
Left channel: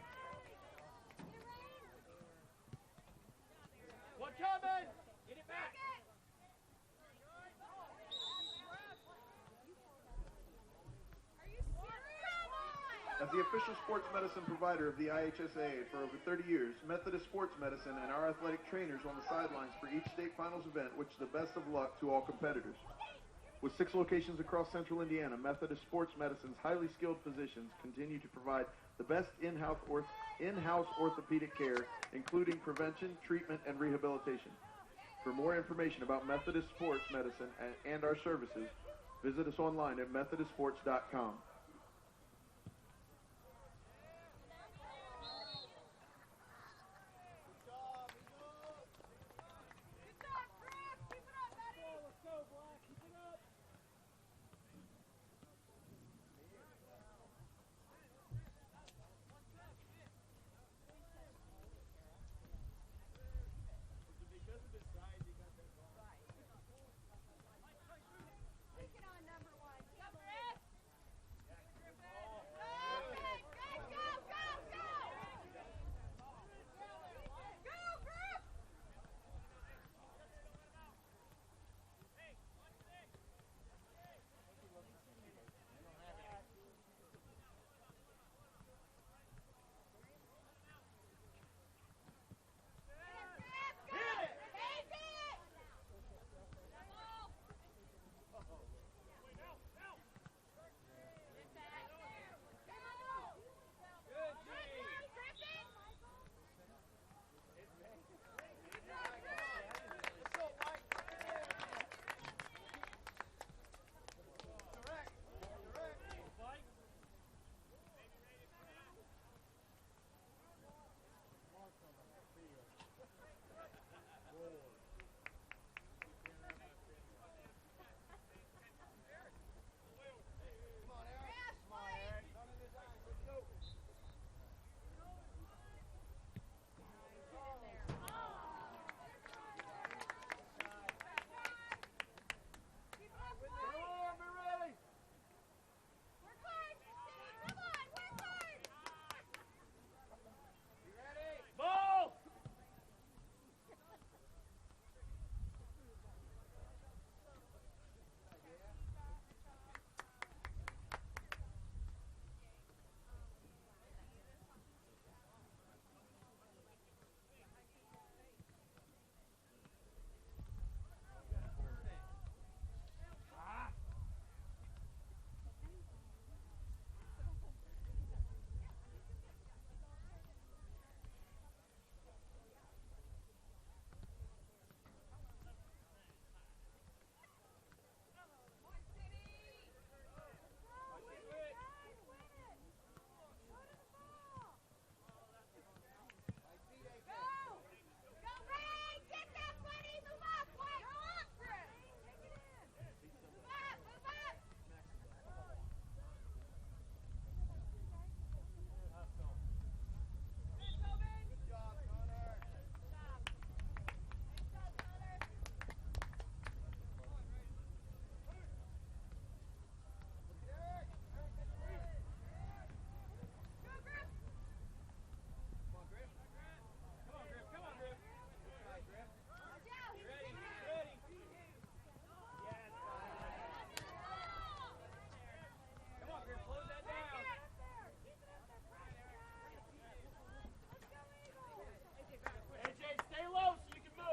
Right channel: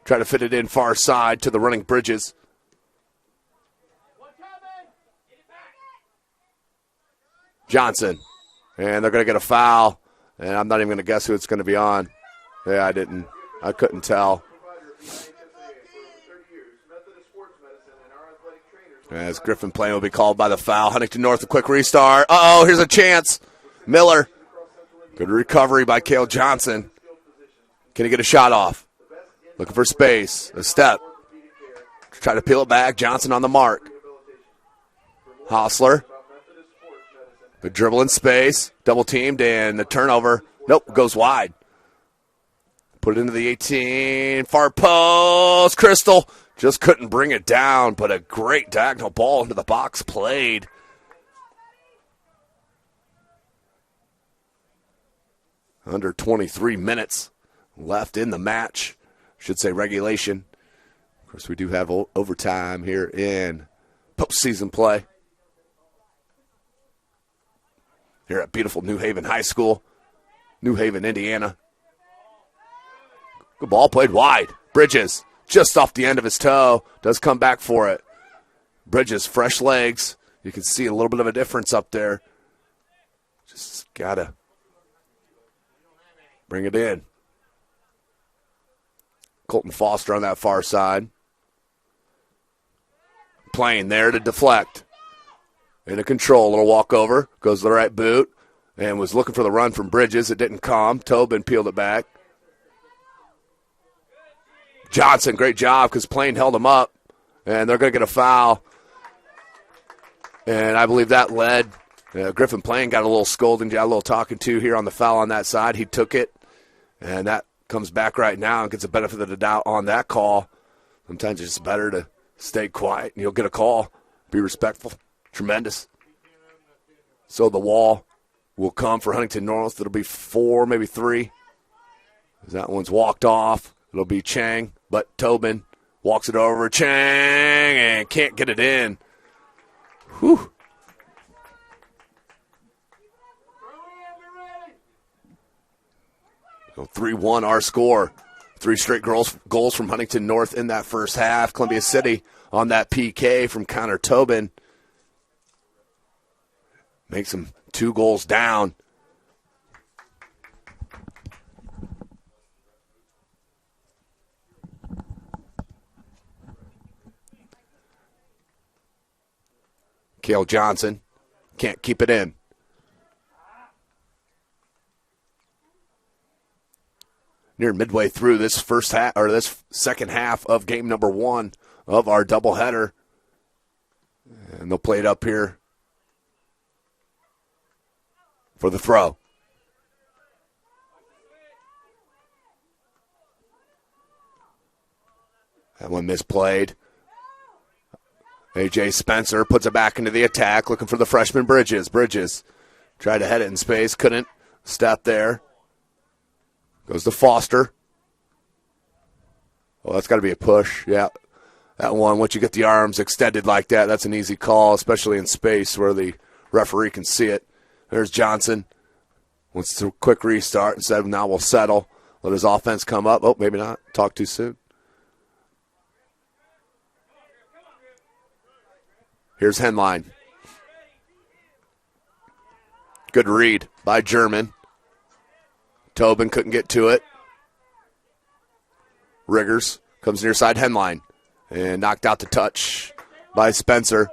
Try to fit it in far side to the running Bridges. Johnson. And they're going to get a foul. And I'm not even going to guess who it's going to be on. Yeah, I didn't. I couldn't tell. As Griffin Plain will be called by the foul. Huntington North, a quick restart. Uh-oh, here's a chance. Miller. Good recovery by Cale Johnson. Can he get a shot off? Looking for space. A step. Try to peel it back. Johnson on the mark. Hostler. Good dribble in space. Double teamed and the turnover. Nope, goes wide. Put it into the 18. Far post. Crystal just couldn't bring it down, but a great diagonal ball into the box played. Under 23 minutes left in the match. Should say regulation. Of course, we do have overtime here in postseason play. Here at beautiful New Haven High School, New Haven, Indiana. Good ball played wide. Bridges, just off the end of his toe, does come back for it. Bridges, fresh legs. You can see a little bit of a difference up there. Just got to bring it in. Colton Foster on that far side. Playing there to deflect. Into control, a little walkover. Goes to the right boot. And was looking for the run from Bridges. It didn't come. Tobin peeled it back. Johnson, great job because Plain held him up. And they're going to get a foul. And I believe that led. Griffin Plain got a little scolding, got a little talking to here on the foul on that side. He took it. And that comes back right now and gets the benefit of the doubt on that call. Sometimes it's just better to stay quiet and you'll get a call. Be respectful. Tremendous. So the wall will come for Huntington North. It'll be 4, maybe 3. That one's walked off. It'll be Chang, but Tobin walks it over. Chang, and can't get it in. Whew. So 3-1 our score. 3 straight goals from Huntington North in that first half. Columbia City on that PK from Connor Tobin. Makes them 2 goals down. Cale Johnson can't keep it in. Near midway through this first half, or this second half of game number 1 of our doubleheader. And they'll play it up here for the throw. That one misplayed. A.J. Spencer puts it back into the attack, looking for the freshman Bridges. Bridges tried to head it in space, couldn't. Step there. Goes to Foster. Oh, that's got to be a push. Yeah, that one, once you get the arms extended like that, that's an easy call, especially in space where the referee can see it. There's Johnson. Wants to quick restart and said, now we'll settle. Let his offense come up. Oh, maybe not. Talk too soon. Here's Henline. Good read by German. Tobin couldn't get to it. Riggers comes near side Henline. And knocked out the touch by Spencer.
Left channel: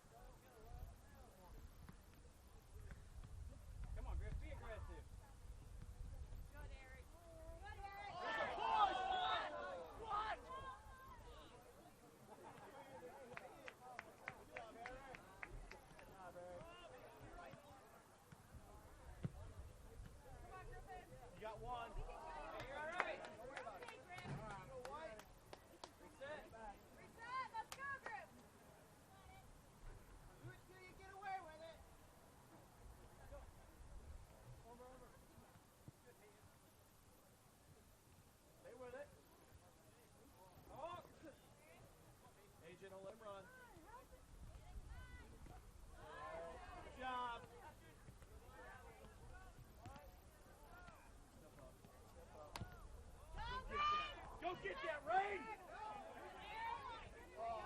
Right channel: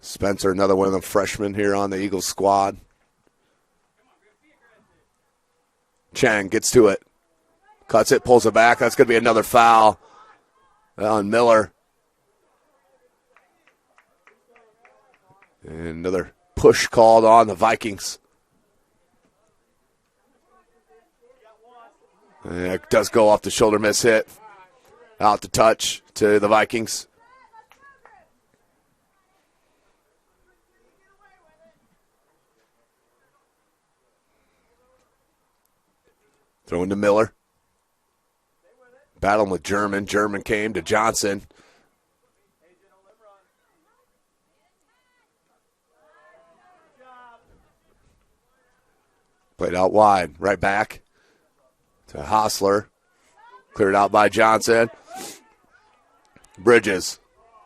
Spencer, another one of the freshmen here on the Eagles squad. Chang gets to it. Cuts it, pulls it back. That's going to be another foul on Miller. And another push called on the Vikings. And it does go off the shoulder, miss hit. Out the touch to the Vikings. Throwing to Miller. Battling with German. German came to Johnson. Played out wide. Right back to Hostler. Cleared out by Johnson. Bridges.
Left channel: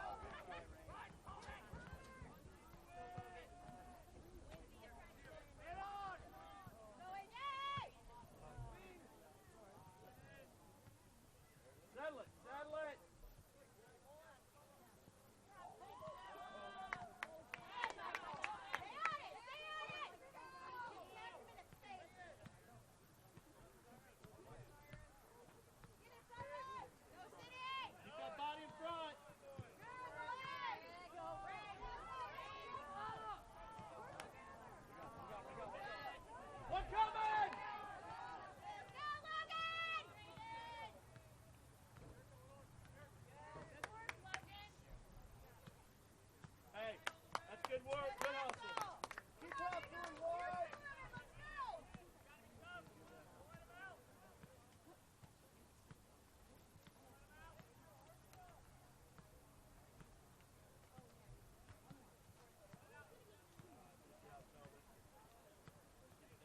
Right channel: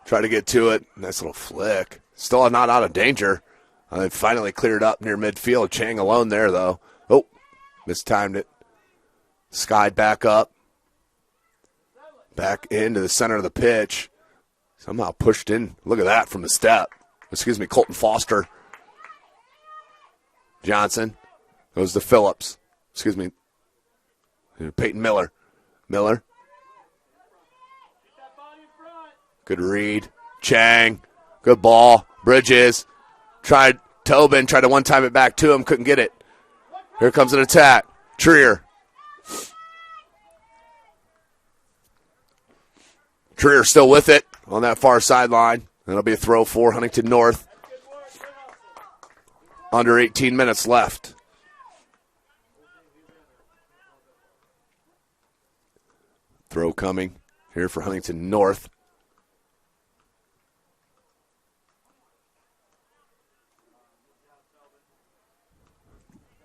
Try to get to it. Nice little flick. Still not out of danger. They finally cleared up near midfield. Chang alone there, though. Oh, mistimed it. Skied back up. Back into the center of the pitch. Somehow pushed in. Look at that from the step. Colton Foster. Johnson. Goes to Phillips. Peyton Miller. Miller. Good read. Chang. Good ball. Bridges. Tobin tried to one-time it back to him. Couldn't get it. Here comes an attack. Trier. Trier still with it on that far sideline. That'll be a throw for Huntington North. Under 18 minutes left. Throw coming here for Huntington North.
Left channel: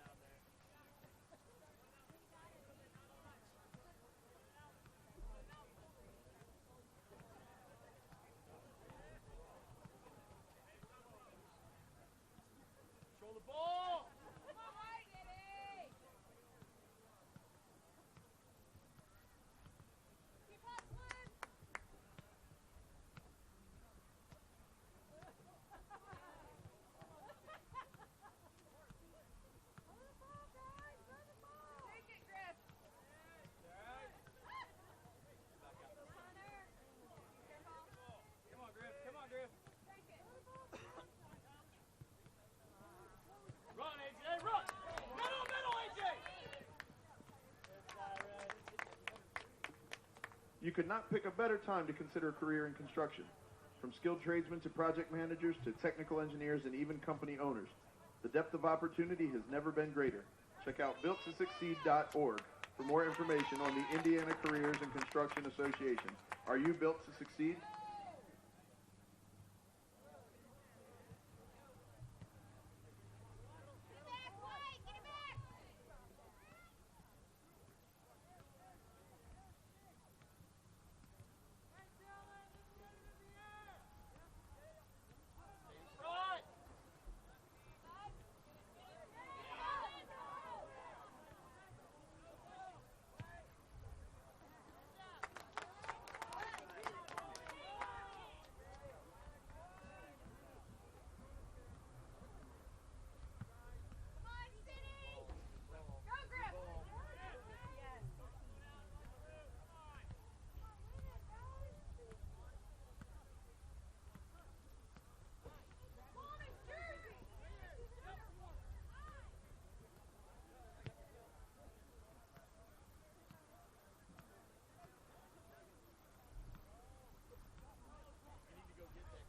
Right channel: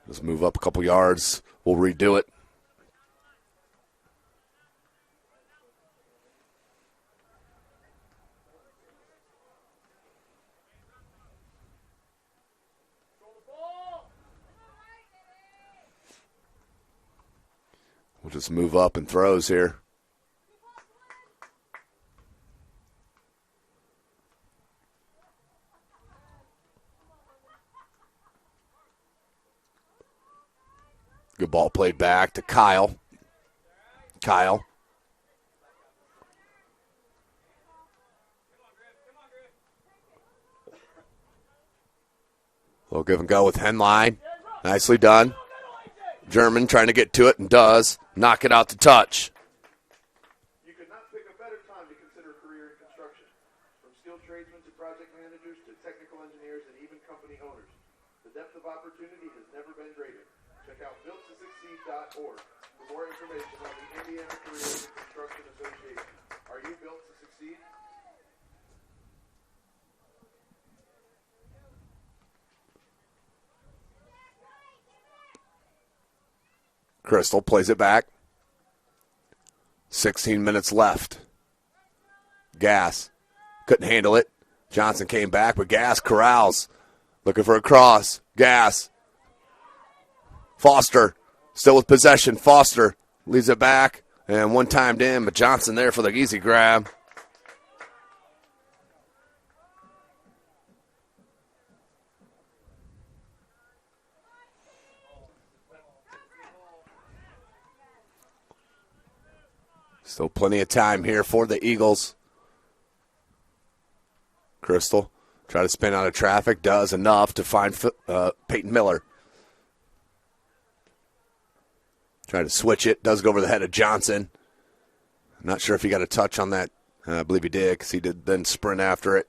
Let's move up a couple yards. We'll redo it. We'll just move up and throws here. Good ball played back to Kyle. Kyle. Little give and go with Henline. Nicely done. German trying to get to it and does. Knock it out to touch. You could not pick a better time to consider a career in construction. From skilled tradesmen to project managers to technical engineers and even company owners. The depth of opportunity has never been greater. Check out builttosucceed.org for more information on the Indiana Careers in Construction Association. Are you built to succeed? Crystal plays it back. 16 minutes left. Gass couldn't handle it. Johnson came back, but Gass corrals. Looking for a cross. Gass. Foster still with possession. Foster leaves it back. And one timed in, but Johnson there for the easy grab. Still plenty of time here for the Eagles. Crystal try to spin out of traffic. Does enough to find Peyton Miller. Try to switch it. Does go over the head of Johnson. I'm not sure if he got a touch on that. I believe he did because he did then sprint after it.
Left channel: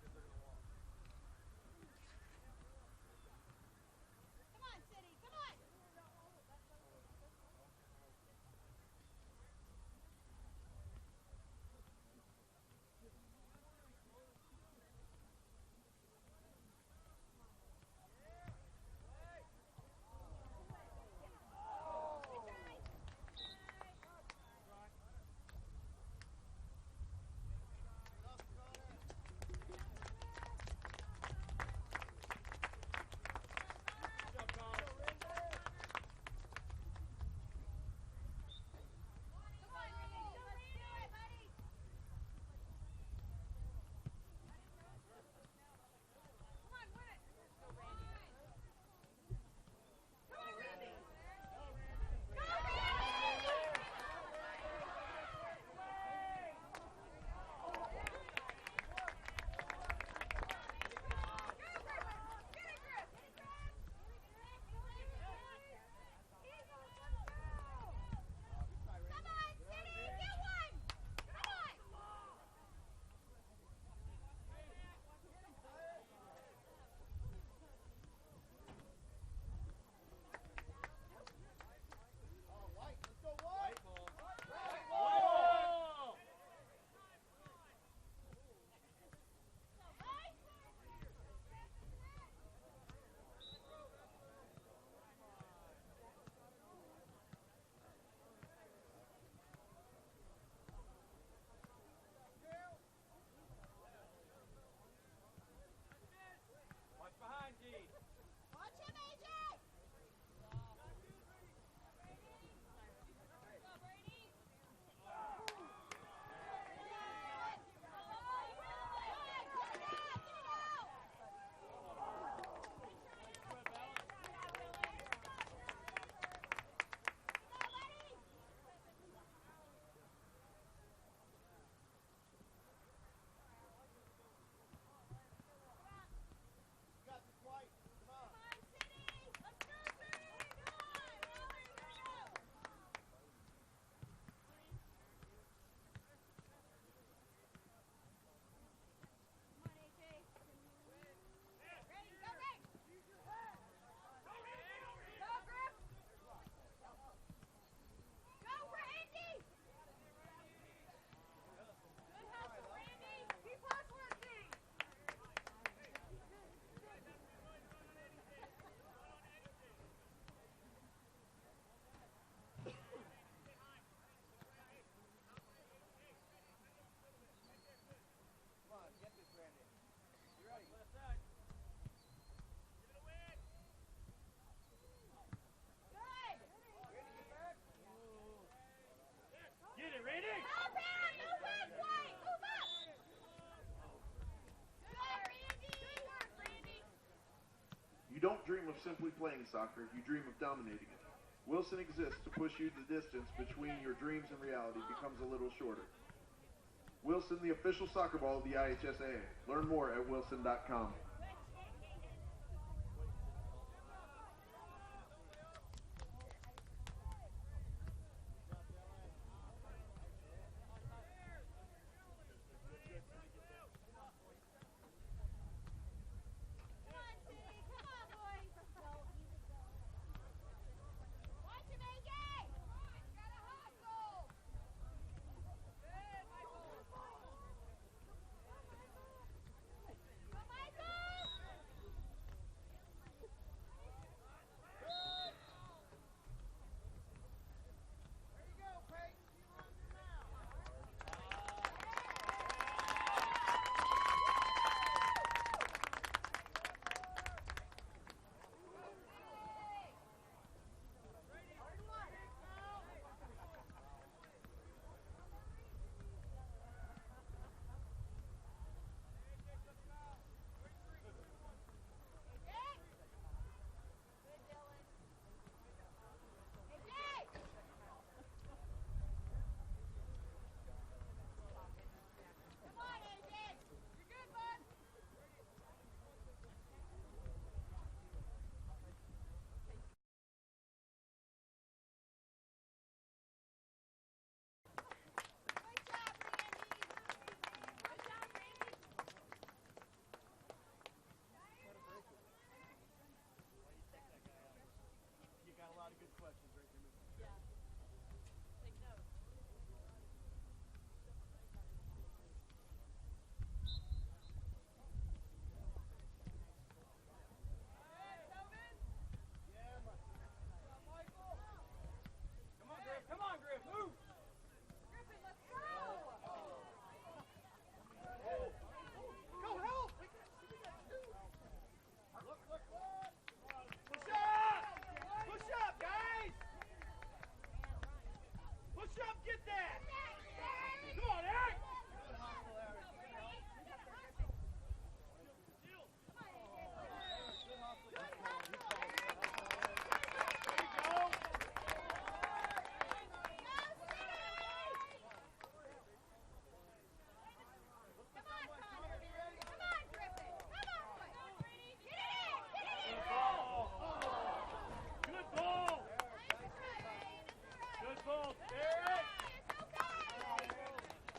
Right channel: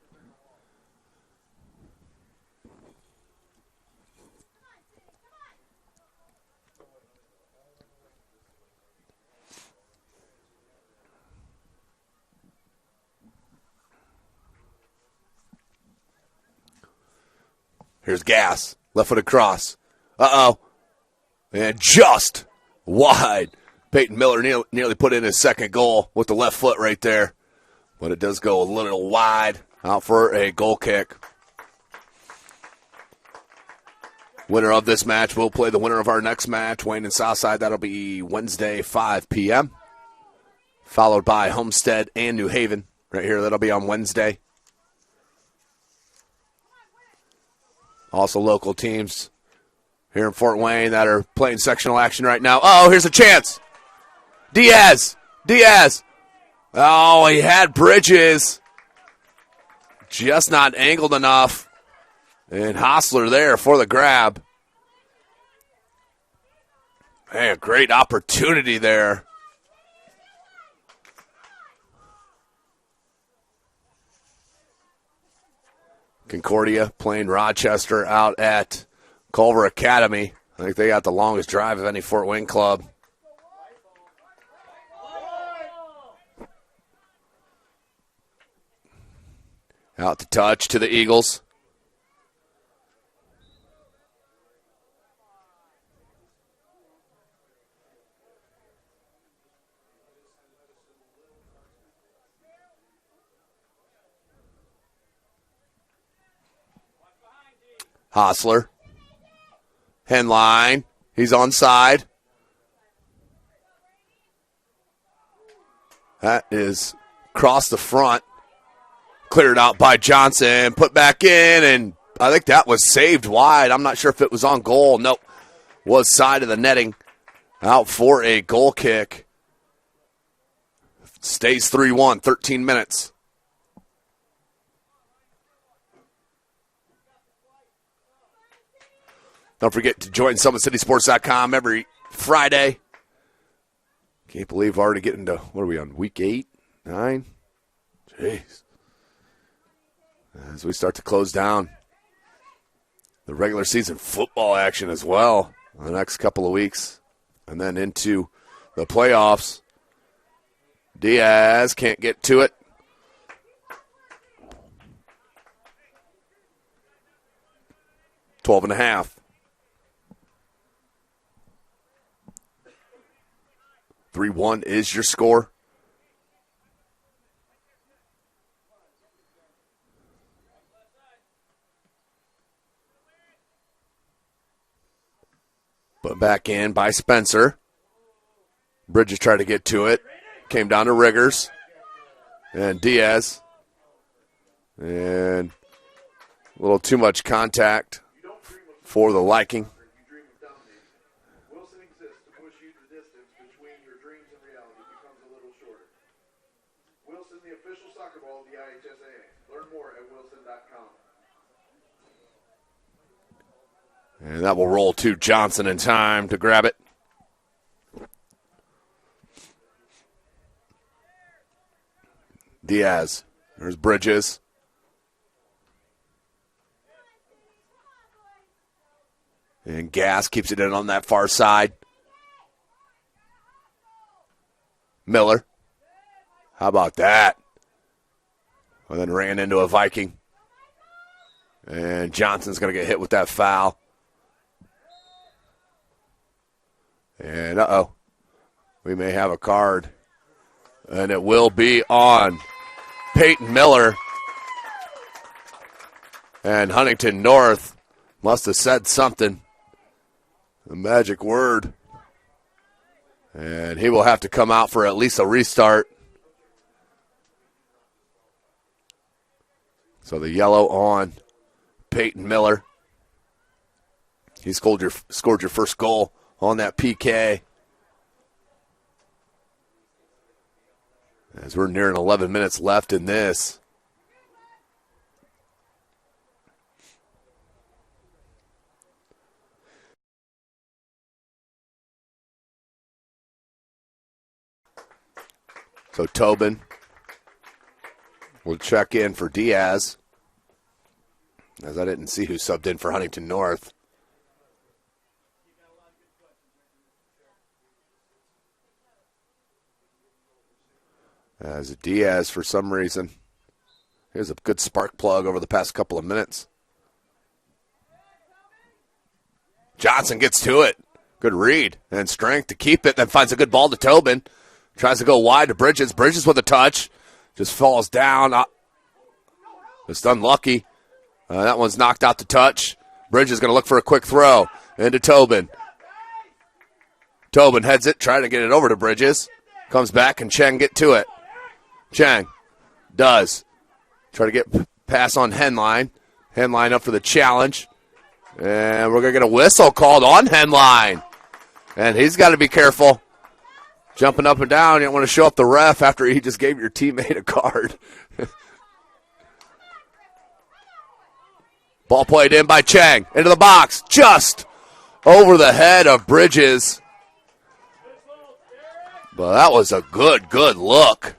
Here's Gass. Left foot across. Uh-oh. And just wide. Peyton Miller nearly put in his second goal with the left foot right there. But it does go a little wide, out for a goal kick. Winner of this match will play the winner of our next match, Wayne and Southside. That'll be Wednesday, 5 p.m., followed by Homestead and New Haven. Right here, that'll be on Wednesday. Also local teams here in Fort Wayne that are playing sectional action right now. Oh, here's a chance. Diaz. Oh, he had Bridges. Just not angled enough. And Hostler there for the grab. Man, great opportunity there. Concordia playing Rochester out at Culver Academy. I think they got the longest drive of any Fort Wayne club. Out to touch to the Eagles. Hostler. Henline. He's onside. That is across the front. Cleared out by Johnson. Put back in, and I think that was saved wide. I'm not sure if it was on goal. Nope. Was side of the netting. Out for a goal kick. Stays 3-1, 13 minutes. Don't forget to join SummitCitySports.com every Friday. Can't believe we're already getting to, what are we on, week 8, 9? Jeez. As we start to close down the regular season football action as well in the next couple of weeks. And then into the playoffs. Diaz can't get to it. $12.5. 3-1 is your score. Put back in by Spencer. Bridges tried to get to it. Came down to Riggers. And Diaz. And a little too much contact for the liking. Wilson exists to push you the distance between your dreams and reality becomes a little shorter. Wilson, the official soccer ball of the IHSAA. Learn more at wilson.com. And that will roll to Johnson in time to grab it. Diaz. There's Bridges. And Gass keeps it in on that far side. Miller. How about that? And then ran into a Viking. And Johnson's going to get hit with that foul. And we may have a card. And it will be on Peyton Miller. And Huntington North must have said something. The magic word. And he will have to come out for at least a restart. So the yellow on Peyton Miller. He scored your first goal on that PK. As we're nearing 11 minutes left in this. So Tobin will check in for Diaz. As I didn't see who subbed in for Huntington North. As Diaz, for some reason, here's a good spark plug over the past couple of minutes. Johnson gets to it. Good read and strength to keep it. Then finds a good ball to Tobin. Tries to go wide to Bridges. Bridges with a touch. Just falls down. Just unlucky. That one's knocked out to touch. Bridges is going to look for a quick throw into Tobin. Tobin heads it, trying to get it over to Bridges. Comes back, and Cheng get to it. Cheng does. Try to get pass on Henline. Henline up for the challenge. And we're going to get a whistle called on Henline. And he's got to be careful. Jumping up and down. You don't want to show up the ref after he just gave your teammate a card. Ball played in by Cheng. Into the box. Just over the head of Bridges. But that was a good look.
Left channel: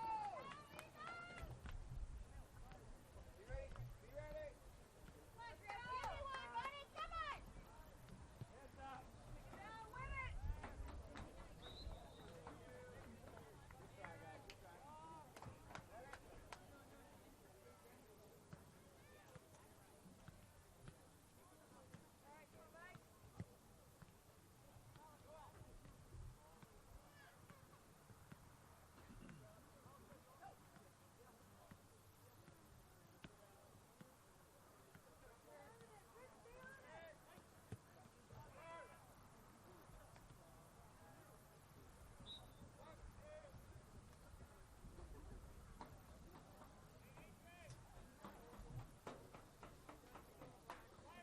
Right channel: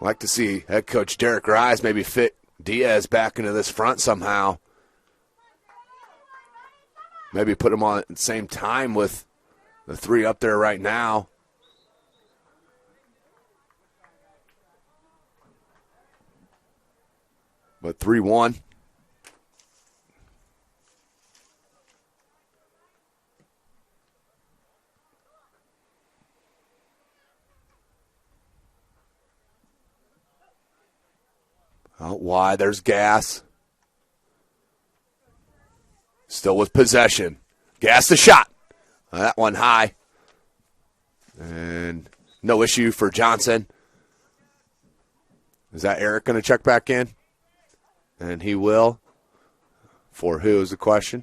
I'd like to see head coach Derek Rise maybe fit Diaz back into this front somehow. Maybe put him on at the same time with the three up there right now. But 3-1. Out wide, there's Gass. Still with possession. Gass the shot. That one high. And no issue for Johnson. Is that Eric going to check back in? And he will. For who is the question?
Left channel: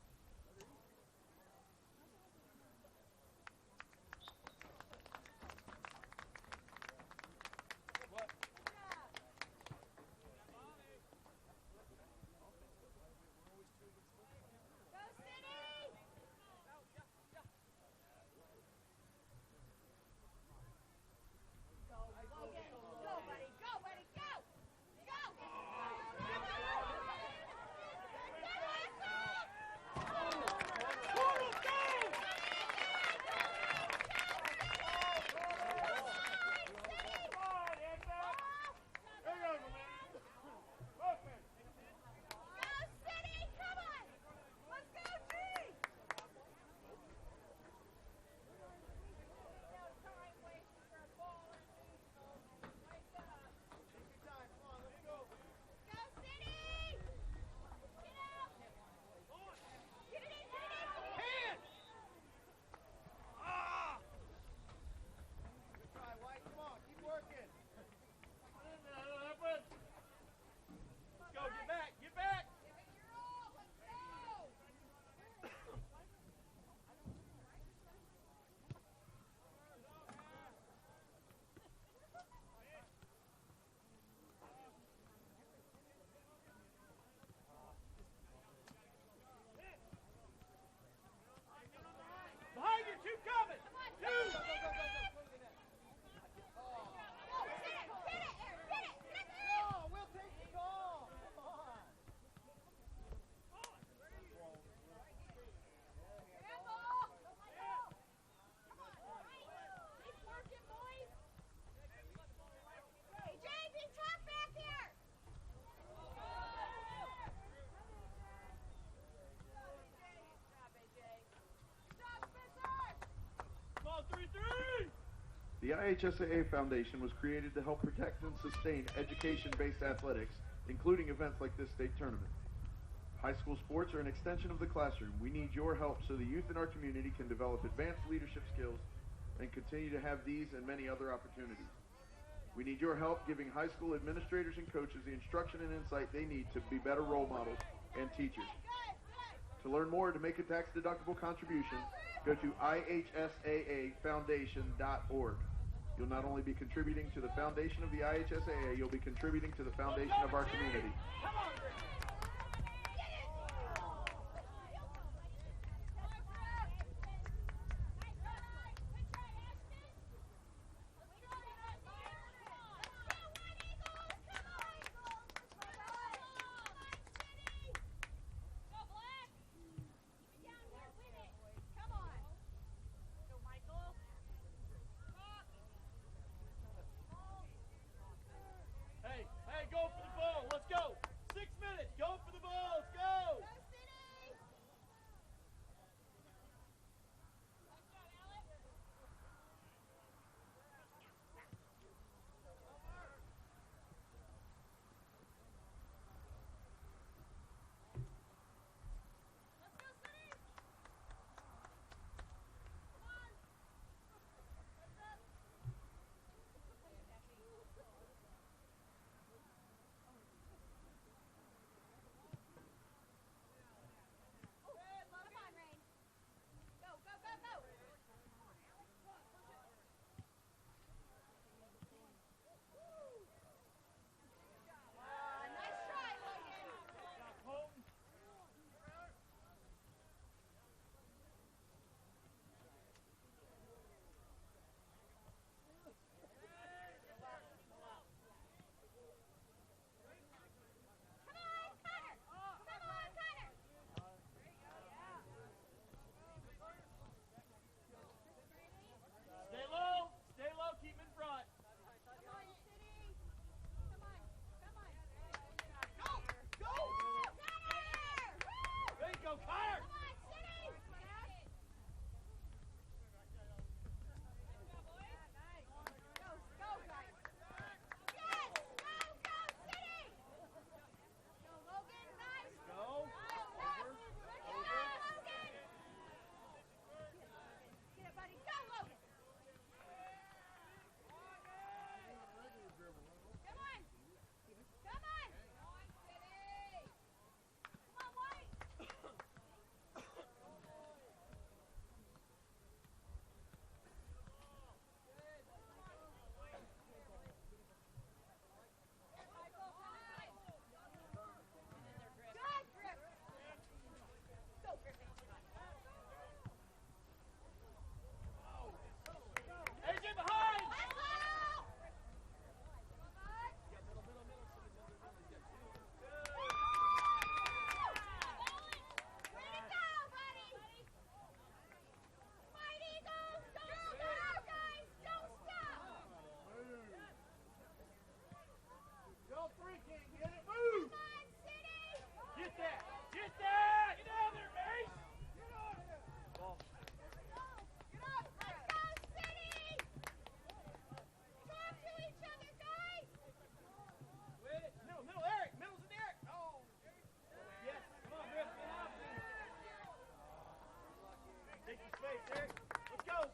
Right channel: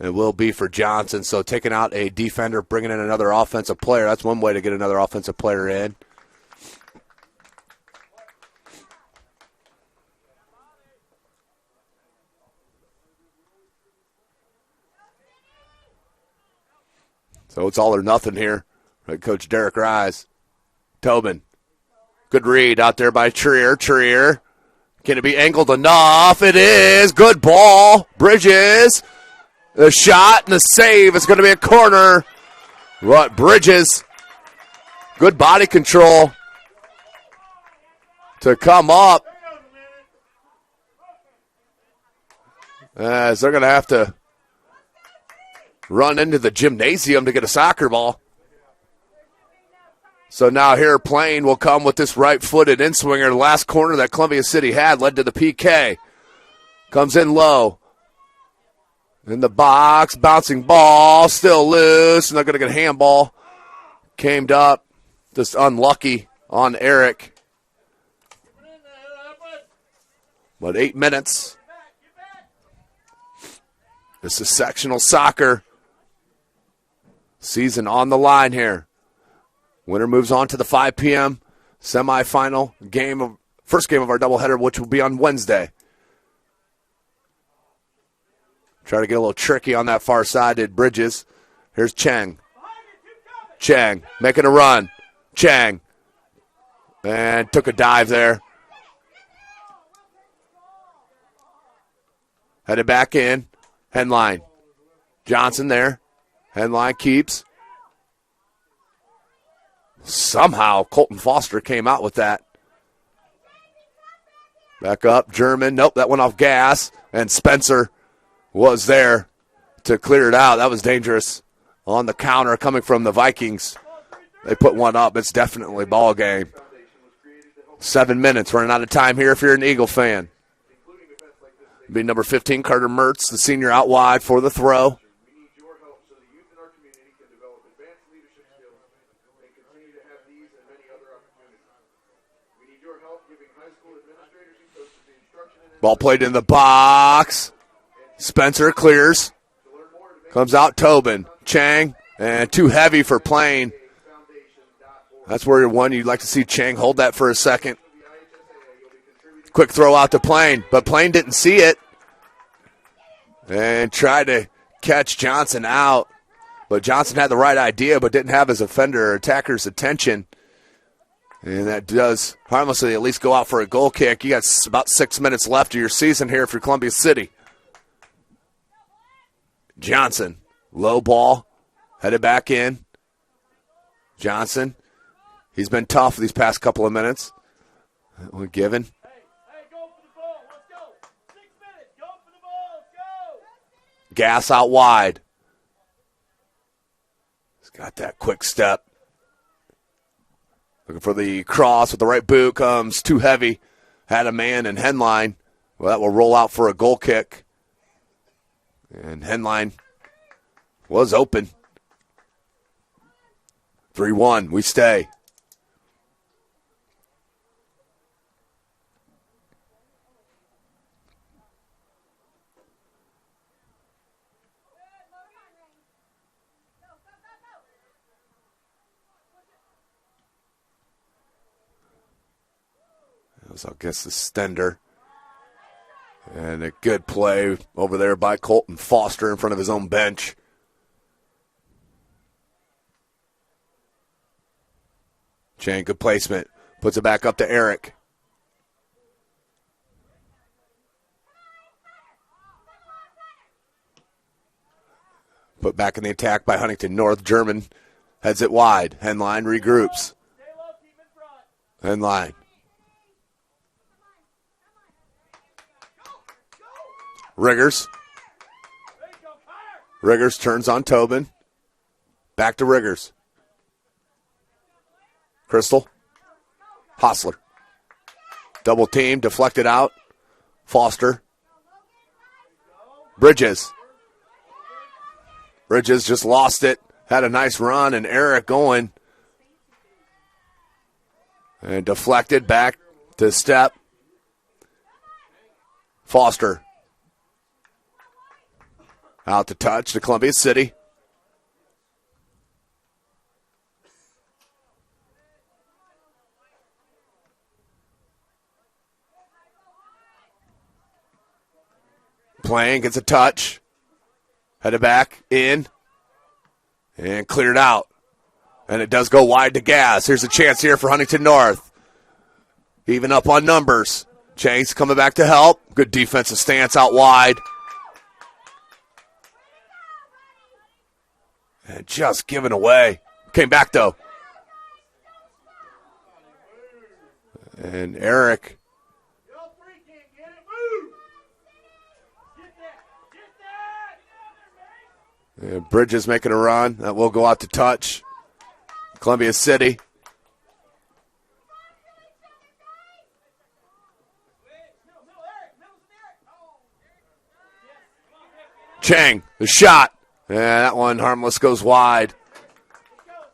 It will be for Johnson. So taking out a defender, bringing in another offensive player. That's one way to get another offensive player in. So it's all or nothing here. Right, Coach Derek Rise. Tobin. Good read out there by Trier. Trier. Can it be angled enough? It is. Good ball. Bridges. The shot and the save. It's going to be a corner. But Bridges. Good body control to come up. As they're going to have to run into the gymnasium to get a soccer ball. So now here Plain will come with this right-footed in-swinger. The last corner that Columbia City had led to the PK. Comes in low. In the box, bouncing ball, still loose, and they're going to get a handball. Came up, just unlucky on Eric. But 8 minutes. This is sectional soccer. Season on the line here. Winner moves on to the 5 p.m. semifinal game, first game of our doubleheader, which will be on Wednesday. Try to get a little tricky on that far side at Bridges. Here's Cheng. Cheng making a run. Cheng. And took a dive there. Headed back in. Henline. Johnson there. Henline keeps. Somehow Colton Foster came out with that. Back up, German. Nope, that went off Gas. And Spencer was there to clear it out. That was dangerous on the counter coming from the Vikings. They put one up. It's definitely ball game. 7 minutes. Running out of time here if you're an Eagle fan. Be number 15, Carter Mertz, the senior out wide for the throw. We need your help so the youth in our community can develop advanced leadership skills and continue to have these and many other opportunities. We need your help giving high school administrators and coaches the instruction and ball played in the box. Spencer clears. Comes out Tobin. Chang. And too heavy for Plain. That's where you'd like to see Chang hold that for a second. Quick throw out to Plain, but Plain didn't see it. And tried to catch Johnson out. But Johnson had the right idea, but didn't have his offender or attacker's attention. And that does harmlessly at least go out for a goal kick. You got about 6 minutes left of your season here for Columbia City. Johnson, low ball, headed back in. Johnson, he's been tough these past couple of minutes. That one given. Gas out wide. Got that quick step. Looking for the cross with the right boot. Comes too heavy. Had a man in Henline. Well, that will roll out for a goal kick. And Henline was open. 3-1. We stay. I guess the Stender. And a good play over there by Colton Foster in front of his own bench. Chang, good placement. Puts it back up to Eric. Put back in the attack by Huntington North. German heads it wide. Henline regroups. Henline. Riggers. Riggers turns on Tobin. Back to Riggers. Crystal. Hostler. Double team, deflected out. Foster. Bridges. Bridges just lost it. Had a nice run, and Eric going. And deflected back to step. Foster. Out to touch to Columbia City. Playing, gets a touch. Headed back, in. And cleared out. And it does go wide to Gas. Here's a chance here for Huntington North. Even up on numbers. Chase coming back to help. Good defensive stance out wide. And just given away. Came back, though. And Eric. And Bridges making a run. That will go out to touch. Columbia City. Chang, the shot. And that one, harmless, goes wide.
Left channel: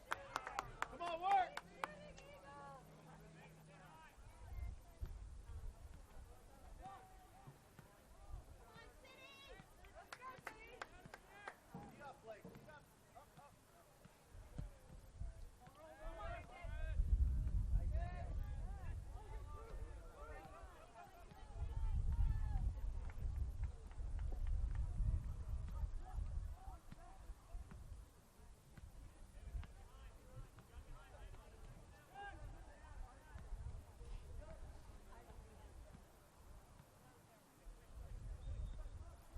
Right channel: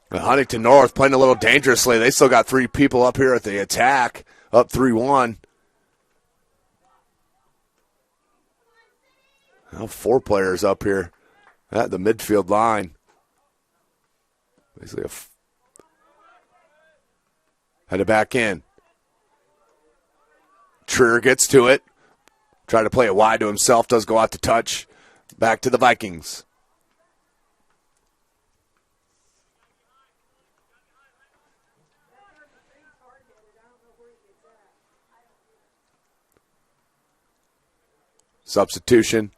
But Huntington North playing a little dangerously. They still got 3 people up here at the attack. Up 3-1. Now 4 players up here at the midfield line. Basically headed back in. Trier gets to it. Try to play it wide to himself. Does go out to touch. Back to the Vikings. Substitution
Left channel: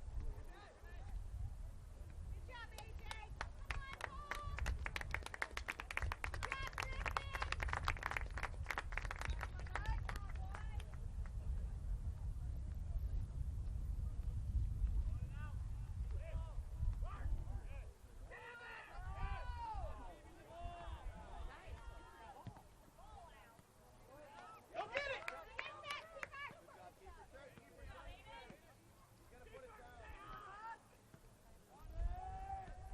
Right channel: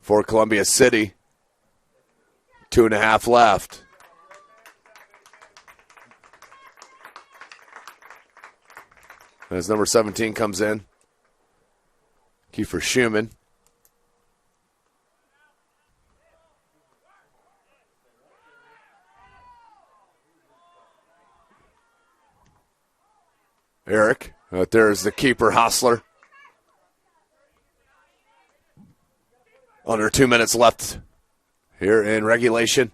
for Columbia City. 2.5 left. As number 17 comes in, Kiefer Schumann. Eric, there's the keeper, Hostler. Under 2 minutes left here in regulation.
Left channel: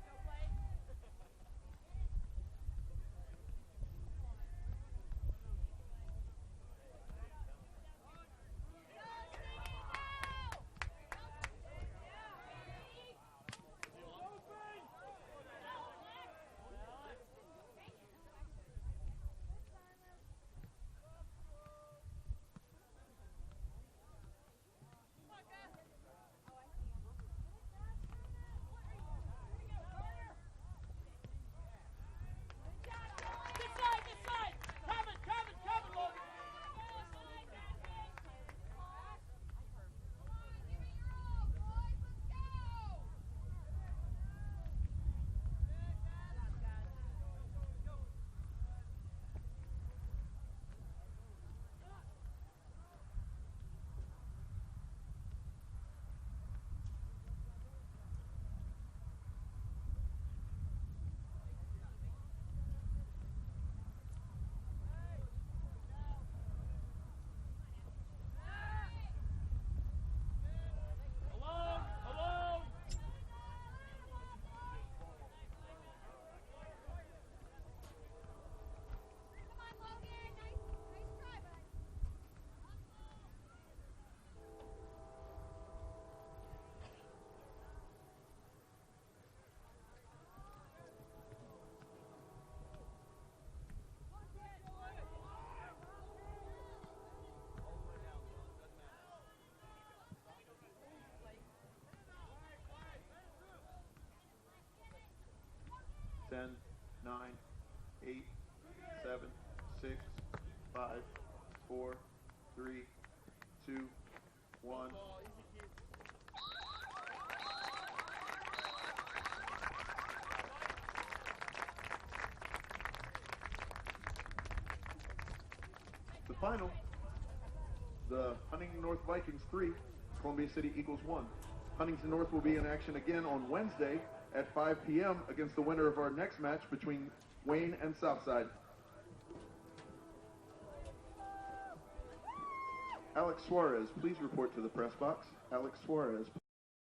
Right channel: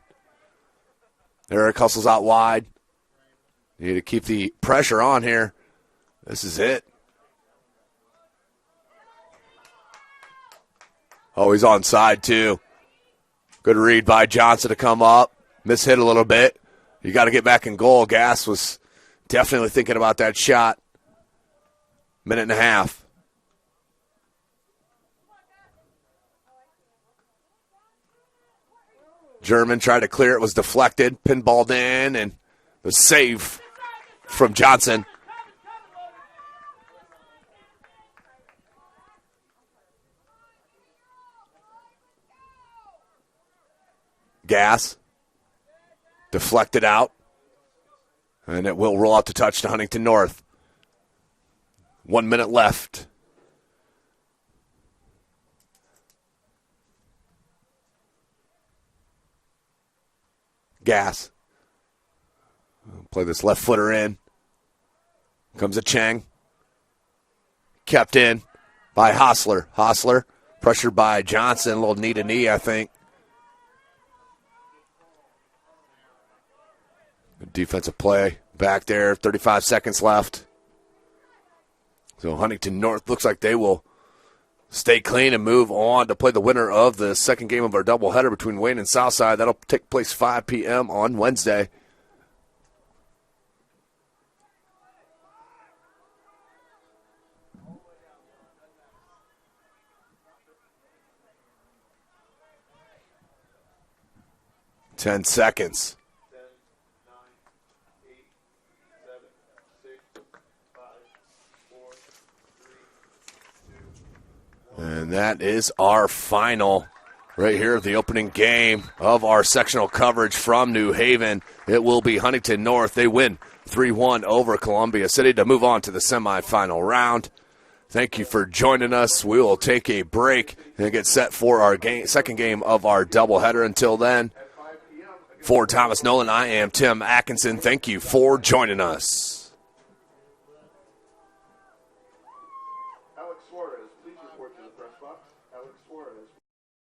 Eric hustles out wide. You need to keep the pressure on here. This is it. Oh, he's onside too. Good read by Johnson to come up. Mishit a little bit. You got to get back in goal. Gass was definitely thinking about that shot. 1.5 minutes. German tried to clear it, was deflected, pinballed in, and the save from Johnson. Gass deflected out, and it will roll out to touch to Huntington North. 1 minute left. gas. Play this left footer in. Comes a Chang. Kept in by Hostler. Hostler pressured by Johnson. A little knee to knee, I think. Good defensive play back there. 35 seconds left. So Huntington North looks like they will stay clean and move on to play the winner of the second game of our doubleheader between Wayne and Southside. That'll take place 5 p.m. on Wednesday. Ten seconds. 10, 9, 8, 7, 6, 5, 4, 3, 2, 1. And that is our final right here of the opening game of our sectional coverage from New Haven. It will be Huntington North. They win 3-1 over Columbia City to move on to the semifinal round. Thank you for joining us. We will take a break and get set for our second game of our doubleheader. Until then, for Thomas Nolan, I am Tim Atkinson. Thank you for joining us. Alex Suarez, please report to the press box. Alex Suarez.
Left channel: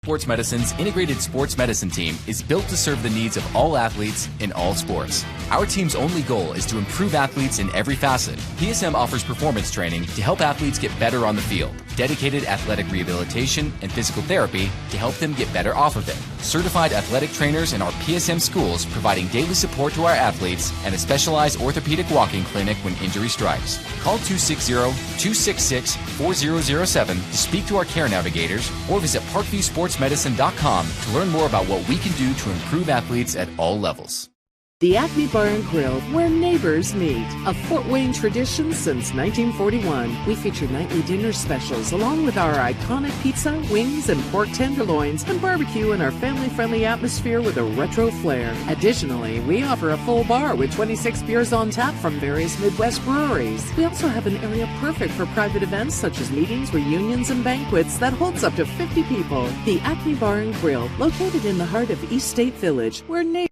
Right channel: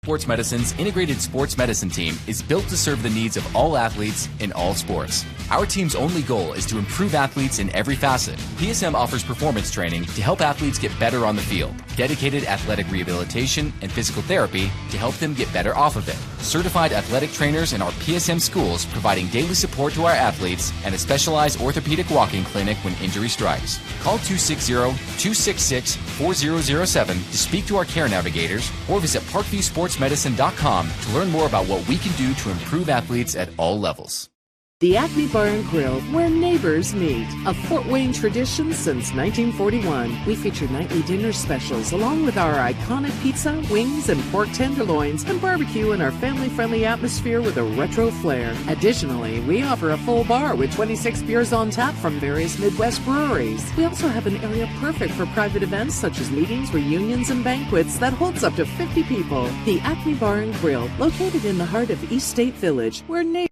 Sports Medicine's integrated sports medicine team is built to serve the needs of all athletes in all sports. Our team's only goal is to improve athletes in every facet. PSM offers performance training to help athletes get better on the field, dedicated athletic rehabilitation and physical therapy to help them get better off of it, certified athletic trainers in our PSM schools providing daily support to our athletes, and a specialized orthopedic walking clinic when injury strikes. Call 260-266-4007 to speak to our care navigators or visit ParkviewSportsMedicine.com to learn more about what we can do to improve athletes at all levels. The Acme Bar and Grill, where neighbors meet. A Fort Wayne tradition since 1941. We feature nightly dinner specials along with our iconic pizza, wings, and pork tenderloins, and barbecue in our family-friendly atmosphere with a retro flair. Additionally, we offer a full bar with 26 beers on tap from various Midwest breweries. We also have an area perfect for private events such as meetings, reunions, and banquets that holds up to 50 people. The Acme Bar and Grill, located in the heart of East State Village, where neighbors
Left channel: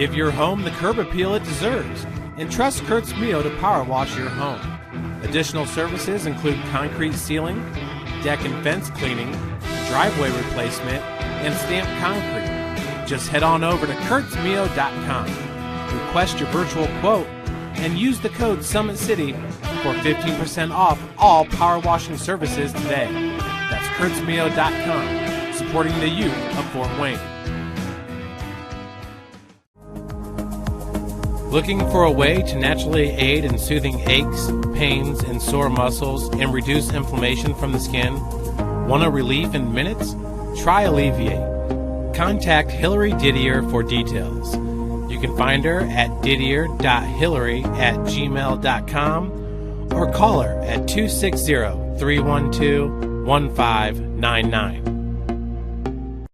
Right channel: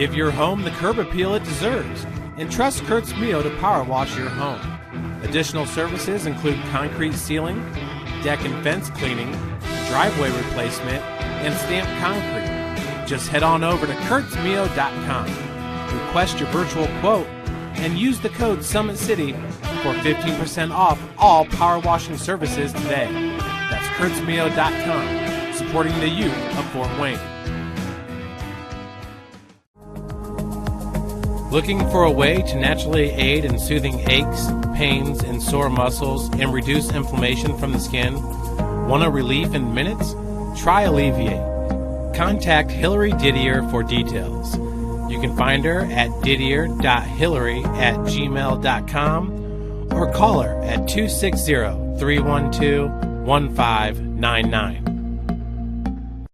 Give your home the curb appeal it deserves and trust Kurt's Mio to power wash your home. Additional services include concrete sealing, deck and fence cleaning, driveway replacement, and stamped concrete. Just head on over to kurtzmio.com, request your virtual quote, and use the code SummitCity for 15% off all power washing services today. That's kurtzmio.com, supporting the youth of Fort Wayne. Looking for a way to naturally aid in soothing aches, pains, and sore muscles and reduce inflammation from the skin? Want a relief in minutes? Try Alleviate. Contact Hillary Didier for details. You can find her at didier.hillary@gmail.com or call her at 260-312-1599.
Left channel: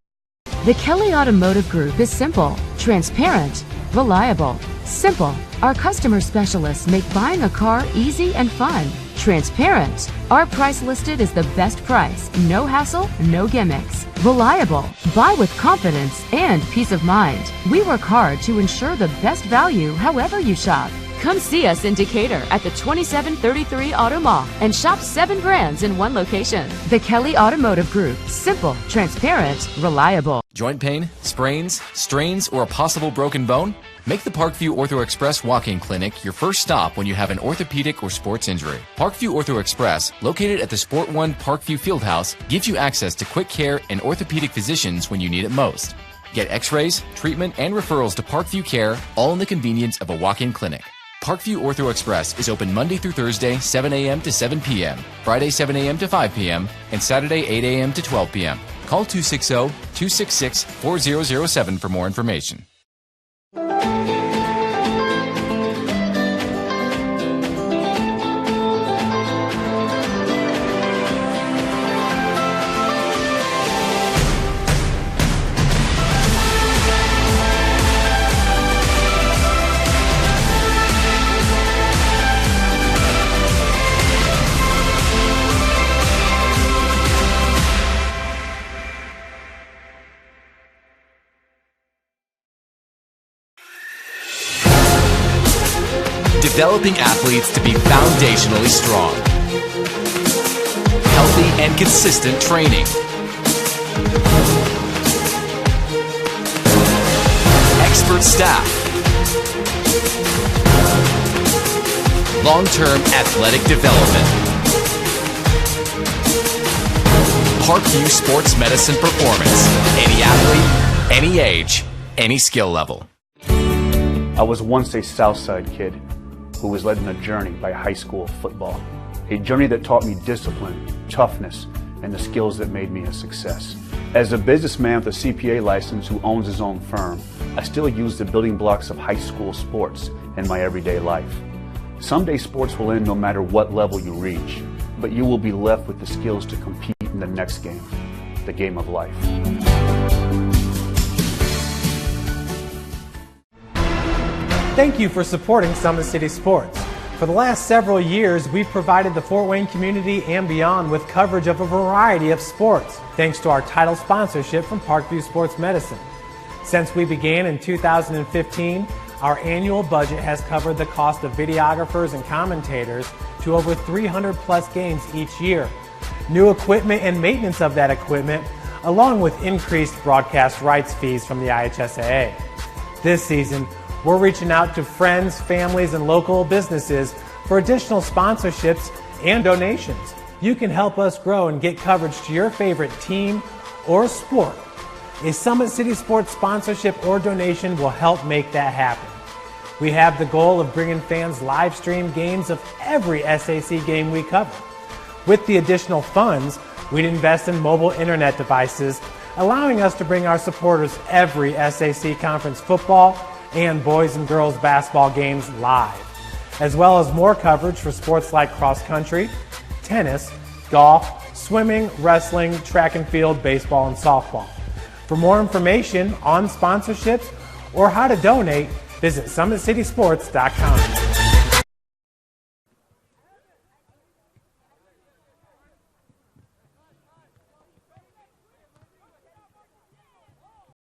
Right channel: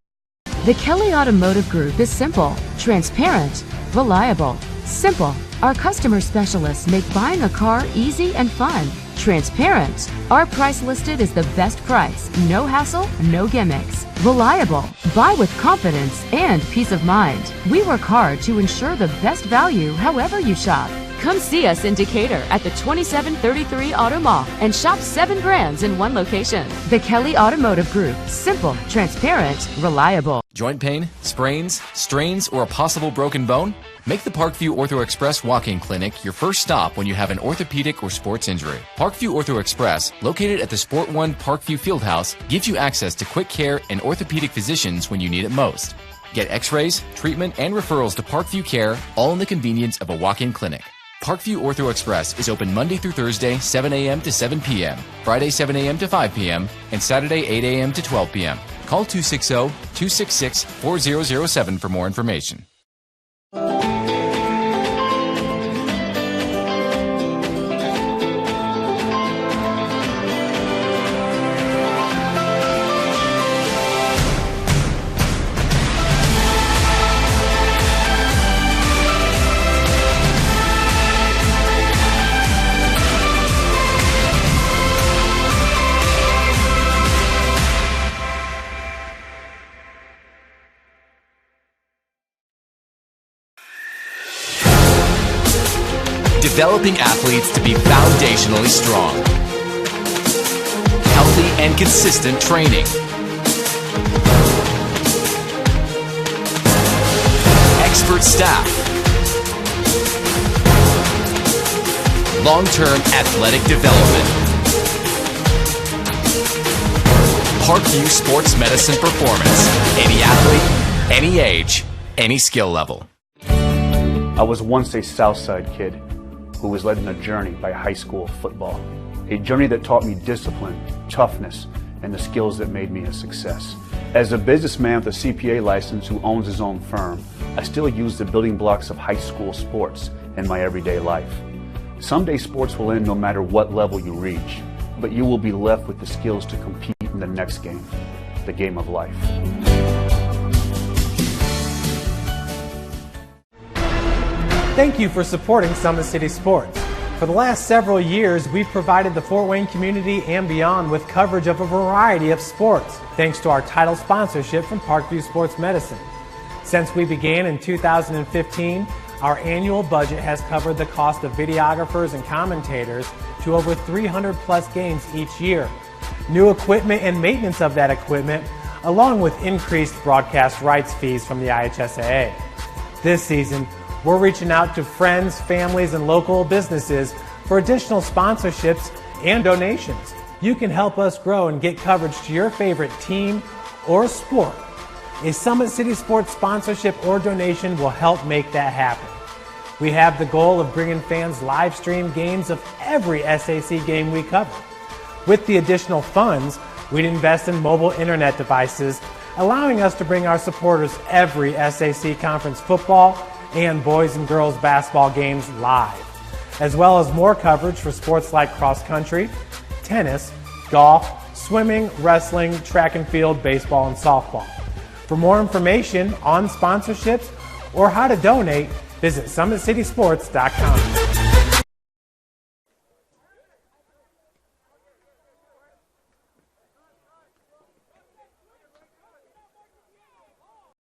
The Kelly Automotive Group is simple, transparent, reliable. Simple. Our customer specialists make buying a car easy and fun. Transparent. Our price listed is the best price. No hassle, no gimmicks. Reliable. Buy with confidence and peace of mind. We work hard to ensure the best value however you shop. Come see us in Decatur at the 2733 Auto Mall and shop 7 brands in one location. The Kelly Automotive Group. Simple, transparent, reliable. Joint pain, sprains, strains, or a possible broken bone? Make the Parkview Ortho Express Walk-In Clinic your first stop when you have an orthopedic or sports injury. Parkview Ortho Express, located at the Sport One Parkview Fieldhouse, gives you access to quick care and orthopedic physicians when you need it most. Get x-rays, treatment, and referrals to Parkview Care, all in the convenience of a walk-in clinic. Parkview Ortho Express is open Monday through Thursday, 7 a.m. to 7 p.m., Friday, 7 a.m. to 5 p.m., and Saturday, 8 a.m. to 12 p.m. Call 260-266-4007 for more information. developing athletes to be foundationally strong. Healthy and consistent training. Expert staff. Long-term athletic development. Parkview Sports Medicine Performance. Any athlete, any age, any skill level. I was once a Southside kid who was led on a journey by high school football. A journey that taught me discipline, toughness, and the skills that made me a success. As a businessman with a CPA license who owns his own firm, I still use the building blocks of high school sports in my everyday life. Someday sports will end no matter what level you reach, but you will be left with the skills to compete in the next game, the game of life. Thank you for supporting Summit City Sports. For the last several years, we've provided the Fort Wayne community and beyond with coverage of a variety of sports, thanks to our title sponsorship from Parkview Sports Medicine. Since we began in 2015, our annual budget has covered the cost of videographers and commentators to over 300 plus games each year. New equipment and maintenance of that equipment, along with increased broadcast rights fees from the IHSAA. This season, we're reaching out to friends, families, and local businesses for additional sponsorships and donations. You can help us grow and get coverage to your favorite team or sport. A Summit City Sports sponsorship or donation will help make that happen. We have the goal of bringing fans live stream games of every SAC game we cover. With the additional funds, we'd invest in mobile internet devices, allowing us to bring our supporters every SAC conference football and boys and girls basketball games live, as well as more coverage for sports like cross country, tennis, golf, swimming, wrestling, track and field, baseball, and softball. For more information on sponsorships or how to donate, visit SummitCitySports.com.